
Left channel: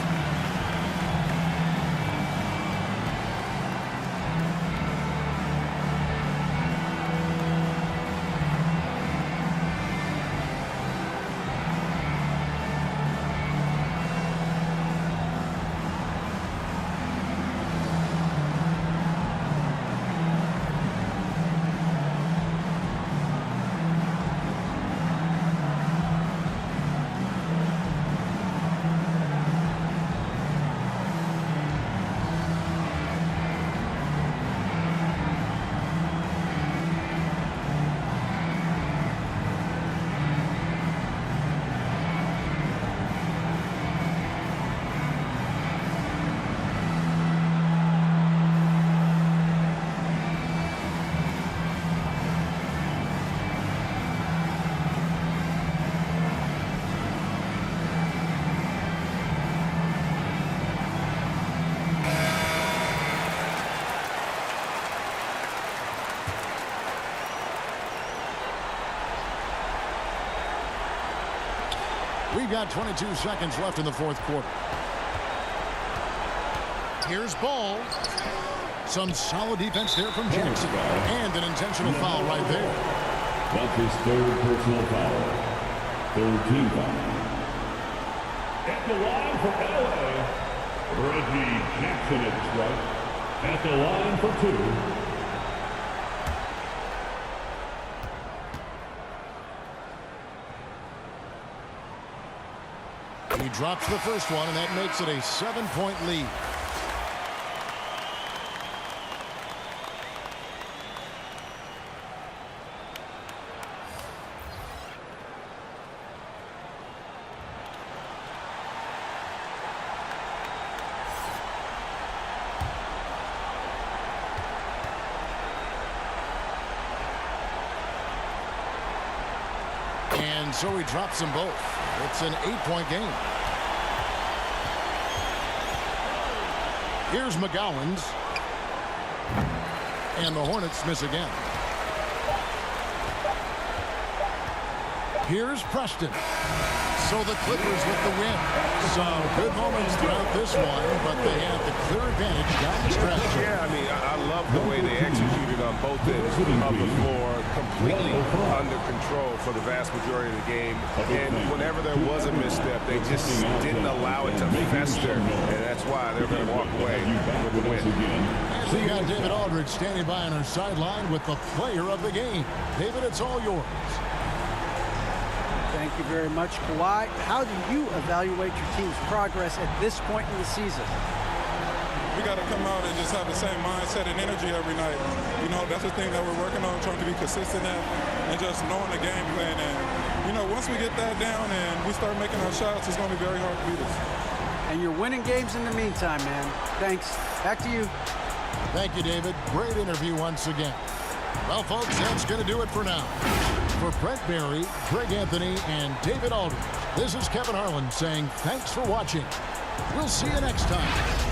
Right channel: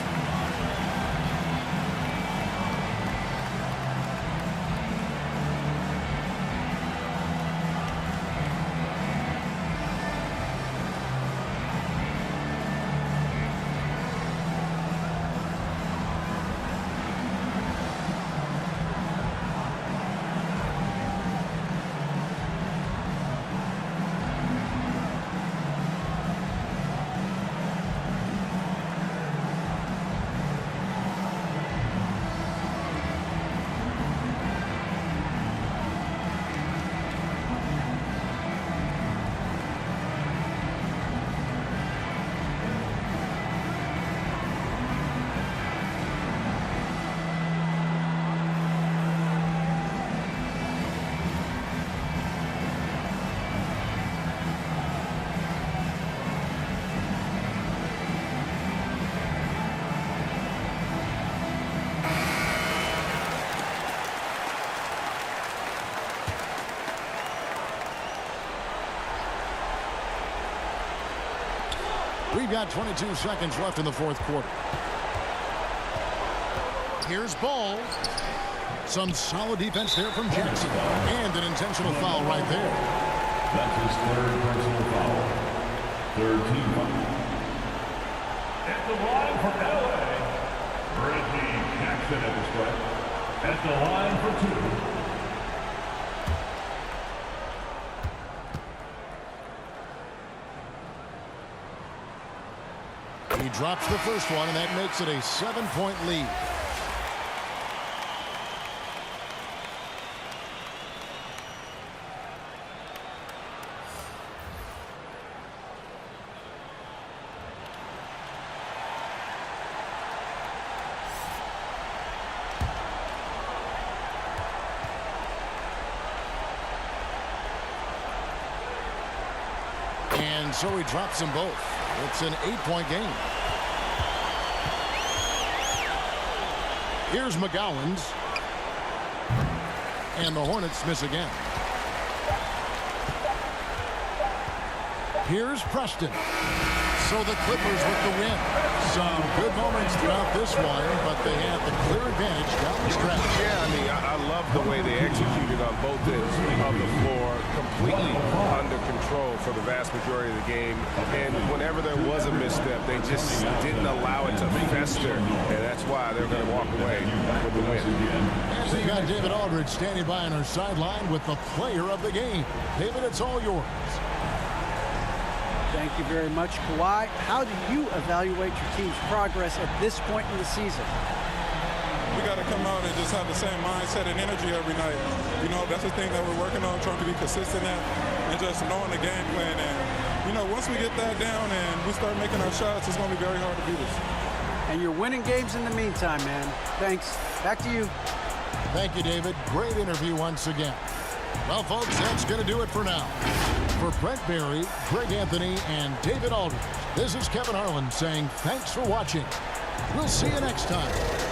We've got 22 seconds left in the fourth quarter. Here's Ball. Some solid defense there from Jackson. And an intentional foul right there. That's his 3rd personal foul. 3rd team foul. At the line for LA, Reggie Jackson at the strike. At the line for 2. He drops the first one, and that makes it a 7-point lead. And so he drops them both. It's an 8-point game. Here's McGowan's. And the Hornets miss again. Here's Preston. So the Clippers with the win. Some good moments throughout this one, but they had the clear advantage down the stretch. Yeah, I mean, I love the way they executed on both ends of the floor, completely under control for the vast majority of the game. And whenever there was a misstep, they just didn't allow it to fester, and that's why they're going to walk away with the win. And we got David Aldridge standing by on our sideline with the player of the game. David, it's all yours. Thank you very much, Kawhi. How do you evaluate your team's progress at this point in the season? We got to come out and just have the same mindset and energy every night. You know, that's the thing that we're working on, trying to be consistent at, and just knowing the game plan. And, you know, once we get that down and we start making our shots, it's going to be very hard to beat us. And you're winning games in the meantime, man. Thanks. Back to you. Thank you, David. Great interview once again. Well, folks, that's going to do it for now. For Brent Barry, Greg Anthony, and David Aldridge, this is Kevin Harlan saying thanks for watching. We'll see you next time.